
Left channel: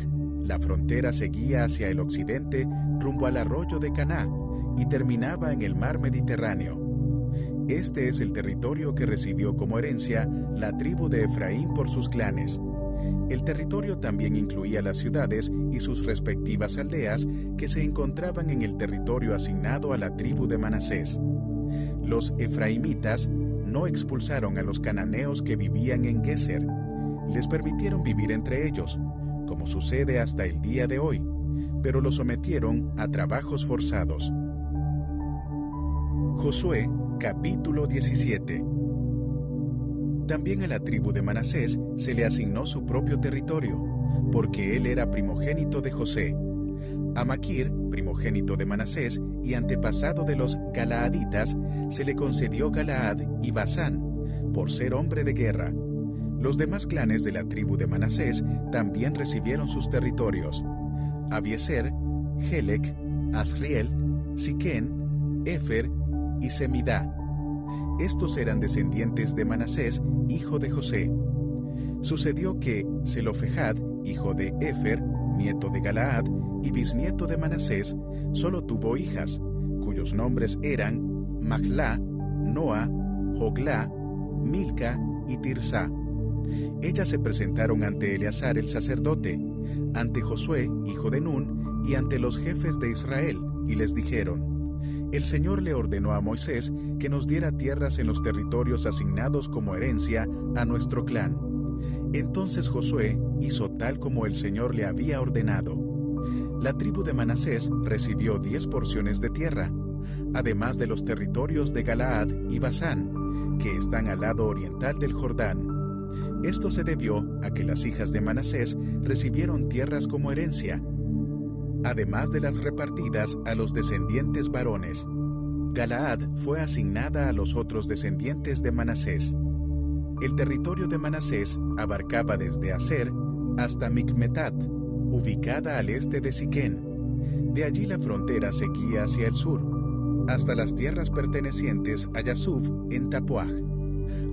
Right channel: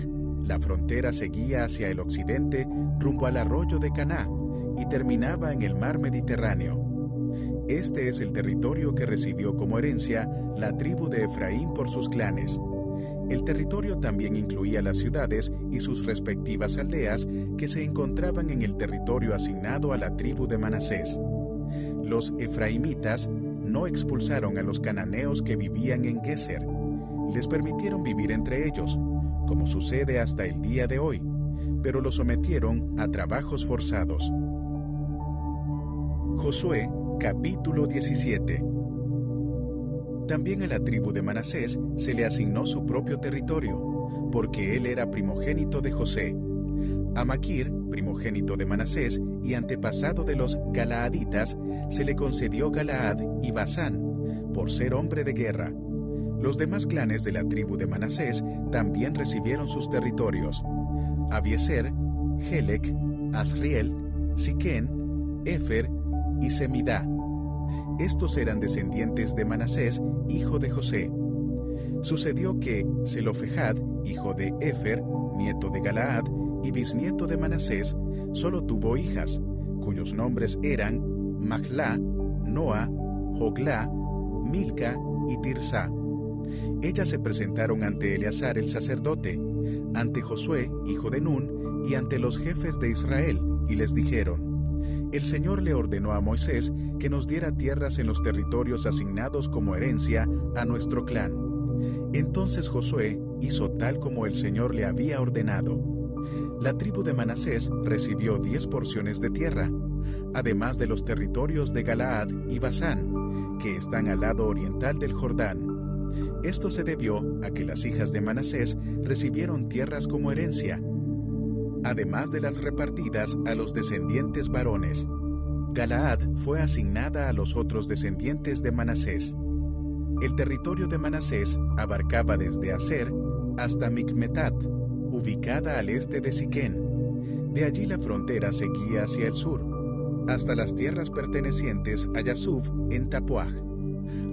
la frontera seguía hacia el occidente rumbo al arroyo de Caná y terminaba en el mar Mediterráneo. Este es el territorio que recibió como herencia la tribu de Efraín por sus clanes. El territorio también incluía las ciudades y sus respectivas aldeas que se encontraban en el territorio asignado a la tribu de Manasés. Los efraimitas no expulsaron a los cananeos que vivían en Geser. Les permitieron vivir entre ellos, como sucede hasta el día de hoy, pero los sometieron a trabajos forzados. Josué, capítulo 17. También a la tribu de Manasés se le asignó su propio territorio, porque él era primogénito de José. A Maquir, primogénito de Manasés y antepasado de los galaaditas, se le concedió Galaad y Basán, por ser hombre de guerra. Los demás clanes de la tribu de Manasés también recibieron sus territorios: Abieser, Helec, Asriel, Siquén, Efer y Semidá. Estos eran descendientes de Manasés, hijo de José. Sucedió que Zelofejad, hijo de Efer, nieto de Galaad y bisnieto de Manasés, solo tuvo hijas, cuyos nombres eran Mahlá, Noa, Joglá, Milca y Tirsá. Ellas se presentaron ante Eleazar el sacerdote, ante Josué, hijo de Nun, y ante los jefes de Israel, y les dijeron: El Señor le ordenó a Moisés que nos diera tierras en los territorios asignados como herencia a nuestro clan. Entonces Josué hizo tal como el Señor le había ordenado. La tribu de Manasés recibió 10 porciones de tierra, además de los territorios de Galaad y Basán, que están al lado oriental del Jordán. Esto se debió a que las hijas de Manasés recibieron tierras como herencia. además de las repartidas a los descendientes varones. Galaad fue asignada a los otros descendientes de Manasés. El territorio de Manasés abarcaba desde Aser hasta Micmetat, ubicada al este de Siquén. De allí la frontera seguía hacia el sur, hasta las tierras pertenecientes a Yasuf en Tapuaj.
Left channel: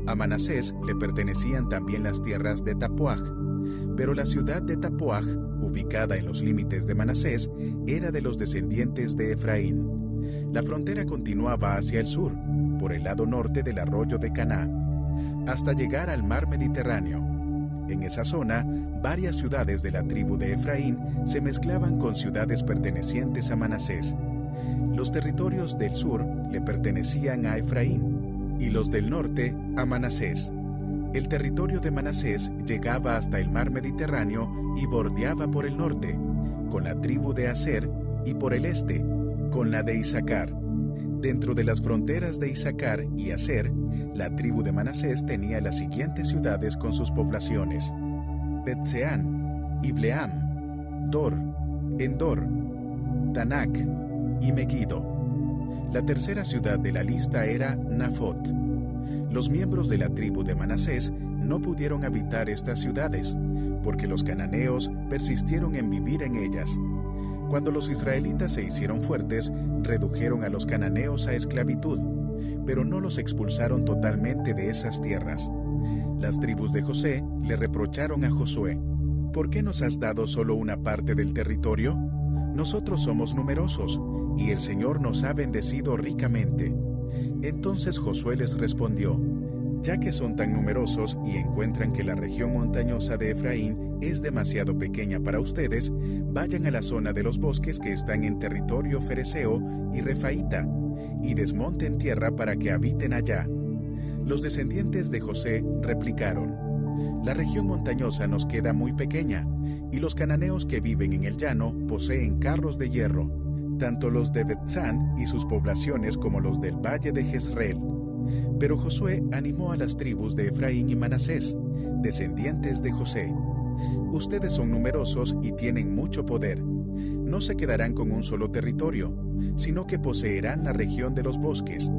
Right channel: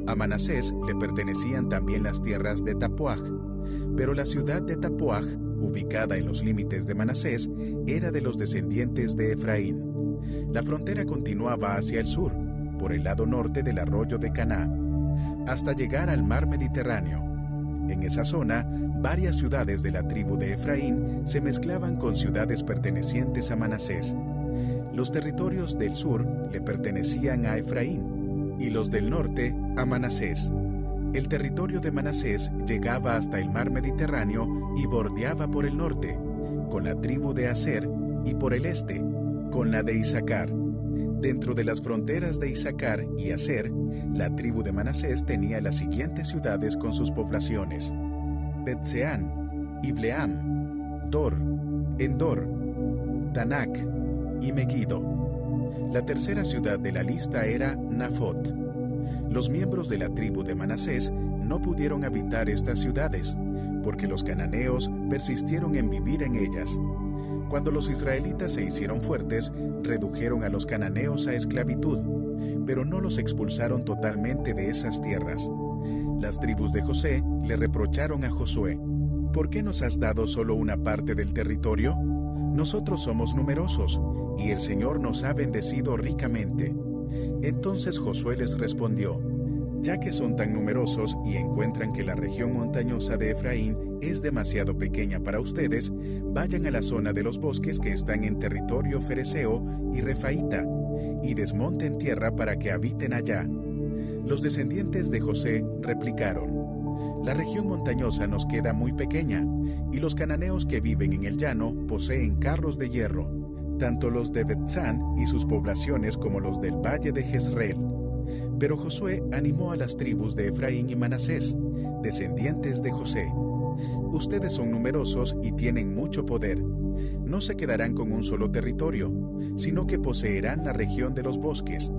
A Manasés le pertenecían también las tierras de Tapuaj, pero la ciudad de Tapuaj, ubicada en los límites de Manasés, era de los descendientes de Efraín. La frontera continuaba hacia el sur, por el lado norte del arroyo de Caná, hasta llegar al mar Mediterráneo. En esa zona, varias ciudades de la tribu de Efraín se mezclaban con ciudades pertenecientes a Manasés. Los territorios del sur le pertenecían a Efraín, y los del norte a Manasés. El territorio de Manasés llegaba hasta el mar Mediterráneo y bordeaba por el norte, con la tribu de Aser, y por el este, con la de Isaacar. Dentro de las fronteras de Isaacar y Aser, la tribu de Manasés tenía las siguientes ciudades con sus poblaciones: Bet-Seán, Ibleam, Dor, Endor, Tanak y Megiddo. La tercera ciudad de la lista era Nafot. Los miembros de la tribu de Manasés no pudieron habitar estas ciudades, porque los cananeos persistieron en vivir en ellas. Cuando los israelitas se hicieron fuertes, redujeron a los cananeos a esclavitud, pero no los expulsaron totalmente de esas tierras. Las tribus de José le reprocharon a Josué: ¿por qué nos has dado solo una parte del territorio? Nosotros somos numerosos, y el Señor nos ha bendecido ricamente. Entonces Josué les respondió: ya que son tan numerosos y encuentran que la región montañosa de Efraín es demasiado pequeña para ustedes, vayan a la zona de los bosques que están en territorio fereceo y refaíta, y desmonten tierra para que habiten allá. Los descendientes de José replicaron: la región montañosa nos queda muy pequeña, y los cananeos que viven en el llano poseen carros de hierro, tanto los de Bet-San y sus poblaciones como los del valle de Jezreel. Pero Josué animó a las tribus de Efraín y Manasés, descendientes de José: ustedes son numerosos y tienen mucho poder. No se quedarán con un solo territorio, sino que poseerán la región de los bosques.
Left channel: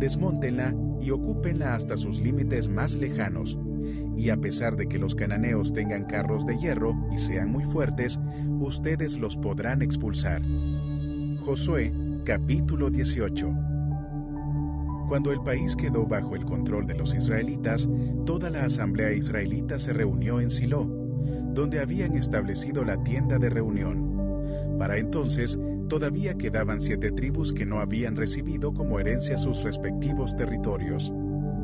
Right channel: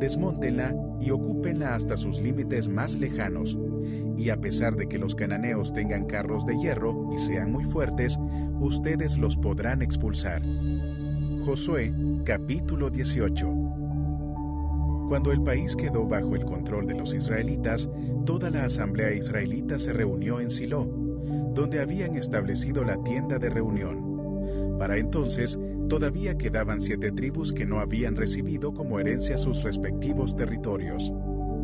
Desmóntenla y ocúpenla hasta sus límites más lejanos. Y a pesar de que los cananeos tengan carros de hierro y sean muy fuertes, ustedes los podrán expulsar. Josué, capítulo 18. Cuando el país quedó bajo el control de los israelitas, toda la asamblea israelita se reunió en Silo, donde habían establecido la tienda de reunión. Para entonces, todavía quedaban 7 tribus que no habían recibido como herencia sus respectivos territorios.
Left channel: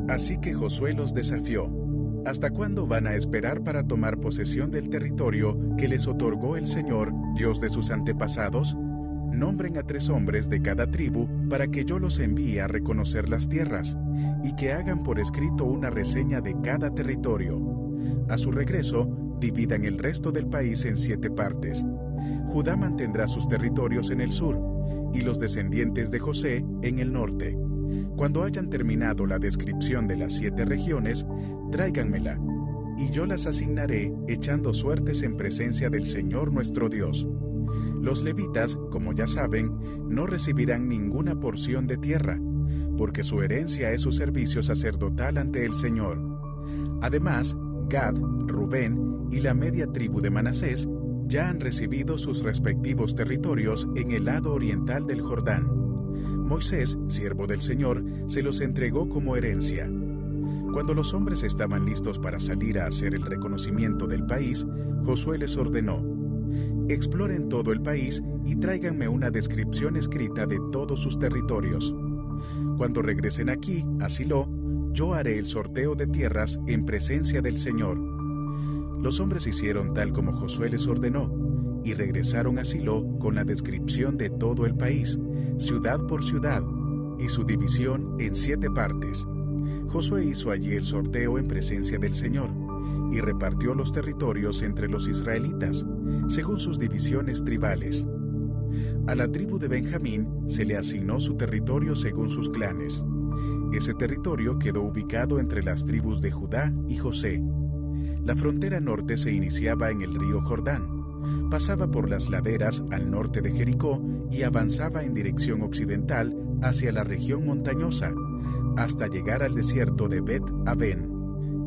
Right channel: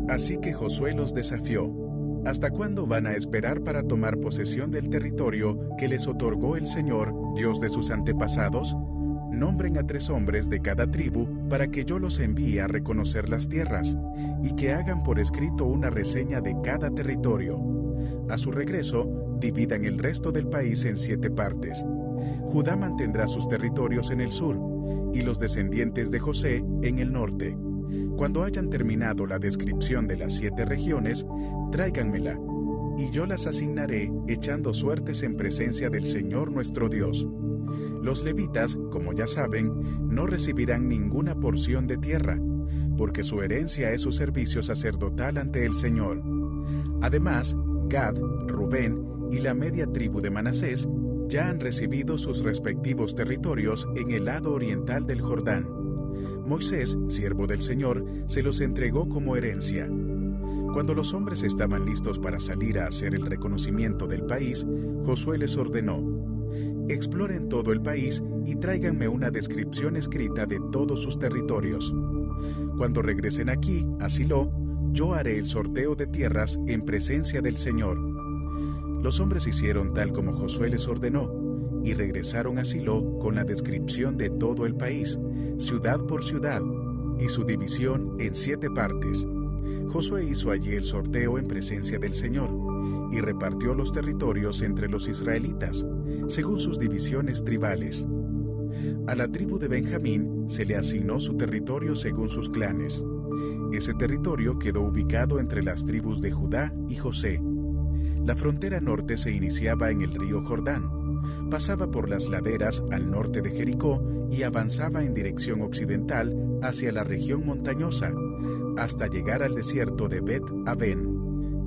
Así que Josué los desafió: ¿hasta cuándo van a esperar para tomar posesión del territorio que les otorgó el Señor, Dios de sus antepasados? Nombren a 3 hombres de cada tribu para que yo los envíe a reconocer las tierras, y que hagan por escrito una reseña de cada territorio. A su regreso, dividan el resto del país en 7 partes. Judá mantendrá sus territorios en el sur, y los descendientes de José en el norte. Cuando hayan terminado la descripción de las 7 regiones, tráiganmela, y yo las asignaré echando suertes en presencia del Señor nuestro Dios. Los levitas, como ya saben, no recibirán ninguna porción de tierra, porque su herencia es su servicio sacerdotal ante el Señor. Además, Gad, Rubén y la media tribu de Manasés ya han recibido sus respectivos territorios en el lado oriental del Jordán. Moisés, siervo del Señor, se los entregó como herencia. Cuando los hombres estaban listos para salir a hacer el reconocimiento del país, Josué les ordenó: exploren todo el país y tráiganme una descripción escrita de todos sus territorios. Cuando regresen aquí, a Silo, yo haré el sorteo de tierras en presencia del Señor. Los hombres hicieron tal como Josué les ordenó, y regresaron a Silo con la descripción de todo el país, ciudad por ciudad, y su división en 7 partes. Josué hizo allí el sorteo en presencia del Señor, y repartió los territorios entre los israelitas, según sus divisiones tribales. A la tribu de Benjamín se le asignó su territorio según sus clanes. Ese territorio quedó ubicado entre las tribus de Judá y José. La frontera norte se iniciaba en el río Jordán, Pasaba por las laderas al norte de Jericó y avanzaba en dirección occidental hacia la región montañosa, hasta llegar al desierto de Bet-Aven.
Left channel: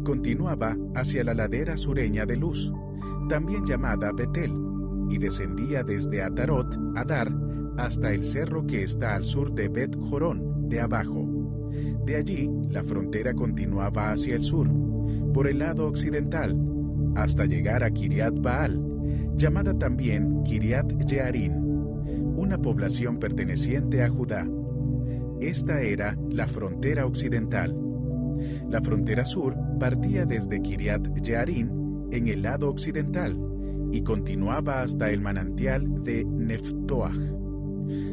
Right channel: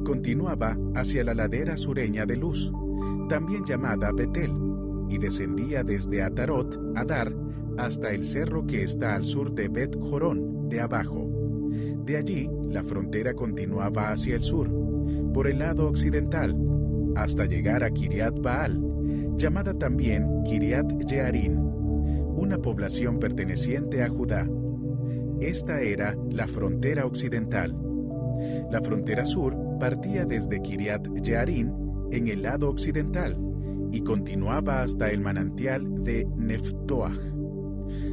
Continuaba hacia la ladera sureña de Luz, también llamada Betel, y descendía desde Atarot, Adar, hasta el cerro que está al sur de Bet-Jorón, de abajo. De allí, la frontera continuaba hacia el sur, por el lado occidental, hasta llegar a Kiriat Baal, llamada también Kiriat Jearim, una población perteneciente a Judá. Esta era la frontera occidental. La frontera sur partía desde Kiriat Jearim en el lado occidental y continuaba hasta el manantial de Neftoach.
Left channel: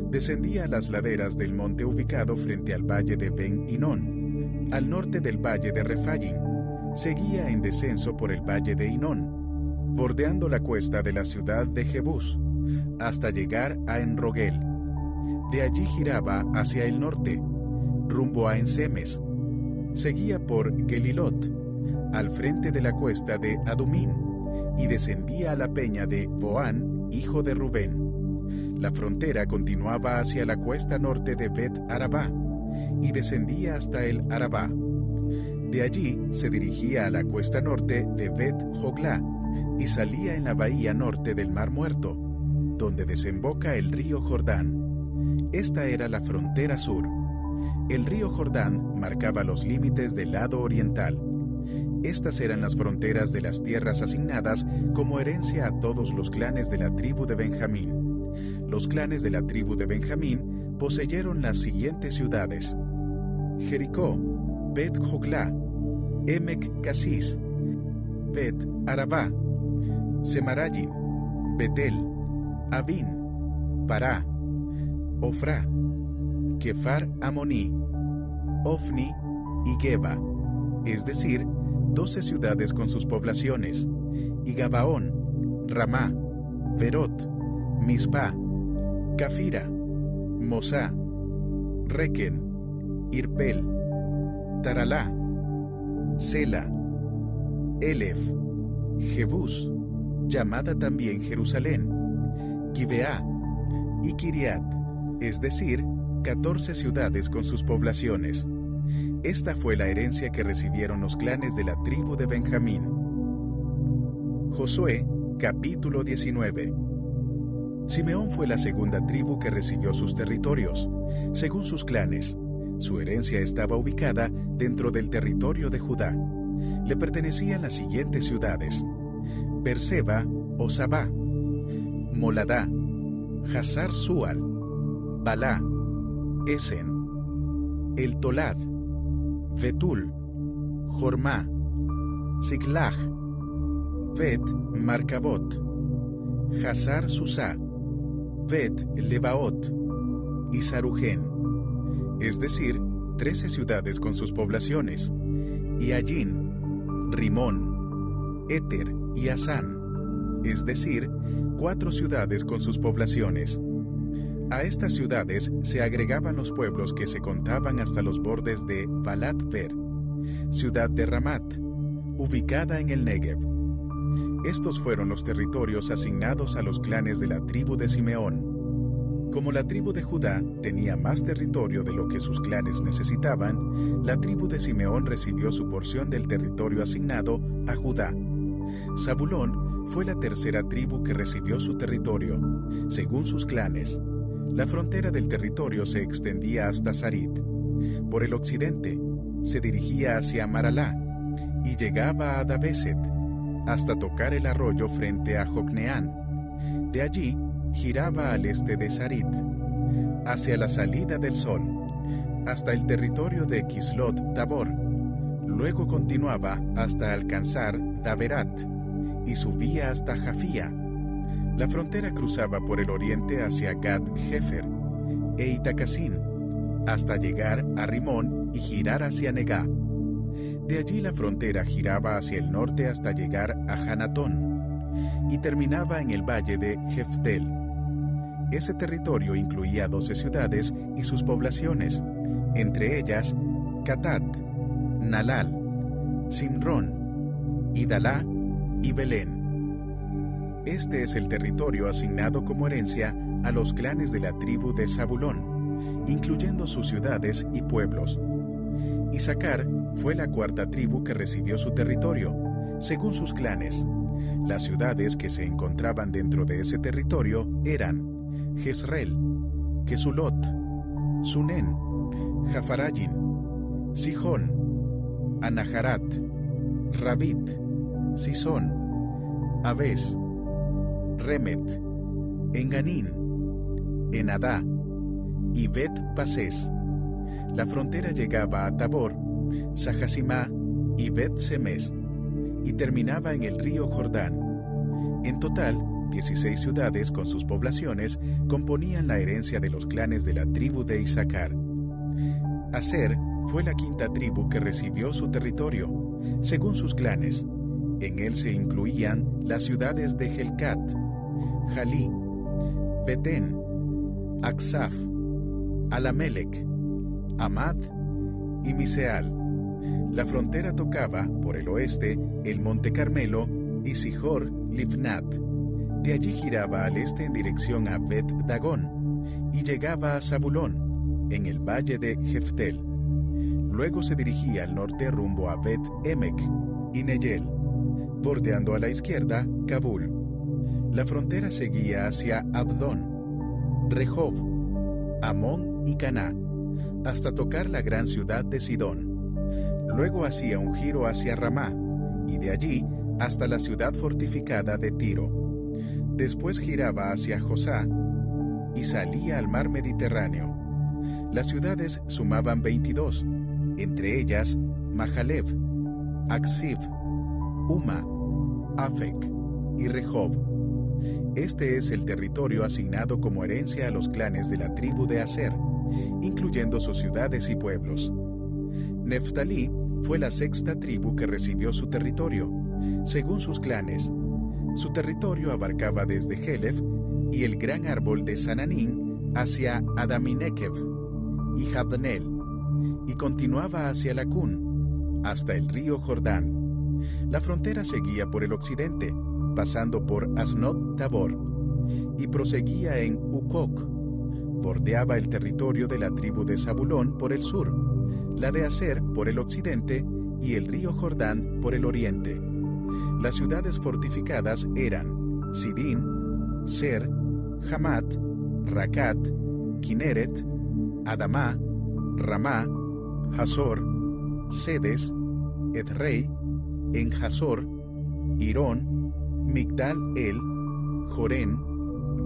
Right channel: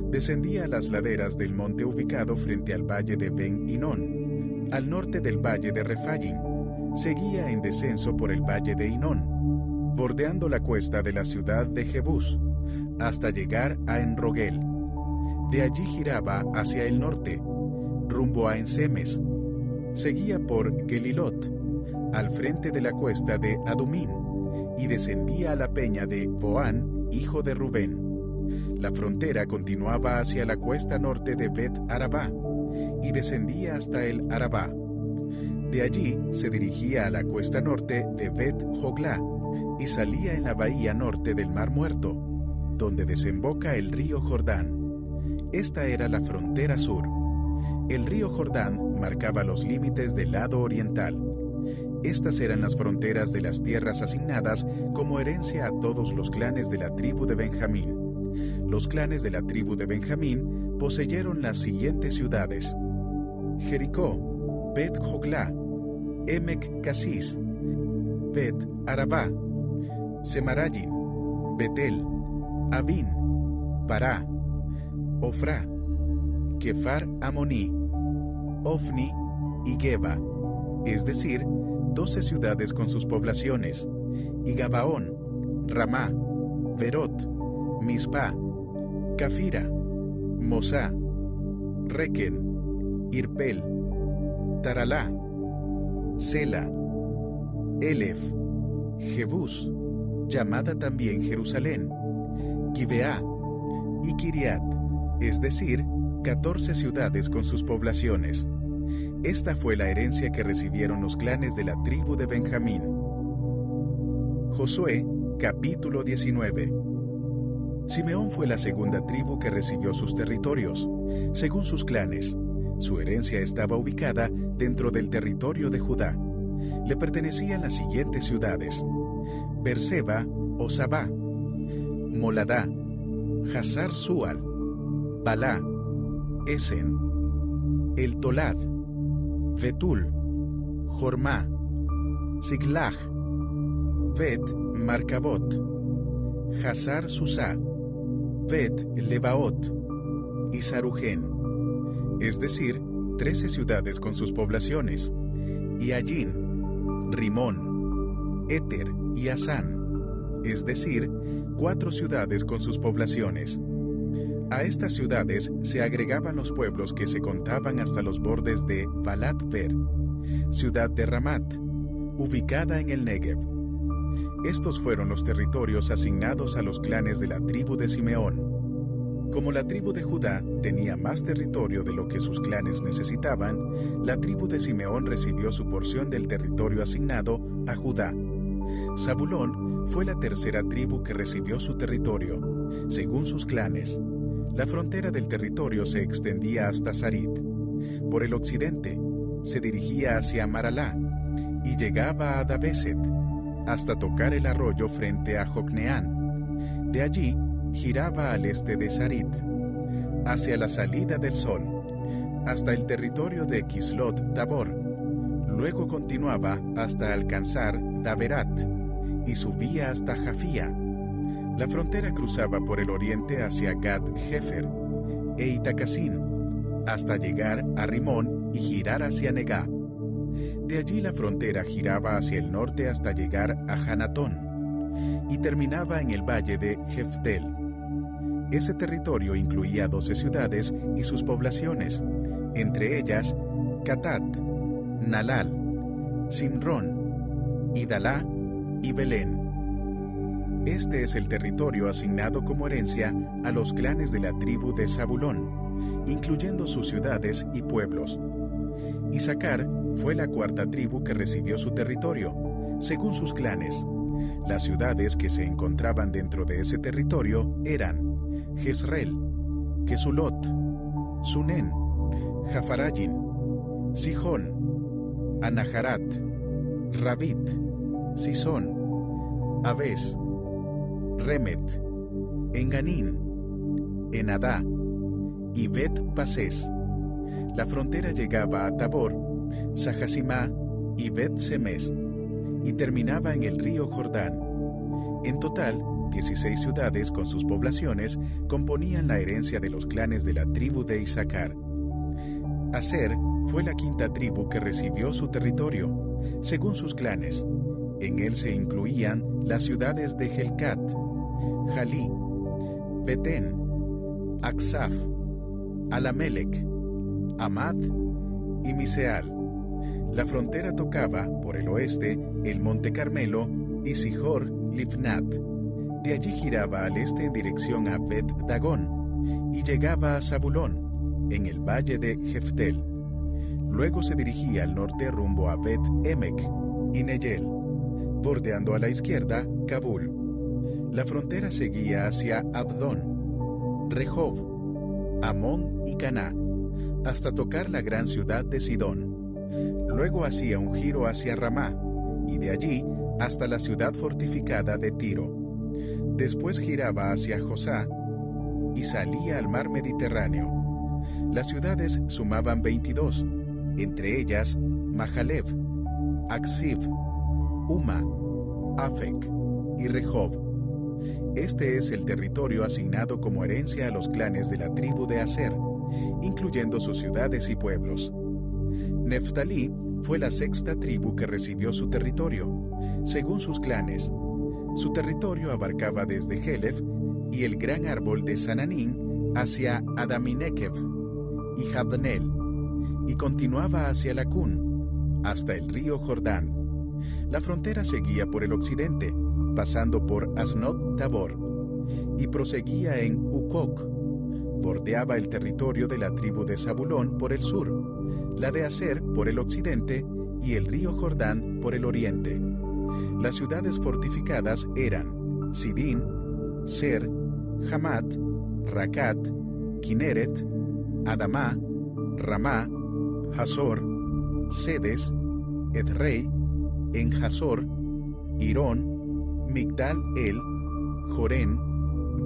Descendía a las laderas del monte ubicado frente al valle de Ben-Hinón, al norte del valle de Refayim. Seguía en descenso por el valle de Hinón, bordeando la cuesta de la ciudad de Jebús, hasta llegar a Enrogel. De allí giraba hacia el norte, rumbo a Ensemes. Seguía por Gelilot, al frente de la cuesta de Adumín, y descendía a la peña de Boán, hijo de Rubén. La frontera continuaba hacia la cuesta norte de Bet-Arabá, y descendía hasta el Arabá. De allí se dirigía a la cuesta norte de Bet-Joglá, y salía en la bahía norte del Mar Muerto, donde desemboca el río Jordán. Esta era la frontera sur. El río Jordán marcaba los límites del lado oriental. Estas eran las fronteras de las tierras asignadas como herencia a todos los clanes de la tribu de Benjamín. Los clanes de la tribu de Benjamín poseyeron las siguientes ciudades: Jericó, Bet-Joglá, Emek Casis, Bet-Arabá, Semarayim, Betel, Avin, Pará, Ofrá, Kefar Amoní, Ofni y Geba, es decir, 12 ciudades con sus poblaciones, y Gabaón, Ramá, Berot, Mispa, Cafira, Mosá, Requen, Irpel, Taralá, Sela, Elef, Jebús, llamada también Jerusalén, Gibeá y Kiriat, es decir, 14 ciudades con sus poblaciones. Esta fue la herencia que recibieron los clanes de la tribu de Benjamín. Josué, capítulo 19. Simeón fue la segunda tribu que recibió sus territorios, según sus clanes. Su herencia estaba ubicada dentro del territorio de Judá. Le pertenecían las siguientes ciudades: Berseba o Sabá, Moladá, Hazar Sual, Balá, Esen, El Tolad, Betul, Jormá, Siglag, Bet Marcabot, Hazar Susá, Bet Lebaot y Sarujen, es decir, 13 ciudades con sus poblaciones, y Allín, Rimón, Éter y Asán, es decir, 4 ciudades con sus poblaciones. A estas ciudades se agregaban los pueblos que se contaban hasta los bordes de Balat-Ver, ciudad de Ramat, ubicada en el Negev. Estos fueron los territorios asignados a los clanes de la tribu de Simeón. Como la tribu de Judá tenía más territorio de lo que sus clanes necesitaban, la tribu de Simeón recibió su porción del territorio asignado a Judá. Zabulón fue la tercera tribu que recibió su territorio, según sus clanes. La frontera del territorio se extendía hasta Sarit. Por el occidente, se dirigía hacia Maralá y llegaba a Dabeset, hasta tocar el arroyo frente a Jocneán. De allí, giraba al este de Sarit, hacia la salida del sol, hasta el territorio de Kislot Tabor. Luego continuaba hasta alcanzar Daberat y subía hasta Jafía. La frontera cruzaba por el oriente hacia Gad-Jefer e Itacasín, hasta llegar a Rimón y girar hacia Negá. De allí la frontera giraba hacia el norte hasta llegar a Hanatón y terminaba en el valle de Jeftel. Ese territorio incluía 12 ciudades y sus poblaciones, entre ellas Catat, Nalal, Simrón, Idalá y Belén. Este es el territorio asignado como herencia a los clanes de la tribu de Zabulón, incluyendo sus ciudades y pueblos. Isaacar fue la cuarta tribu que recibió su territorio, según sus clanes. Las ciudades que se encontraban dentro de ese territorio eran Jezreel, Kesulot, Sunén, Jafarayim, Sijón, Anaharat, Rabit, Sisón, Abes, Remet, Enganín, Enadá y Bet-Pasés. La frontera llegaba a Tabor, Sahasimá y Bet-Semes, y terminaba en el río Jordán. En total, 16 ciudades con sus poblaciones componían la herencia de los clanes de la tribu de Isaacar. Aser fue la quinta tribu que recibió su territorio, según sus clanes. En él se incluían las ciudades de Helcat, Jalí, Betén, Aksaf, Alamelec, Amad y Miseal. La frontera tocaba, por el oeste, el monte Carmelo y Sihor Livnat. De allí giraba al este en dirección a Bet-Dagón y llegaba a Zabulón, en el valle de Jeftel. Luego se dirigía al norte rumbo a Bet-Emek y Neyel, bordeando a la izquierda Kabul. La frontera seguía hacia Abdón, Rehob, Amón y Caná, hasta tocar la gran ciudad de Sidón. Luego hacía un giro hacia Ramá, y de allí hasta la ciudad fortificada de Tiro. Después giraba hacia Josá y salía al mar Mediterráneo. Las ciudades sumaban 22, entre ellas Mahalev, Aksiv, Uma, Afec y Rehob. Este es el territorio asignado como herencia a los clanes de la tribu de Aser, incluyendo sus ciudades y pueblos. Neftalí fue la sexta tribu que recibió su territorio, según sus clanes. Su territorio abarcaba desde Helef y el gran árbol de Sananín hacia Adaminekev y Jabneel, y continuaba hacia Lacún, hasta el río Jordán. La frontera seguía por el occidente, pasando por Asnot Tabor, y proseguía en Ukok. Bordeaba el territorio de la tribu de Zabulón por el sur, la de Aser por el occidente y el río Jordán por el oriente. Las ciudades fortificadas eran Sidín, Ser, Hamat, Racat, Kineret, Adamá, Ramá, Hazor, Sedes, Edrei, En-Hazor, Irón, Migdal-El, Jorén,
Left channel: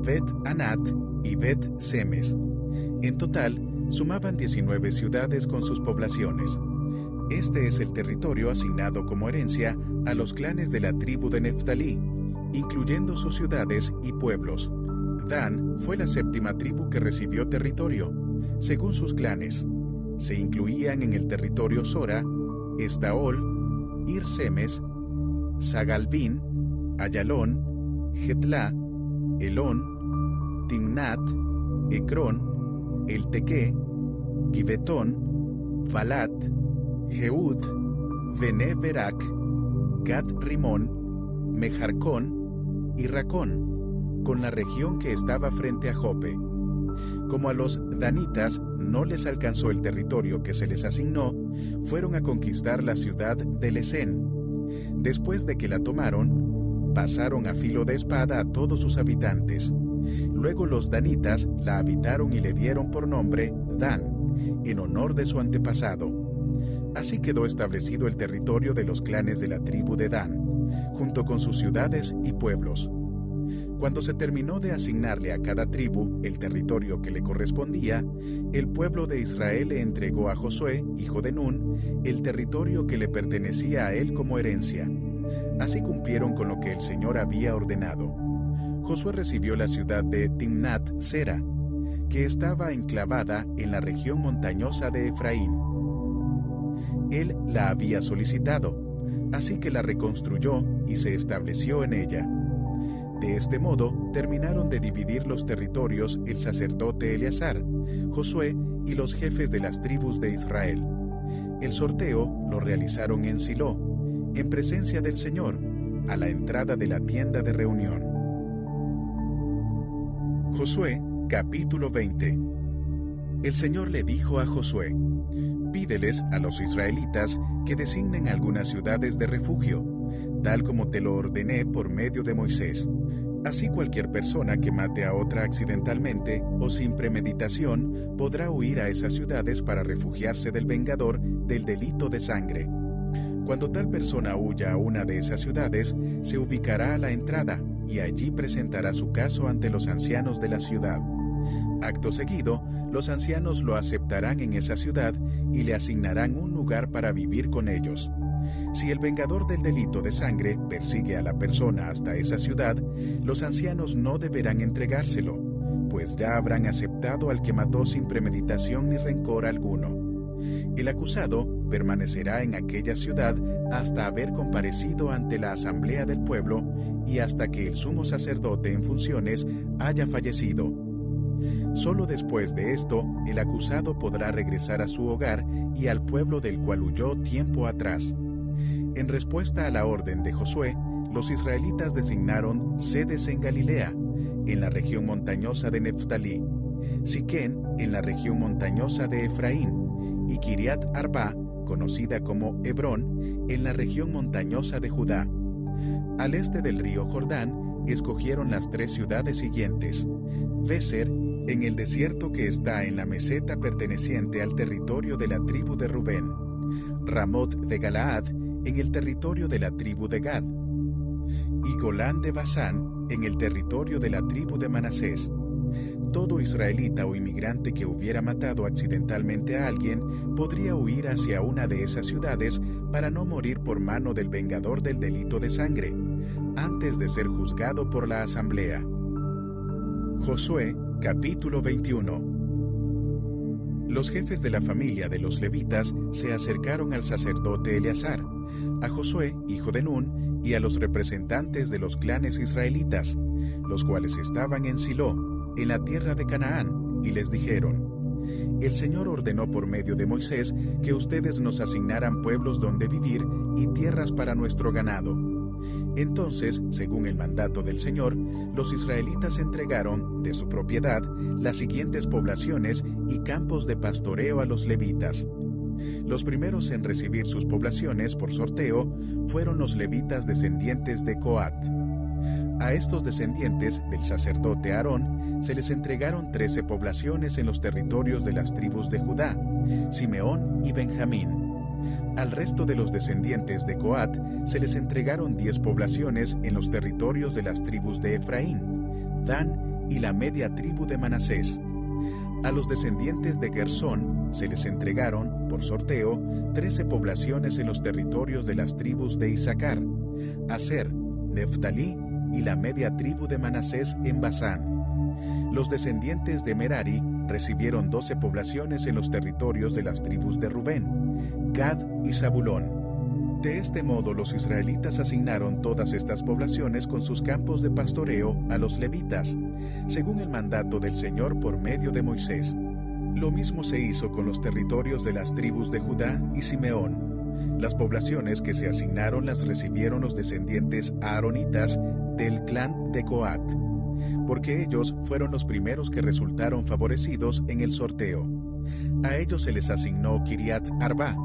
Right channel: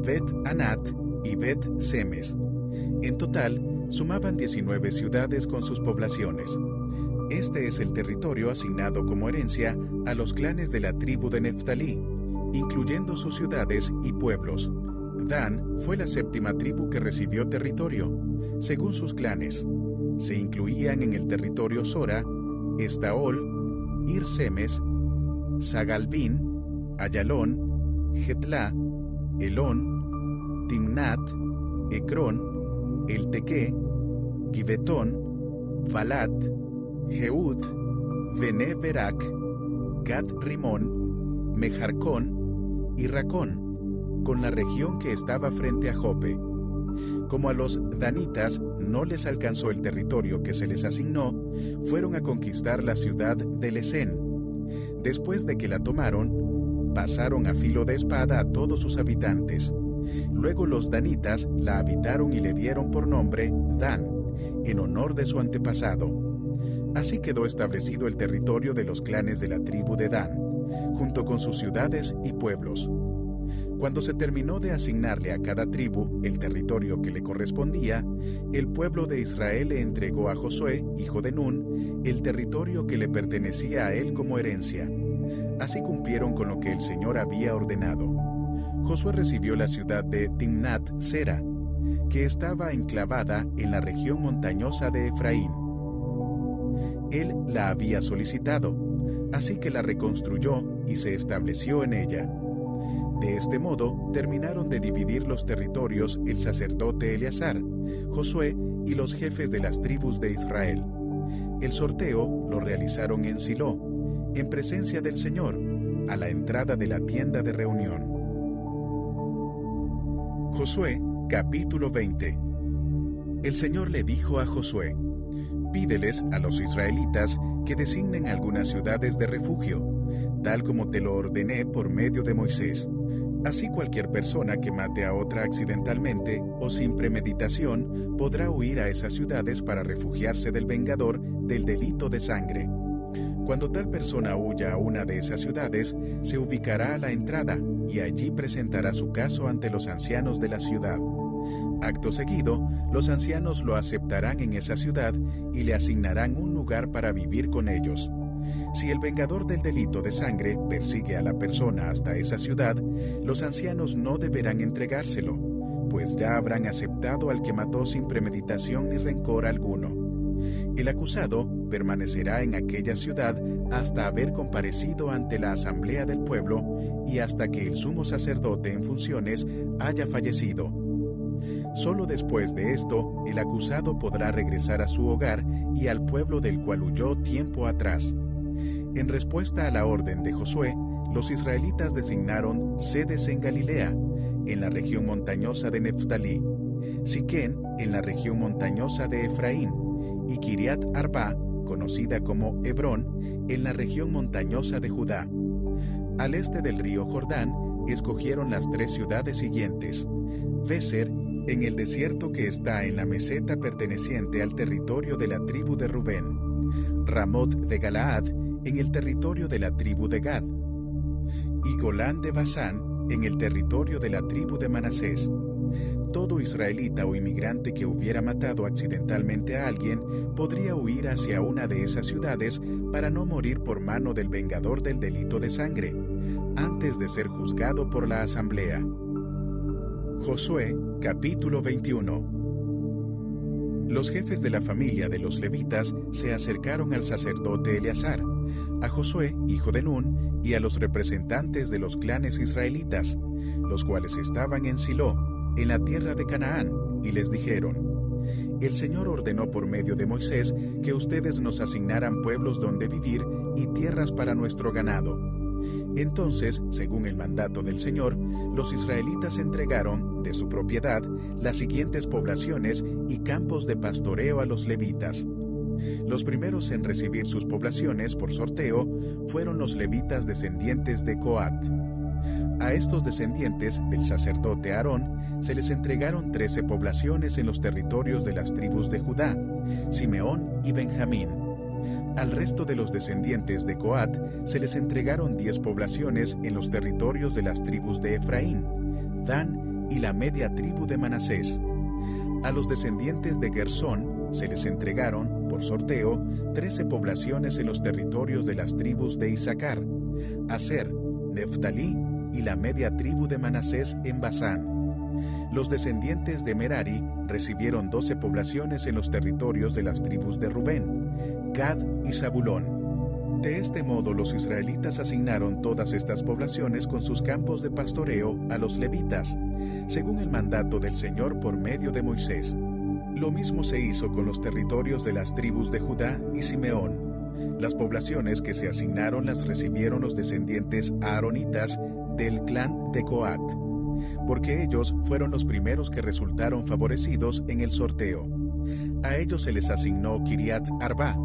Bet-Anat y Bet-Semes. En total, sumaban 19 ciudades con sus poblaciones. Este es el territorio asignado como herencia a los clanes de la tribu de Neftalí, incluyendo sus ciudades y pueblos. Dan fue la séptima tribu que recibió territorio, según sus clanes. Se incluían en el territorio Sora, Estaol, Ir-Semes, Sagalbín, Ayalón, Getlá, Elón, Timnat, Ecrón, Eltequé, Gibetón, Valat, Jehud, Bene Berak, Gad Rimón, Mejarcón y Racón, con la región que estaba frente a Jope. Como a los danitas no les alcanzó el territorio que se les asignó, fueron a conquistar la ciudad de Lesén. Después de que la tomaron, pasaron a filo de espada a todos sus habitantes. Luego los danitas la habitaron y le dieron por nombre Dan, en honor de su antepasado. Así quedó establecido el territorio de los clanes de la tribu de Dan, junto con sus ciudades y pueblos. Cuando se terminó de asignarle a cada tribu el territorio que le correspondía, el pueblo de Israel le entregó a Josué, hijo de Nun, el territorio que le pertenecía a él como herencia. Así cumplieron con lo que el Señor había ordenado. Josué recibió la ciudad de Timnat-Sera, que estaba enclavada en la región montañosa de Efraín. Él la había solicitado, así que la reconstruyó y se estableció en ella. De este modo, terminaron de dividir los territorios el sacerdote Eleazar, Josué y los jefes de las tribus de Israel. El sorteo lo realizaron en Silo, en presencia del Señor, a la entrada de la tienda de reunión. Josué, capítulo 20. El Señor le dijo a Josué: pídeles a los israelitas que designen algunas ciudades de refugio, tal como te lo ordené por medio de Moisés. Así cualquier persona que mate a otra accidentalmente o sin premeditación podrá huir a esas ciudades para refugiarse del vengador del delito de sangre. Cuando tal persona huya a una de esas ciudades, se ubicará a la entrada y allí presentará su caso ante los ancianos de la ciudad. Acto seguido, los ancianos lo aceptarán en esa ciudad y le asignarán un lugar para vivir con ellos. Si el vengador del delito de sangre persigue a la persona hasta esa ciudad, los ancianos no deberán entregárselo, pues ya habrán aceptado al que mató sin premeditación ni rencor alguno. El acusado permanecerá en aquella ciudad hasta haber comparecido ante la asamblea del pueblo y hasta que el sumo sacerdote en funciones haya fallecido. Solo después de esto, el acusado podrá regresar a su hogar y al pueblo del cual huyó tiempo atrás. En respuesta a la orden de Josué, los israelitas designaron sedes en Galilea, en la región montañosa de Neftalí, Siquén, en la región montañosa de Efraín, y Kiriat Arba, conocida como Hebrón, en la región montañosa de Judá. Al este del río Jordán, escogieron las 3 ciudades siguientes: Béser, en el desierto que está en la meseta perteneciente al territorio de la tribu de Rubén; Ramot de Galaad, en el territorio de la tribu de Gad; y Golán de Basán, en el territorio de la tribu de Manasés. Todo israelita o inmigrante que hubiera matado accidentalmente a alguien podría huir hacia una de esas ciudades para no morir por mano del vengador del delito de sangre, antes de ser juzgado por la asamblea. Josué, capítulo 21. Los jefes de la familia de los levitas se acercaron al sacerdote Eleazar, a Josué, hijo de Nun, y a los representantes de los clanes israelitas, los cuales estaban en Silo, en la tierra de Canaán, y les dijeron: El Señor ordenó por medio de Moisés que ustedes nos asignaran pueblos donde vivir y tierras para nuestro ganado. Entonces, según el mandato del Señor, los israelitas entregaron, de su propiedad, las siguientes poblaciones y campos de pastoreo a los levitas. Los primeros en recibir sus poblaciones por sorteo fueron los levitas descendientes de Coat. A estos descendientes del sacerdote Aarón se les entregaron 13 poblaciones en los territorios de las tribus de Judá, Simeón y Benjamín. Al resto de los descendientes de Coat se les entregaron 10 poblaciones en los territorios de las tribus de Efraín, Dan y la media tribu de Manasés. A los descendientes de Gersón se les entregaron, por sorteo, 13 poblaciones en los territorios de las tribus de Isaacar, Aser, Neftalí y la media tribu de Manasés en Basán. Los descendientes de Merari recibieron 12 poblaciones en los territorios de las tribus de Rubén, Gad y Zabulón. De este modo los israelitas asignaron todas estas poblaciones con sus campos de pastoreo a los levitas, según el mandato del Señor por medio de Moisés. Lo mismo se hizo con los territorios de las tribus de Judá y Simeón. Las poblaciones que se asignaron las recibieron los descendientes aaronitas del clan de Coat, porque ellos fueron los primeros que resultaron favorecidos en el sorteo. A ellos se les asignó Kiriat Arba,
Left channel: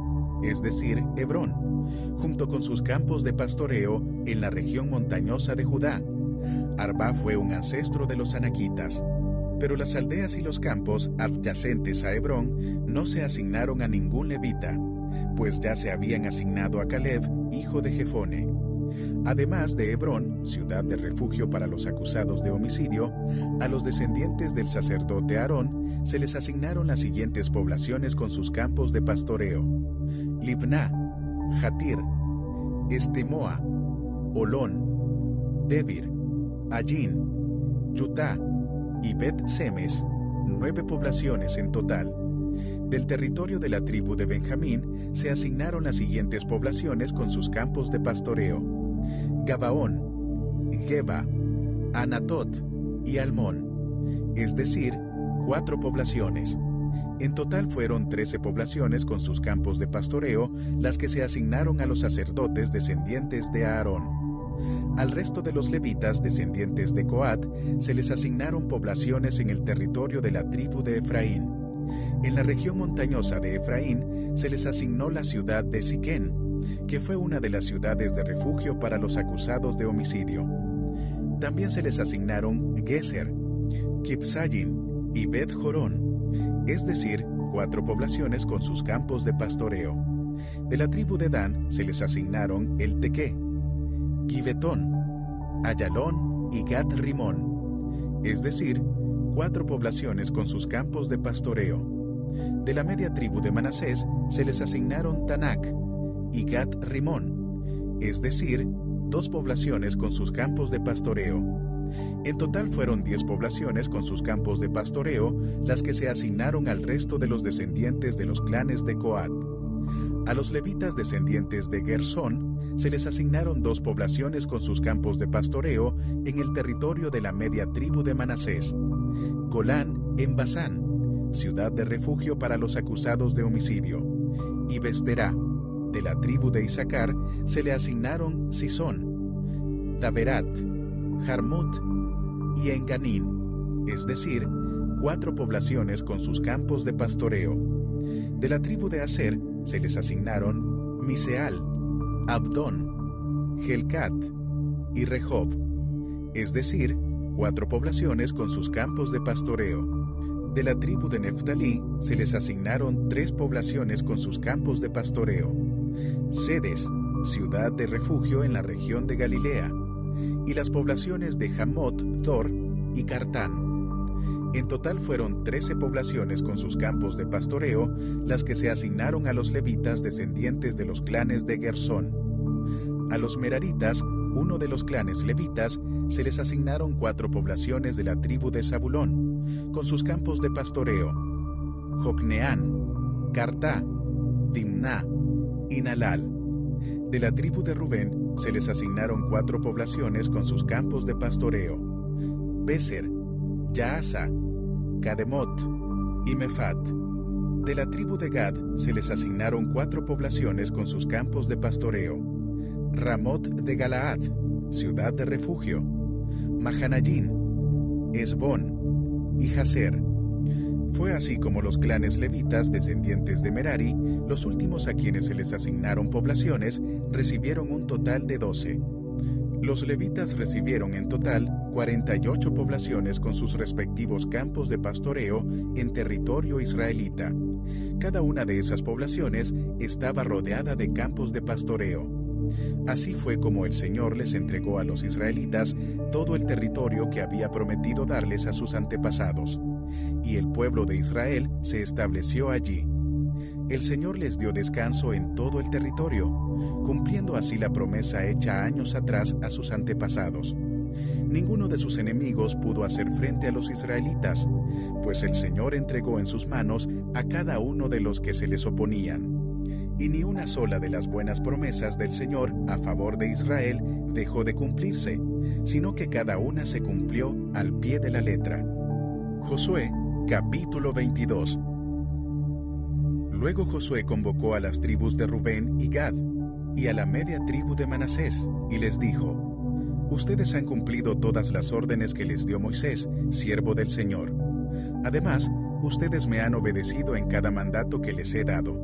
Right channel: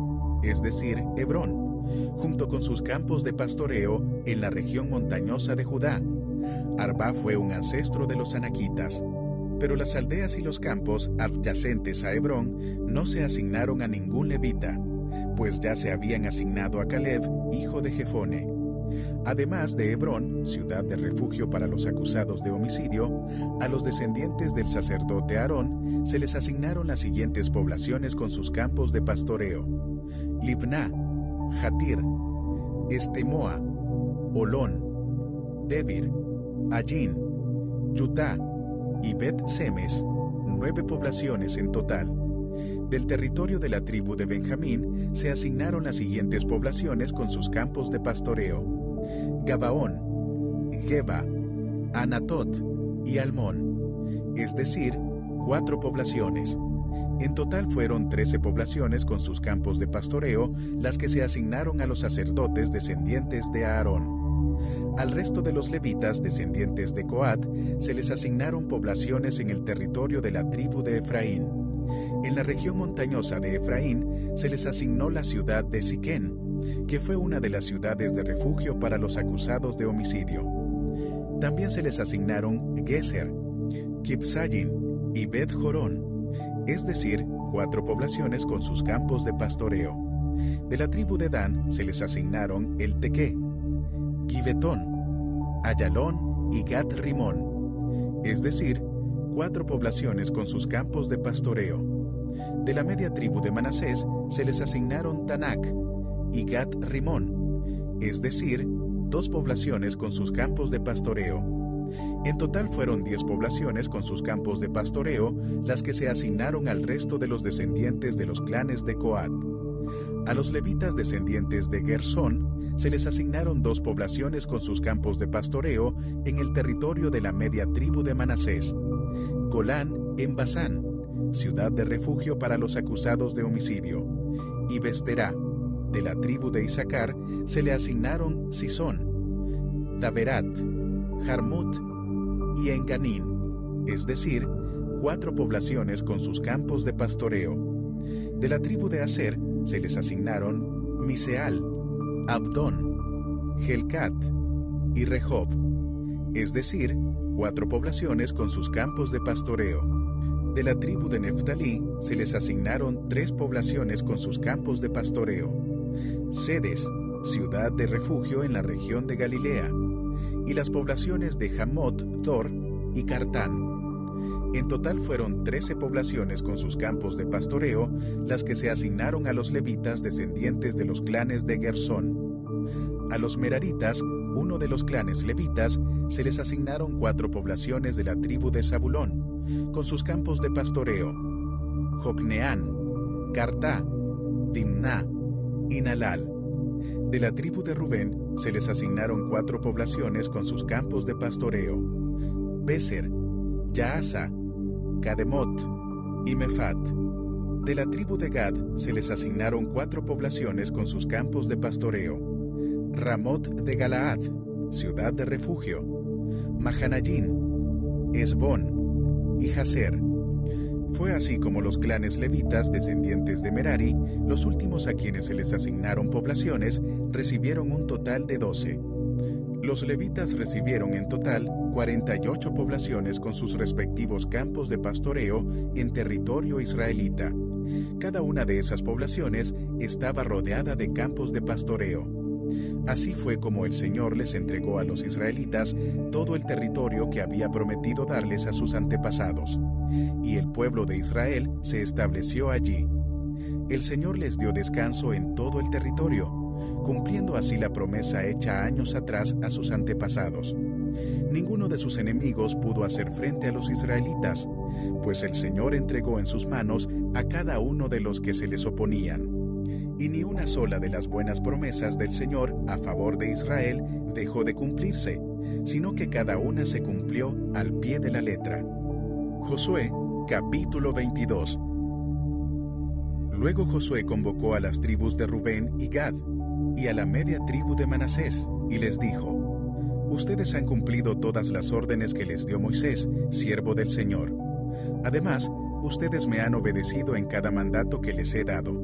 es decir, Hebrón, junto con sus campos de pastoreo en la región montañosa de Judá. Arba fue un ancestro de los anaquitas. Pero las aldeas y los campos adyacentes a Hebrón no se asignaron a ningún levita, pues ya se habían asignado a Caleb, hijo de Jefone. Además de Hebrón, ciudad de refugio para los acusados de homicidio, a los descendientes del sacerdote Aarón se les asignaron las siguientes poblaciones con sus campos de pastoreo: Libná, Jatir, Estemoa, Olón, Debir, Allín, Yutá y Bet-Semes, 9 poblaciones en total. Del territorio de la tribu de Benjamín se asignaron las siguientes poblaciones con sus campos de pastoreo: Gabaón, Geba, Anatot y Almón, es decir, 4 poblaciones. En total fueron 13 poblaciones con sus campos de pastoreo las que se asignaron a los sacerdotes descendientes de Aarón. Al resto de los levitas descendientes de Coat se les asignaron poblaciones en el territorio de la tribu de Efraín. En la región montañosa de Efraín se les asignó la ciudad de Siquén, que fue una de las ciudades de refugio para los acusados de homicidio. También se les asignaron Geser, Kibsayin y Bet Jorón, es decir, 4 poblaciones con sus campos de pastoreo. De la tribu de Dan se les asignaron El Tequé, Gibetón, Ayalón y Gat Rimón, es decir, 4 poblaciones con sus campos de pastoreo. De la media tribu de Manasés se les asignaron Tanac y Gat Rimón, es decir, 2 poblaciones con sus campos de pastoreo. En total fueron 10 poblaciones con sus campos de pastoreo las que se asignaron al resto de los descendientes de los clanes de Coat. A los levitas descendientes de Gersón se les asignaron 2 poblaciones con sus campos de pastoreo en el territorio de la media tribu de Manasés: Golán en Basán, ciudad de refugio para los acusados de homicidio, y Besterá. De la tribu de Isaacar se le asignaron Sisón, Daberat, Jarmut y Enganín, es decir, 4 poblaciones con sus campos de pastoreo. De la tribu de Aser se les asignaron Miseal, Abdón, Helcat y Rehob, es decir, 4 poblaciones con sus campos de pastoreo. De la tribu de Neftalí se les asignaron 3 poblaciones con sus campos de pastoreo: Sedes, ciudad de refugio en la región de Galilea, y las poblaciones de Hamot, Dor y Cartán. En total fueron 13 poblaciones con sus campos de pastoreo las que se asignaron a los levitas descendientes de los clanes de Gersón. A los meraritas, uno de los clanes levitas, se les asignaron 4 poblaciones de la tribu de Zabulón, con sus campos de pastoreo: Jocneán, Cartá, Dimná y Nalal. De la tribu de Rubén se les asignaron 4 poblaciones con sus campos de pastoreo: Beser, Yaasa, Cademot y Mefat. De la tribu de Gad se les asignaron 4 poblaciones con sus campos de pastoreo: Ramot de Galaad, ciudad de refugio, Mahanayín, Esbón y Jazer. Fue así como los clanes levitas descendientes de Merari, los últimos a quienes se les asignaron poblaciones, recibieron un total de 12. Los levitas recibieron en total 48 poblaciones con sus respectivos campos de pastoreo en territorio israelita. Cada una de esas poblaciones estaba rodeada de campos de pastoreo. Así fue como el Señor les entregó a los israelitas todo el territorio que había prometido darles a sus antepasados, y el pueblo de Israel se estableció allí. El Señor les dio descanso en todo el territorio, cumpliendo así la promesa hecha años atrás a sus antepasados. Ninguno de sus enemigos pudo hacer frente a los israelitas, pues el Señor entregó en sus manos a cada uno de los que se les oponían. Y ni una sola de las buenas promesas del Señor a favor de Israel dejó de cumplirse, sino que cada una se cumplió al pie de la letra. Josué, capítulo 22. Luego Josué convocó a las tribus de Rubén y Gad, y a la media tribu de Manasés, y les dijo: Ustedes han cumplido todas las órdenes que les dio Moisés, siervo del Señor. Además, ustedes me han obedecido en cada mandato que les he dado.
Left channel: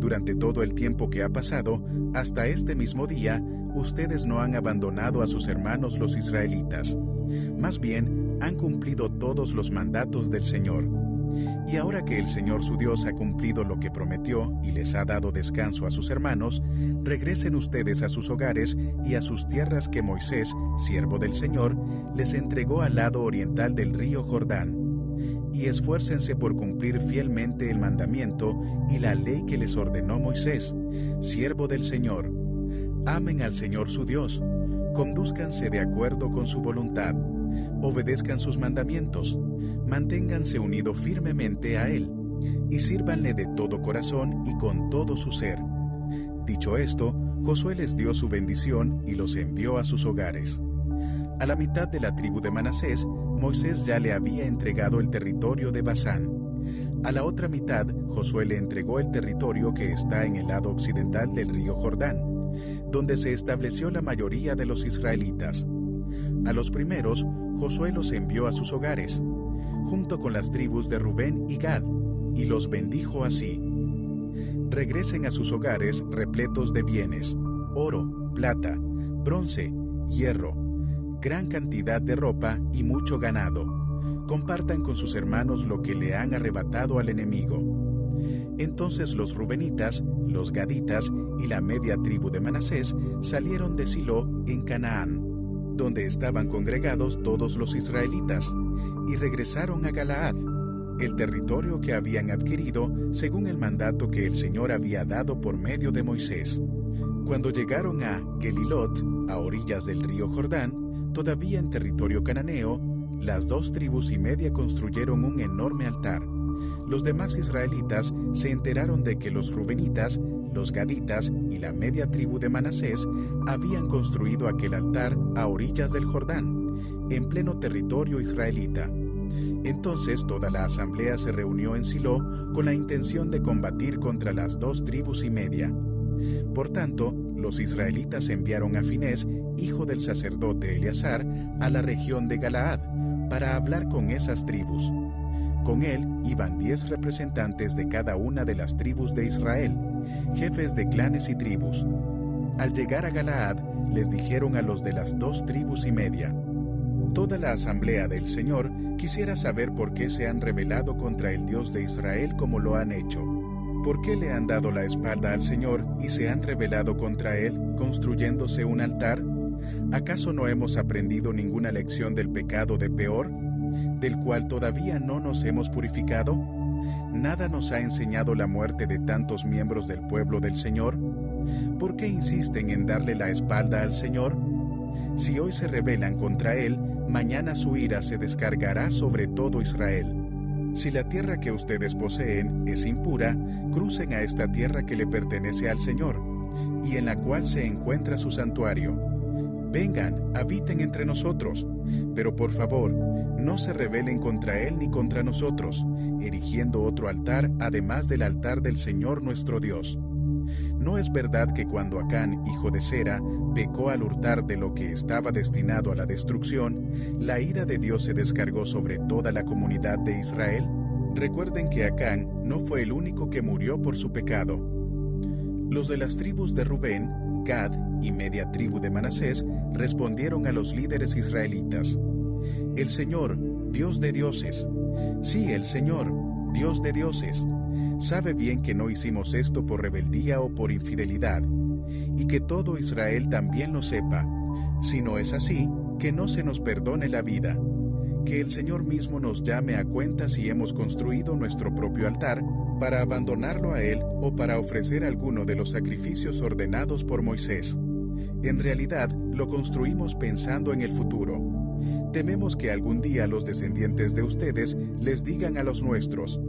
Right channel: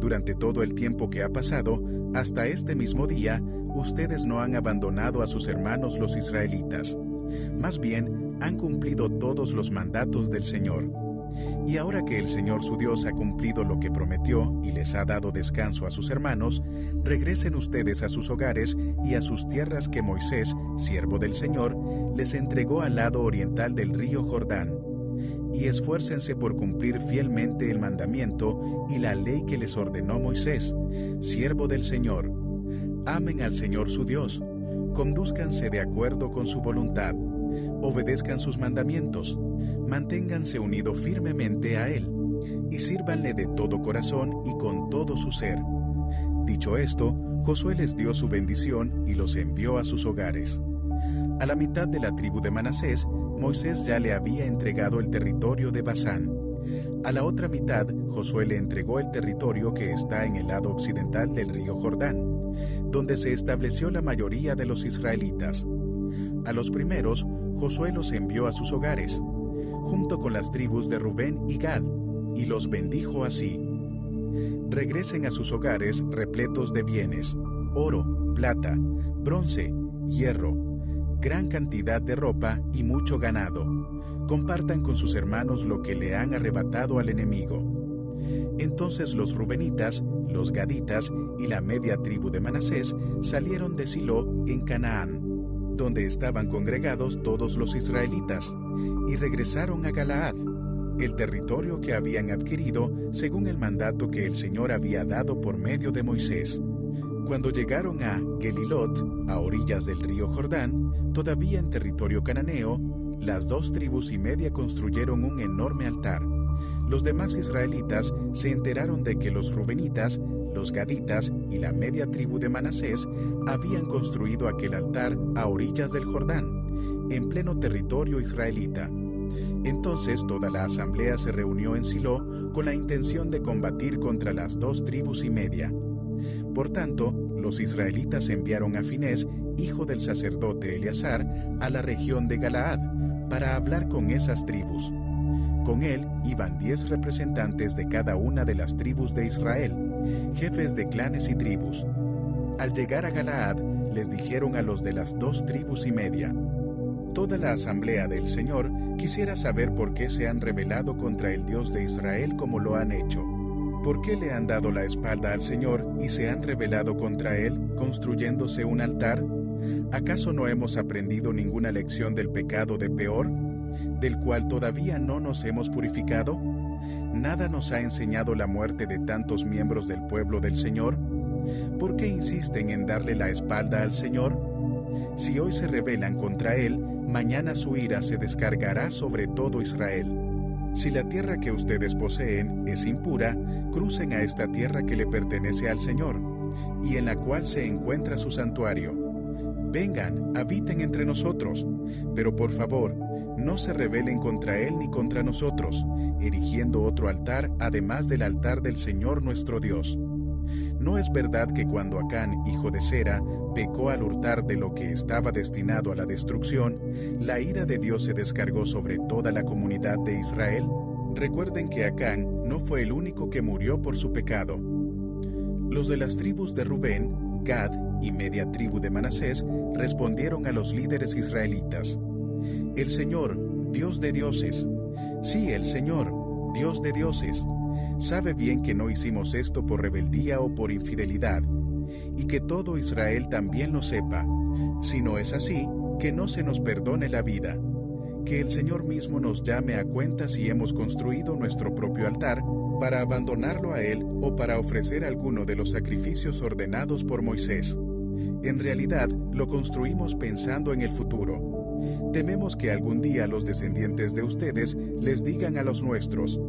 Durante todo el tiempo que ha pasado, hasta este mismo día, ustedes no han abandonado a sus hermanos los israelitas. Más bien, han cumplido todos los mandatos del Señor. Y ahora que el Señor su Dios ha cumplido lo que prometió y les ha dado descanso a sus hermanos, regresen ustedes a sus hogares y a sus tierras que Moisés, siervo del Señor, les entregó al lado oriental del río Jordán. Y esfuércense por cumplir fielmente el mandamiento y la ley que les ordenó Moisés, siervo del Señor. Amen al Señor su Dios, condúzcanse de acuerdo con su voluntad, obedezcan sus mandamientos, manténganse unidos firmemente a Él, y sírvanle de todo corazón y con todo su ser. Dicho esto, Josué les dio su bendición y los envió a sus hogares. A la mitad de la tribu de Manasés, Moisés ya le había entregado el territorio de Basán. A la otra mitad, Josué le entregó el territorio que está en el lado occidental del río Jordán, donde se estableció la mayoría de los israelitas. A los primeros, Josué los envió a sus hogares, junto con las tribus de Rubén y Gad, y los bendijo así: regresen a sus hogares repletos de bienes, oro, plata, bronce, hierro, gran cantidad de ropa y mucho ganado. Compartan con sus hermanos lo que le han arrebatado al enemigo. Entonces los rubenitas, los gaditas y la media tribu de Manasés salieron de Silo en Canaán, donde estaban congregados todos los israelitas, y regresaron a Galaad, el territorio que habían adquirido según el mandato que el Señor había dado por medio de Moisés. Cuando llegaron a Gelilot, a orillas del río Jordán, todavía en territorio cananeo, las 2 tribus y media construyeron un enorme altar. Los demás israelitas se enteraron de que los rubenitas, los gaditas y la media tribu de Manasés habían construido aquel altar a orillas del Jordán, en pleno territorio israelita. Entonces toda la asamblea se reunió en Silo con la intención de combatir contra las 2 tribus y media. Por tanto, los israelitas enviaron a Finés, hijo del sacerdote Eleazar, a la región de Galaad, para hablar con esas tribus. Con él iban 10 representantes de cada una de las tribus de Israel, jefes de clanes y tribus. Al llegar a Galaad, les dijeron a los de las 2 tribus y media: toda la asamblea del Señor quisiera saber por qué se han rebelado contra el Dios de Israel como lo han hecho. ¿Por qué le han dado la espalda al Señor y se han rebelado contra Él, construyéndose un altar? ¿Acaso no hemos aprendido ninguna lección del pecado de Peor, del cual todavía no nos hemos purificado? ¿Nada nos ha enseñado la muerte de tantos miembros del pueblo del Señor? ¿Por qué insisten en darle la espalda al Señor? Si hoy se rebelan contra Él, mañana su ira se descargará sobre todo Israel. Si la tierra que ustedes poseen es impura, crucen a esta tierra que le pertenece al Señor, y en la cual se encuentra su santuario. Vengan, habiten entre nosotros, pero por favor, no se rebelen contra Él ni contra nosotros, erigiendo otro altar además del altar del Señor nuestro Dios. ¿No es verdad que cuando Acán, hijo de Zera, pecó al hurtar de lo que estaba destinado a la destrucción, la ira de Dios se descargó sobre toda la comunidad de Israel? Recuerden que Acán no fue el único que murió por su pecado. Los de las tribus de Rubén, Gad y media tribu de Manasés respondieron a los líderes israelitas: el Señor, Dios de dioses, sí, el Señor, Dios de dioses, sabe bien que no hicimos esto por rebeldía o por infidelidad, y que todo Israel también lo sepa. Si no es así, que no se nos perdone la vida. Que el Señor mismo nos llame a cuenta si hemos construido nuestro propio altar para abandonarlo a Él o para ofrecer alguno de los sacrificios ordenados por Moisés. En realidad, lo construimos pensando en el futuro. Tememos que algún día los descendientes de ustedes les digan a los nuestros:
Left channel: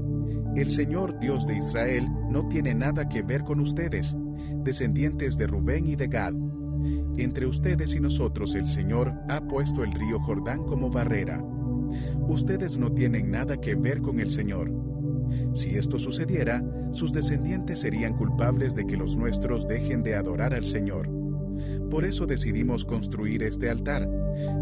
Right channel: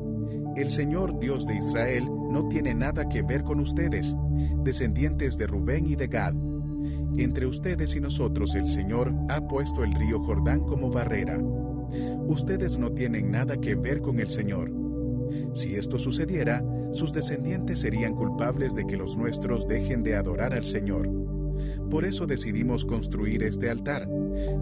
el Señor Dios de Israel no tiene nada que ver con ustedes, descendientes de Rubén y de Gad. Entre ustedes y nosotros el Señor ha puesto el río Jordán como barrera. Ustedes no tienen nada que ver con el Señor. Si esto sucediera, sus descendientes serían culpables de que los nuestros dejen de adorar al Señor. Por eso decidimos construir este altar,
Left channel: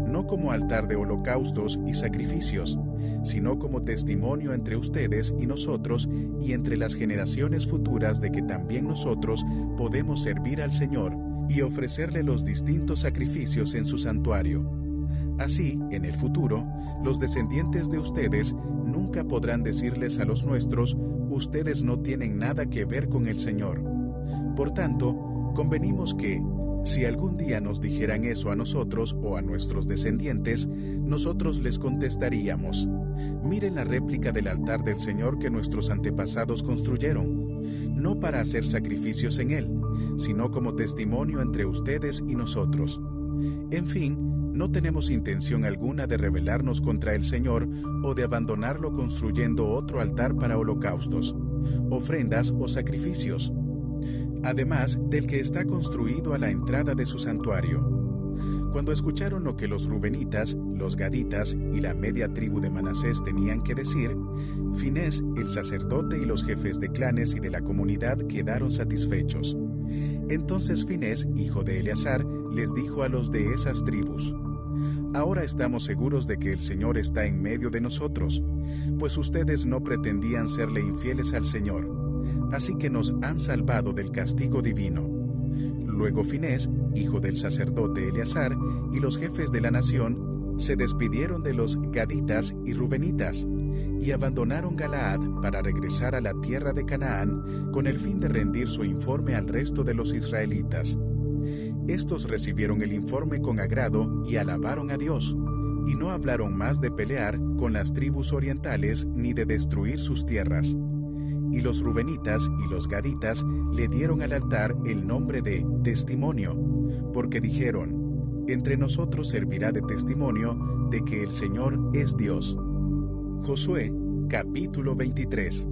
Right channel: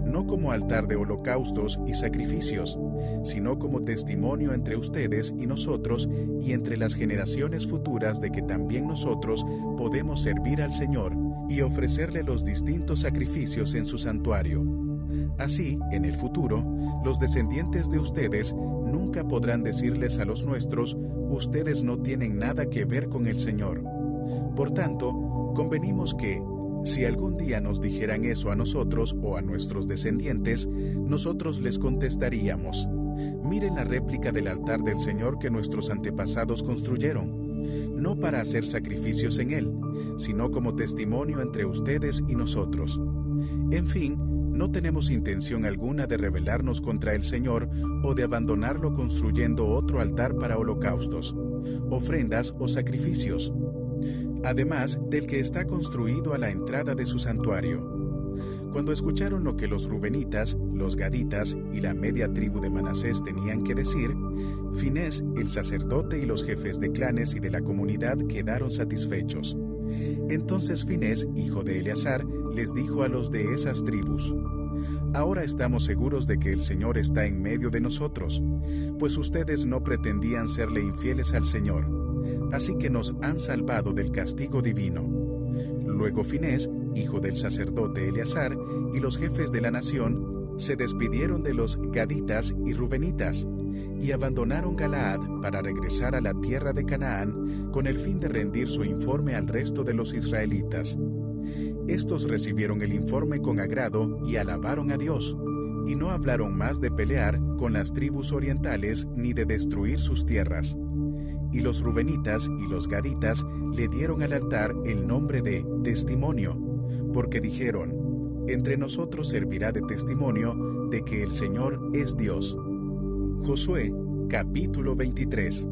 no como altar de holocaustos y sacrificios, sino como testimonio entre ustedes y nosotros y entre las generaciones futuras de que también nosotros podemos servir al Señor y ofrecerle los distintos sacrificios en su santuario. Así, en el futuro, los descendientes de ustedes nunca podrán decirles a los nuestros: ustedes no tienen nada que ver con el Señor. Por tanto, convenimos que, si algún día nos dijeran eso a nosotros o a nuestros descendientes, nosotros les contestaríamos: miren la réplica del altar del Señor que nuestros antepasados construyeron, no para hacer sacrificios en él, sino como testimonio entre ustedes y nosotros. En fin, no tenemos intención alguna de rebelarnos contra el Señor o de abandonarlo construyendo otro altar para holocaustos, ofrendas o sacrificios, además del que está construido a la entrada de su santuario. Cuando escucharon lo que los rubenitas, los gaditas y la media tribu de Manasés tenían que decir, Finés, el sacerdote y los jefes de clanes y de la comunidad quedaron satisfechos. Entonces Finés, hijo de Eleazar, les dijo a los de esas tribus: Ahora estamos seguros de que el Señor está en medio de nosotros, pues ustedes no pretendían serle infieles al Señor, así que nos han salvado del castigo divino. Luego Finés, hijo del sacerdote Eleazar, y los jefes de la nación, se despidieron de los gaditas y rubenitas, y abandonaron Galaad para regresar a la tierra de Canaán con el fin de rendir su informe al resto de los israelitas. Estos recibieron el informe con agrado y alabaron a Dios, y no hablaron más de pelear con las tribus orientales ni de destruir sus tierras. Y los rubenitas y los gaditas le dieron al altar el nombre de Testimonio, porque dijeron: Entre nosotros servirá de testimonio de que el Señor es Dios. Josué, capítulo 23.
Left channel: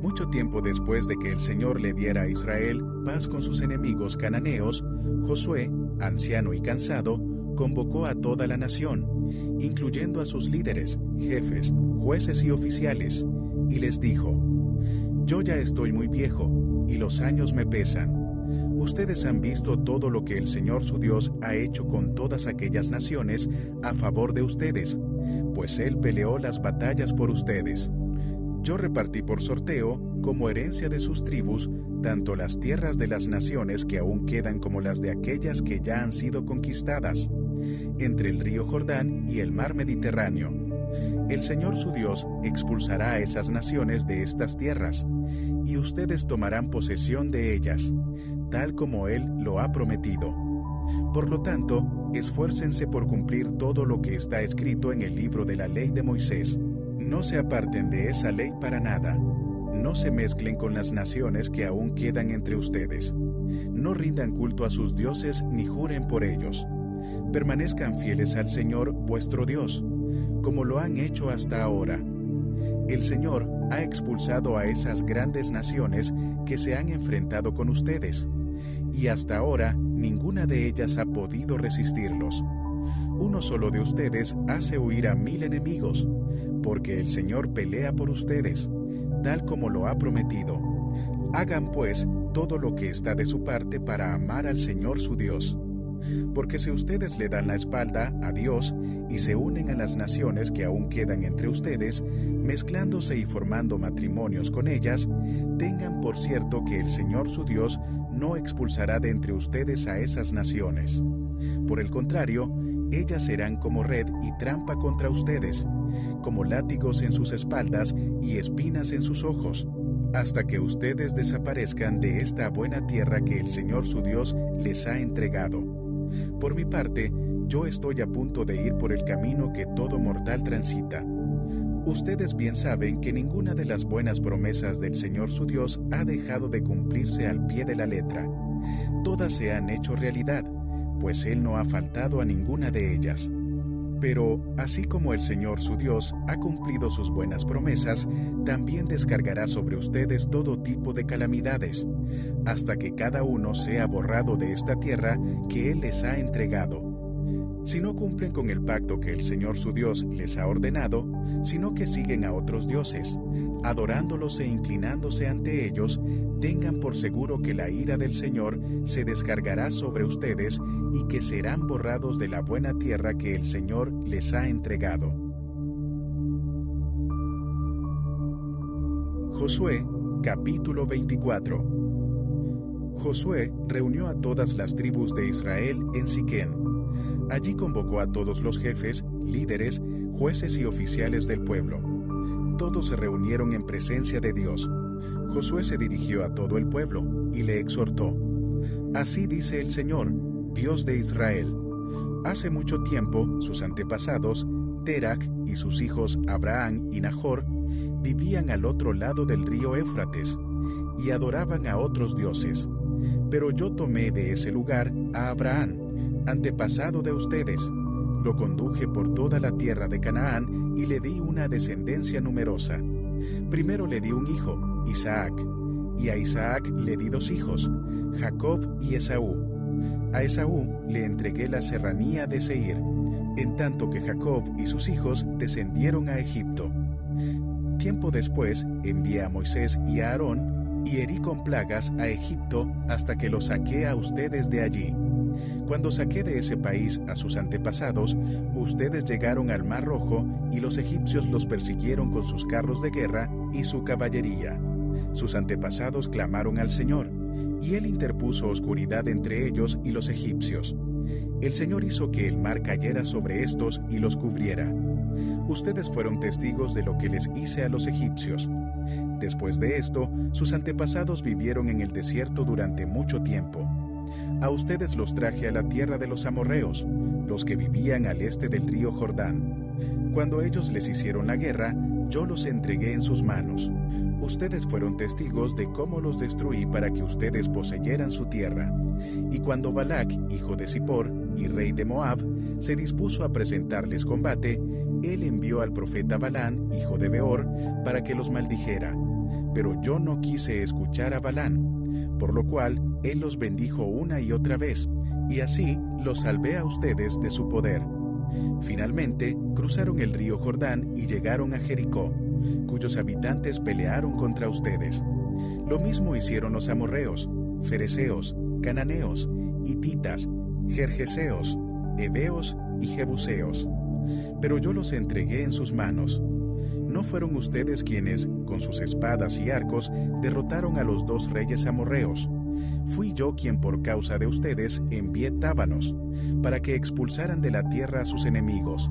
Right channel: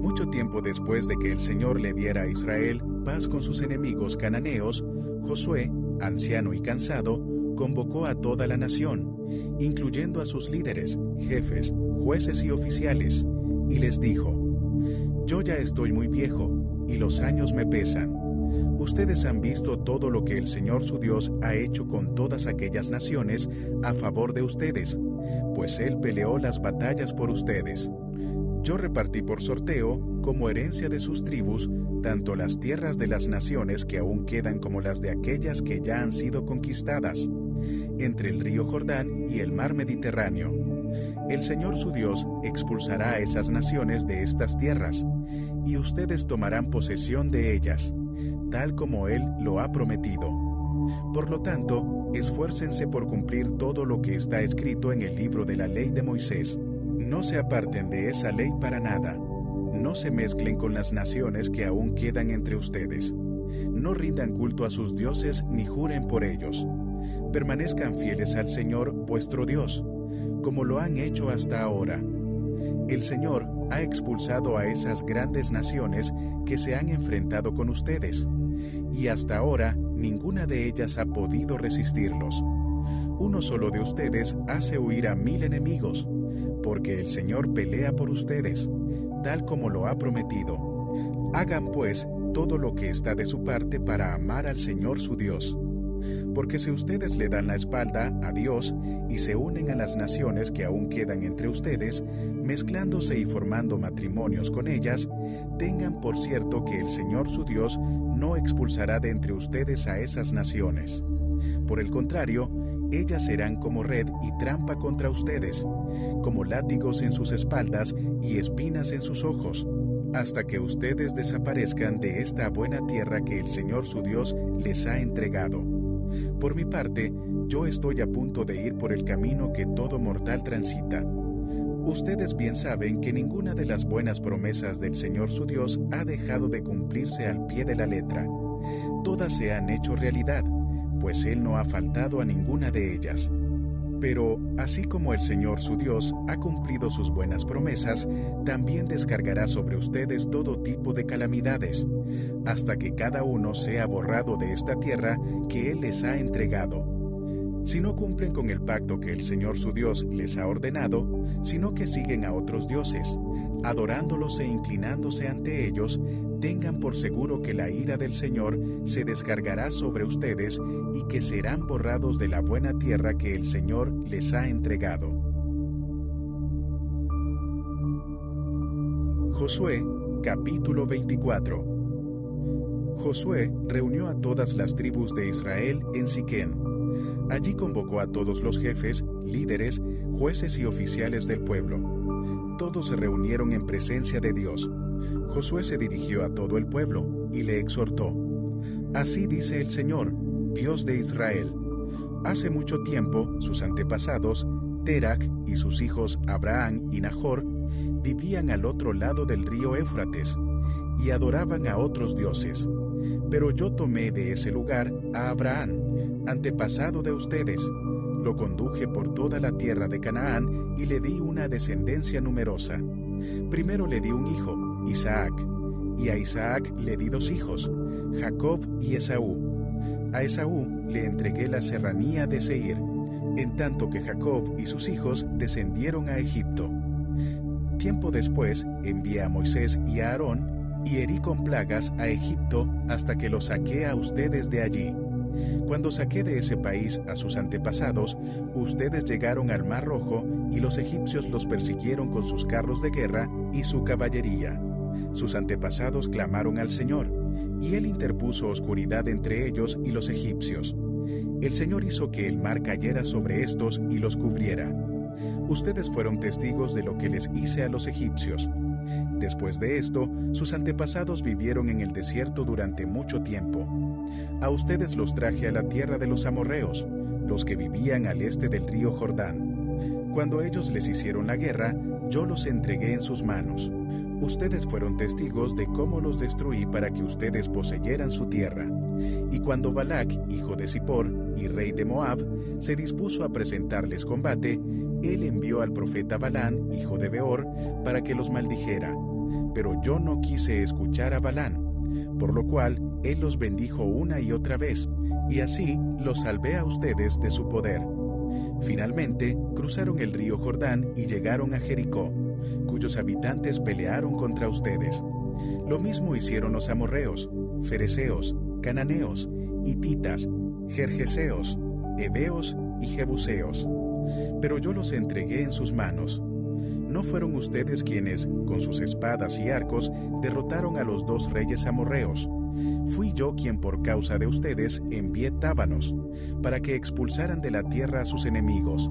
Mucho tiempo después de que el Señor le diera a Israel paz con sus enemigos cananeos, Josué, anciano y cansado, convocó a toda la nación, incluyendo a sus líderes, jefes, jueces y oficiales, y les dijo: Yo ya estoy muy viejo, y los años me pesan. Ustedes han visto todo lo que el Señor su Dios ha hecho con todas aquellas naciones a favor de ustedes, pues Él peleó las batallas por ustedes. Yo repartí por sorteo, como herencia de sus tribus, tanto las tierras de las naciones que aún quedan como las de aquellas que ya han sido conquistadas, entre el río Jordán y el mar Mediterráneo. El Señor su Dios expulsará a esas naciones de estas tierras, y ustedes tomarán posesión de ellas, tal como Él lo ha prometido. Por lo tanto, esfuércense por cumplir todo lo que está escrito en el libro de la ley de Moisés. No se aparten de esa ley para nada. No se mezclen con las naciones que aún quedan entre ustedes. No rindan culto a sus dioses ni juren por ellos. Permanezcan fieles al Señor vuestro Dios, como lo han hecho hasta ahora. El Señor ha expulsado a esas grandes naciones que se han enfrentado con ustedes, y hasta ahora ninguna de ellas ha podido resistirlos. Uno solo de ustedes hace huir a 1000 enemigos, porque el Señor pelea por ustedes, tal como lo ha prometido. Hagan pues todo lo que está de su parte para amar al Señor su Dios. Porque si ustedes le dan la espalda a Dios y se unen a las naciones que aún quedan entre ustedes, mezclándose y formando matrimonios con ellas, tengan por cierto que el Señor su Dios no expulsará de entre ustedes a esas naciones. Por el contrario, ellas serán como red y trampa contra ustedes, como látigos en sus espaldas y espinas en sus ojos, hasta que ustedes desaparezcan de esta buena tierra que el Señor su Dios les ha entregado. Por mi parte, yo estoy a punto de ir por el camino que todo mortal transita. Ustedes bien saben que ninguna de las buenas promesas del Señor su Dios ha dejado de cumplirse al pie de la letra. Todas se han hecho realidad, pues Él no ha faltado a ninguna de ellas. Pero, así como el Señor su Dios ha cumplido sus buenas promesas, también descargará sobre ustedes todo tipo de calamidades, hasta que cada uno sea borrado de esta tierra que Él les ha entregado. Si no cumplen con el pacto que el Señor su Dios les ha ordenado, sino que siguen a otros dioses, adorándolos e inclinándose ante ellos, tengan por seguro que la ira del Señor se descargará sobre ustedes y que serán borrados de la buena tierra que el Señor les ha entregado. Josué, capítulo 24. Josué reunió a todas las tribus de Israel en Siquén. Allí convocó a todos los jefes, líderes, jueces y oficiales del pueblo. Todos se reunieron en presencia de Dios. Josué se dirigió a todo el pueblo y le exhortó: Así dice el Señor, Dios de Israel. Hace mucho tiempo, sus antepasados, Terac y sus hijos Abraham y Nahor, vivían al otro lado del río Éufrates y adoraban a otros dioses. Pero yo tomé de ese lugar a Abraham, antepasado de ustedes, lo conduje por toda la tierra de Canaán y le di una descendencia numerosa. Primero le di un hijo, Isaac, y a Isaac le di 2 hijos, Jacob y Esaú. A Esaú le entregué la serranía de Seir, en tanto que Jacob y sus hijos descendieron a Egipto. Tiempo después envié a Moisés y a Aarón, y herí con plagas a Egipto hasta que los saqué a ustedes de allí. Cuando saqué de ese país a sus antepasados, ustedes llegaron al Mar Rojo y los egipcios los persiguieron con sus carros de guerra y su caballería. Sus antepasados clamaron al Señor, y Él interpuso oscuridad entre ellos y los egipcios. El Señor hizo que el mar cayera sobre estos y los cubriera. Ustedes fueron testigos de lo que les hice a los egipcios. Después de esto, sus antepasados vivieron en el desierto durante mucho tiempo. A ustedes los traje a la tierra de los amorreos, los que vivían al este del río Jordán. Cuando ellos les hicieron la guerra, yo los entregué en sus manos. Ustedes fueron testigos de cómo los destruí para que ustedes poseyeran su tierra. Y cuando Balac, hijo de Zippor y rey de Moab, se dispuso a presentarles combate, él envió al profeta Balán, hijo de Beor, para que los maldijera. Pero yo no quise escuchar a Balán, por lo cual él los bendijo una y otra vez, y así los salvé a ustedes de su poder. Finalmente, cruzaron el río Jordán y llegaron a Jericó, cuyos habitantes pelearon contra ustedes. Lo mismo hicieron los amorreos, fereceos, cananeos, hititas, gergeseos, heveos y jebuseos. Pero yo los entregué en sus manos. ¿No fueron ustedes quienes, con sus espadas y arcos, derrotaron a los 2 reyes amorreos? Fui yo quien por causa de ustedes envié tábanos, para que expulsaran de la tierra a sus enemigos.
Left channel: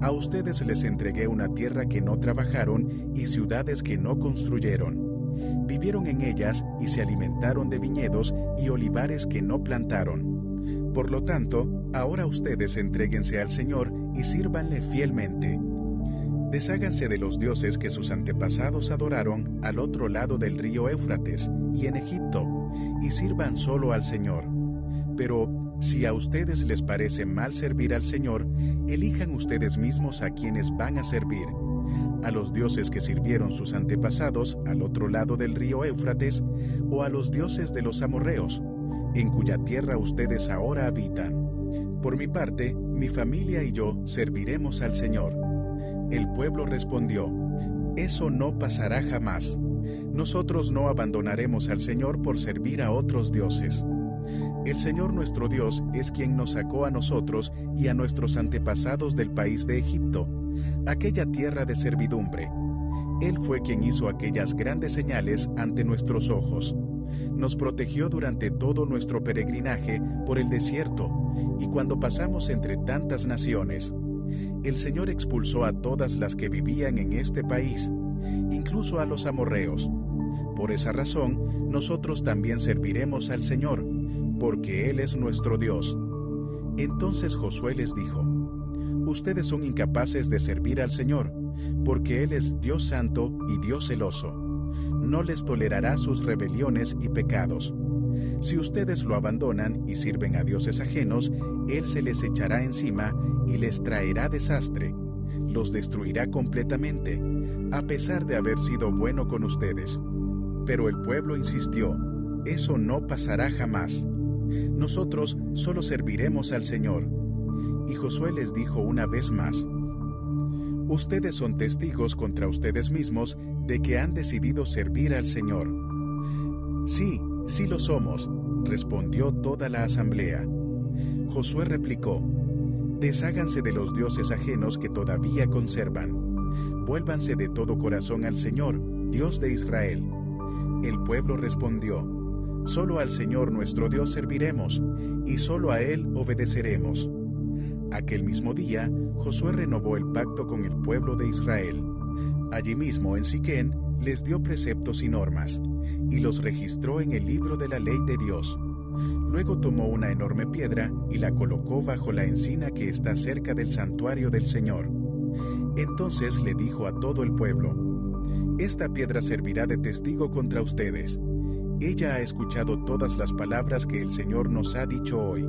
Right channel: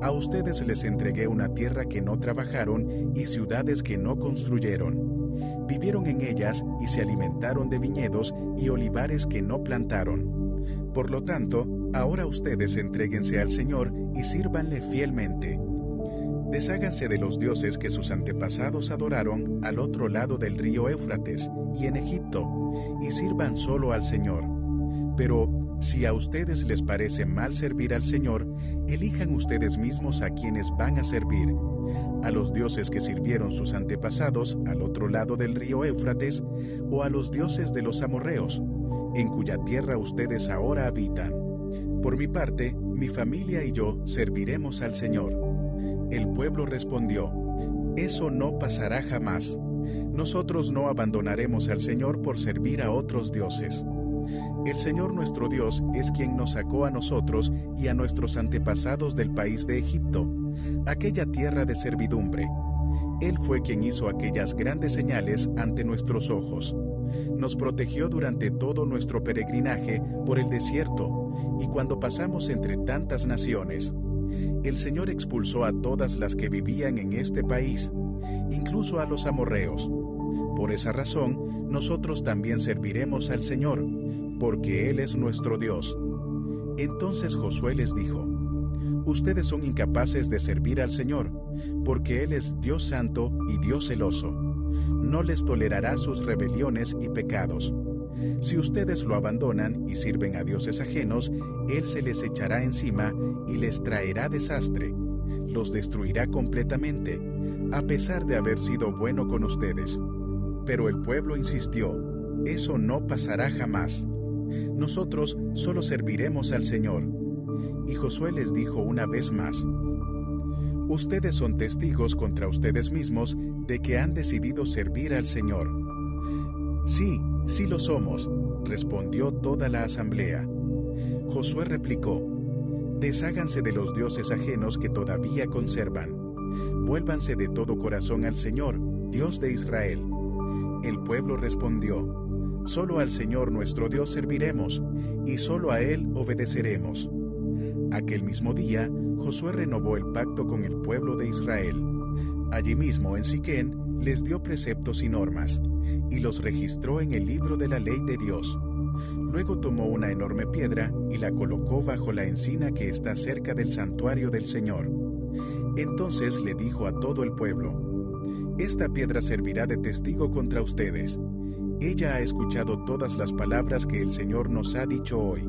A ustedes les entregué una tierra que no trabajaron y ciudades que no construyeron. Vivieron en ellas y se alimentaron de viñedos y olivares que no plantaron. Por lo tanto, ahora ustedes entréguense al Señor y sírvanle fielmente. Desháganse de los dioses que sus antepasados adoraron al otro lado del río Éufrates y en Egipto, y sirvan solo al Señor. Pero si a ustedes les parece mal servir al Señor, elijan ustedes mismos a quienes van a servir: a los dioses que sirvieron sus antepasados al otro lado del río Éufrates, o a los dioses de los amorreos, en cuya tierra ustedes ahora habitan. Por mi parte, mi familia y yo serviremos al Señor. El pueblo respondió: eso no pasará jamás. Nosotros no abandonaremos al Señor por servir a otros dioses. El Señor nuestro Dios es quien nos sacó a nosotros y a nuestros antepasados del país de Egipto, aquella tierra de servidumbre. Él fue quien hizo aquellas grandes señales ante nuestros ojos. Nos protegió durante todo nuestro peregrinaje por el desierto y cuando pasamos entre tantas naciones. El Señor expulsó a todas las que vivían en este país, incluso a los amorreos. Por esa razón, nosotros también serviremos al Señor, porque Él es nuestro Dios. Entonces Josué les dijo: ustedes son incapaces de servir al Señor, porque Él es Dios santo y Dios celoso. No les tolerará sus rebeliones y pecados. Si ustedes lo abandonan y sirven a dioses ajenos, Él se les echará encima y les traerá desastre. Los destruirá completamente, a pesar de haber sido bueno con ustedes. Pero el pueblo insistió: eso no pasará jamás. Nosotros solo serviremos al Señor. Y Josué les dijo una vez más: ustedes son testigos contra ustedes mismos de que han decidido servir al Señor. Sí, sí lo somos, respondió toda la asamblea. Josué replicó: desháganse de los dioses ajenos que todavía conservan. Vuélvanse de todo corazón al Señor, Dios de Israel. El pueblo respondió: solo al Señor nuestro Dios serviremos, y solo a Él obedeceremos. Aquel mismo día, Josué renovó el pacto con el pueblo de Israel. Allí mismo en Siquén les dio preceptos y normas, y los registró en el libro de la ley de Dios. Luego tomó una enorme piedra y la colocó bajo la encina que está cerca del santuario del Señor. Entonces le dijo a todo el pueblo: esta piedra servirá de testigo contra ustedes. Ella ha escuchado todas las palabras que el Señor nos ha dicho hoy.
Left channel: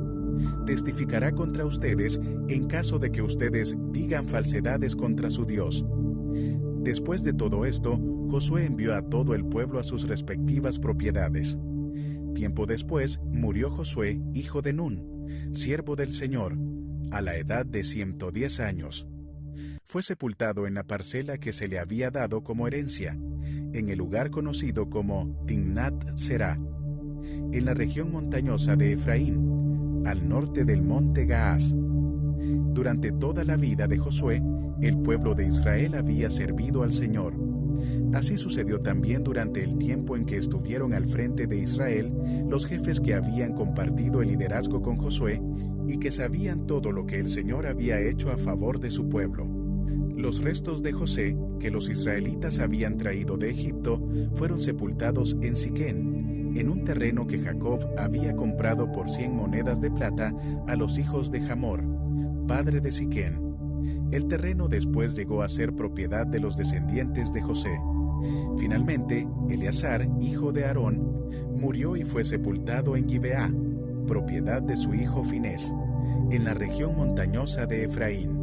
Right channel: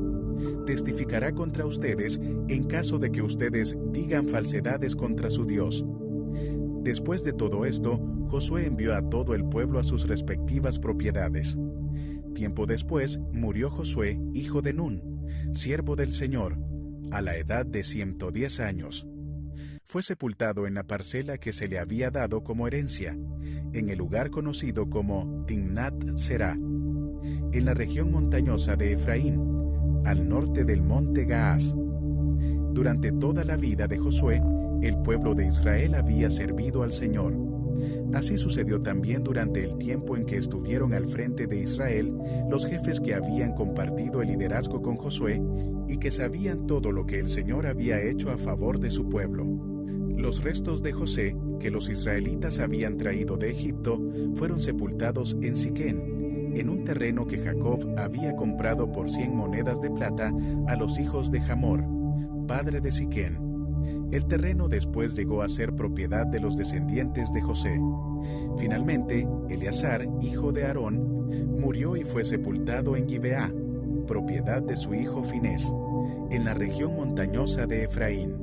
Testificará contra ustedes en caso de que ustedes digan falsedades contra su Dios. Después de todo esto, Josué envió a todo el pueblo a sus respectivas propiedades. Tiempo después murió Josué, hijo de Nun, siervo del Señor, a la edad de 110 años. fue sepultado en la parcela que se le había dado como herencia, en el lugar conocido como Timnat Será, en la región montañosa de Efraín, al norte del monte Gaás. Durante toda la vida de Josué, el pueblo de Israel había servido al Señor. Así sucedió también durante el tiempo en que estuvieron al frente de Israel los jefes que habían compartido el liderazgo con Josué y que sabían todo lo que el Señor había hecho a favor de su pueblo. Los restos de José, que los israelitas habían traído de Egipto, fueron sepultados en Siquén, en un terreno que Jacob había comprado por 100 monedas de plata a los hijos de Hamor, padre de Siquén. El terreno después llegó a ser propiedad de los descendientes de José. Finalmente, Eleazar, hijo de Aarón, murió y fue sepultado en Gibeá, propiedad de su hijo Finés, en la región montañosa de Efraín.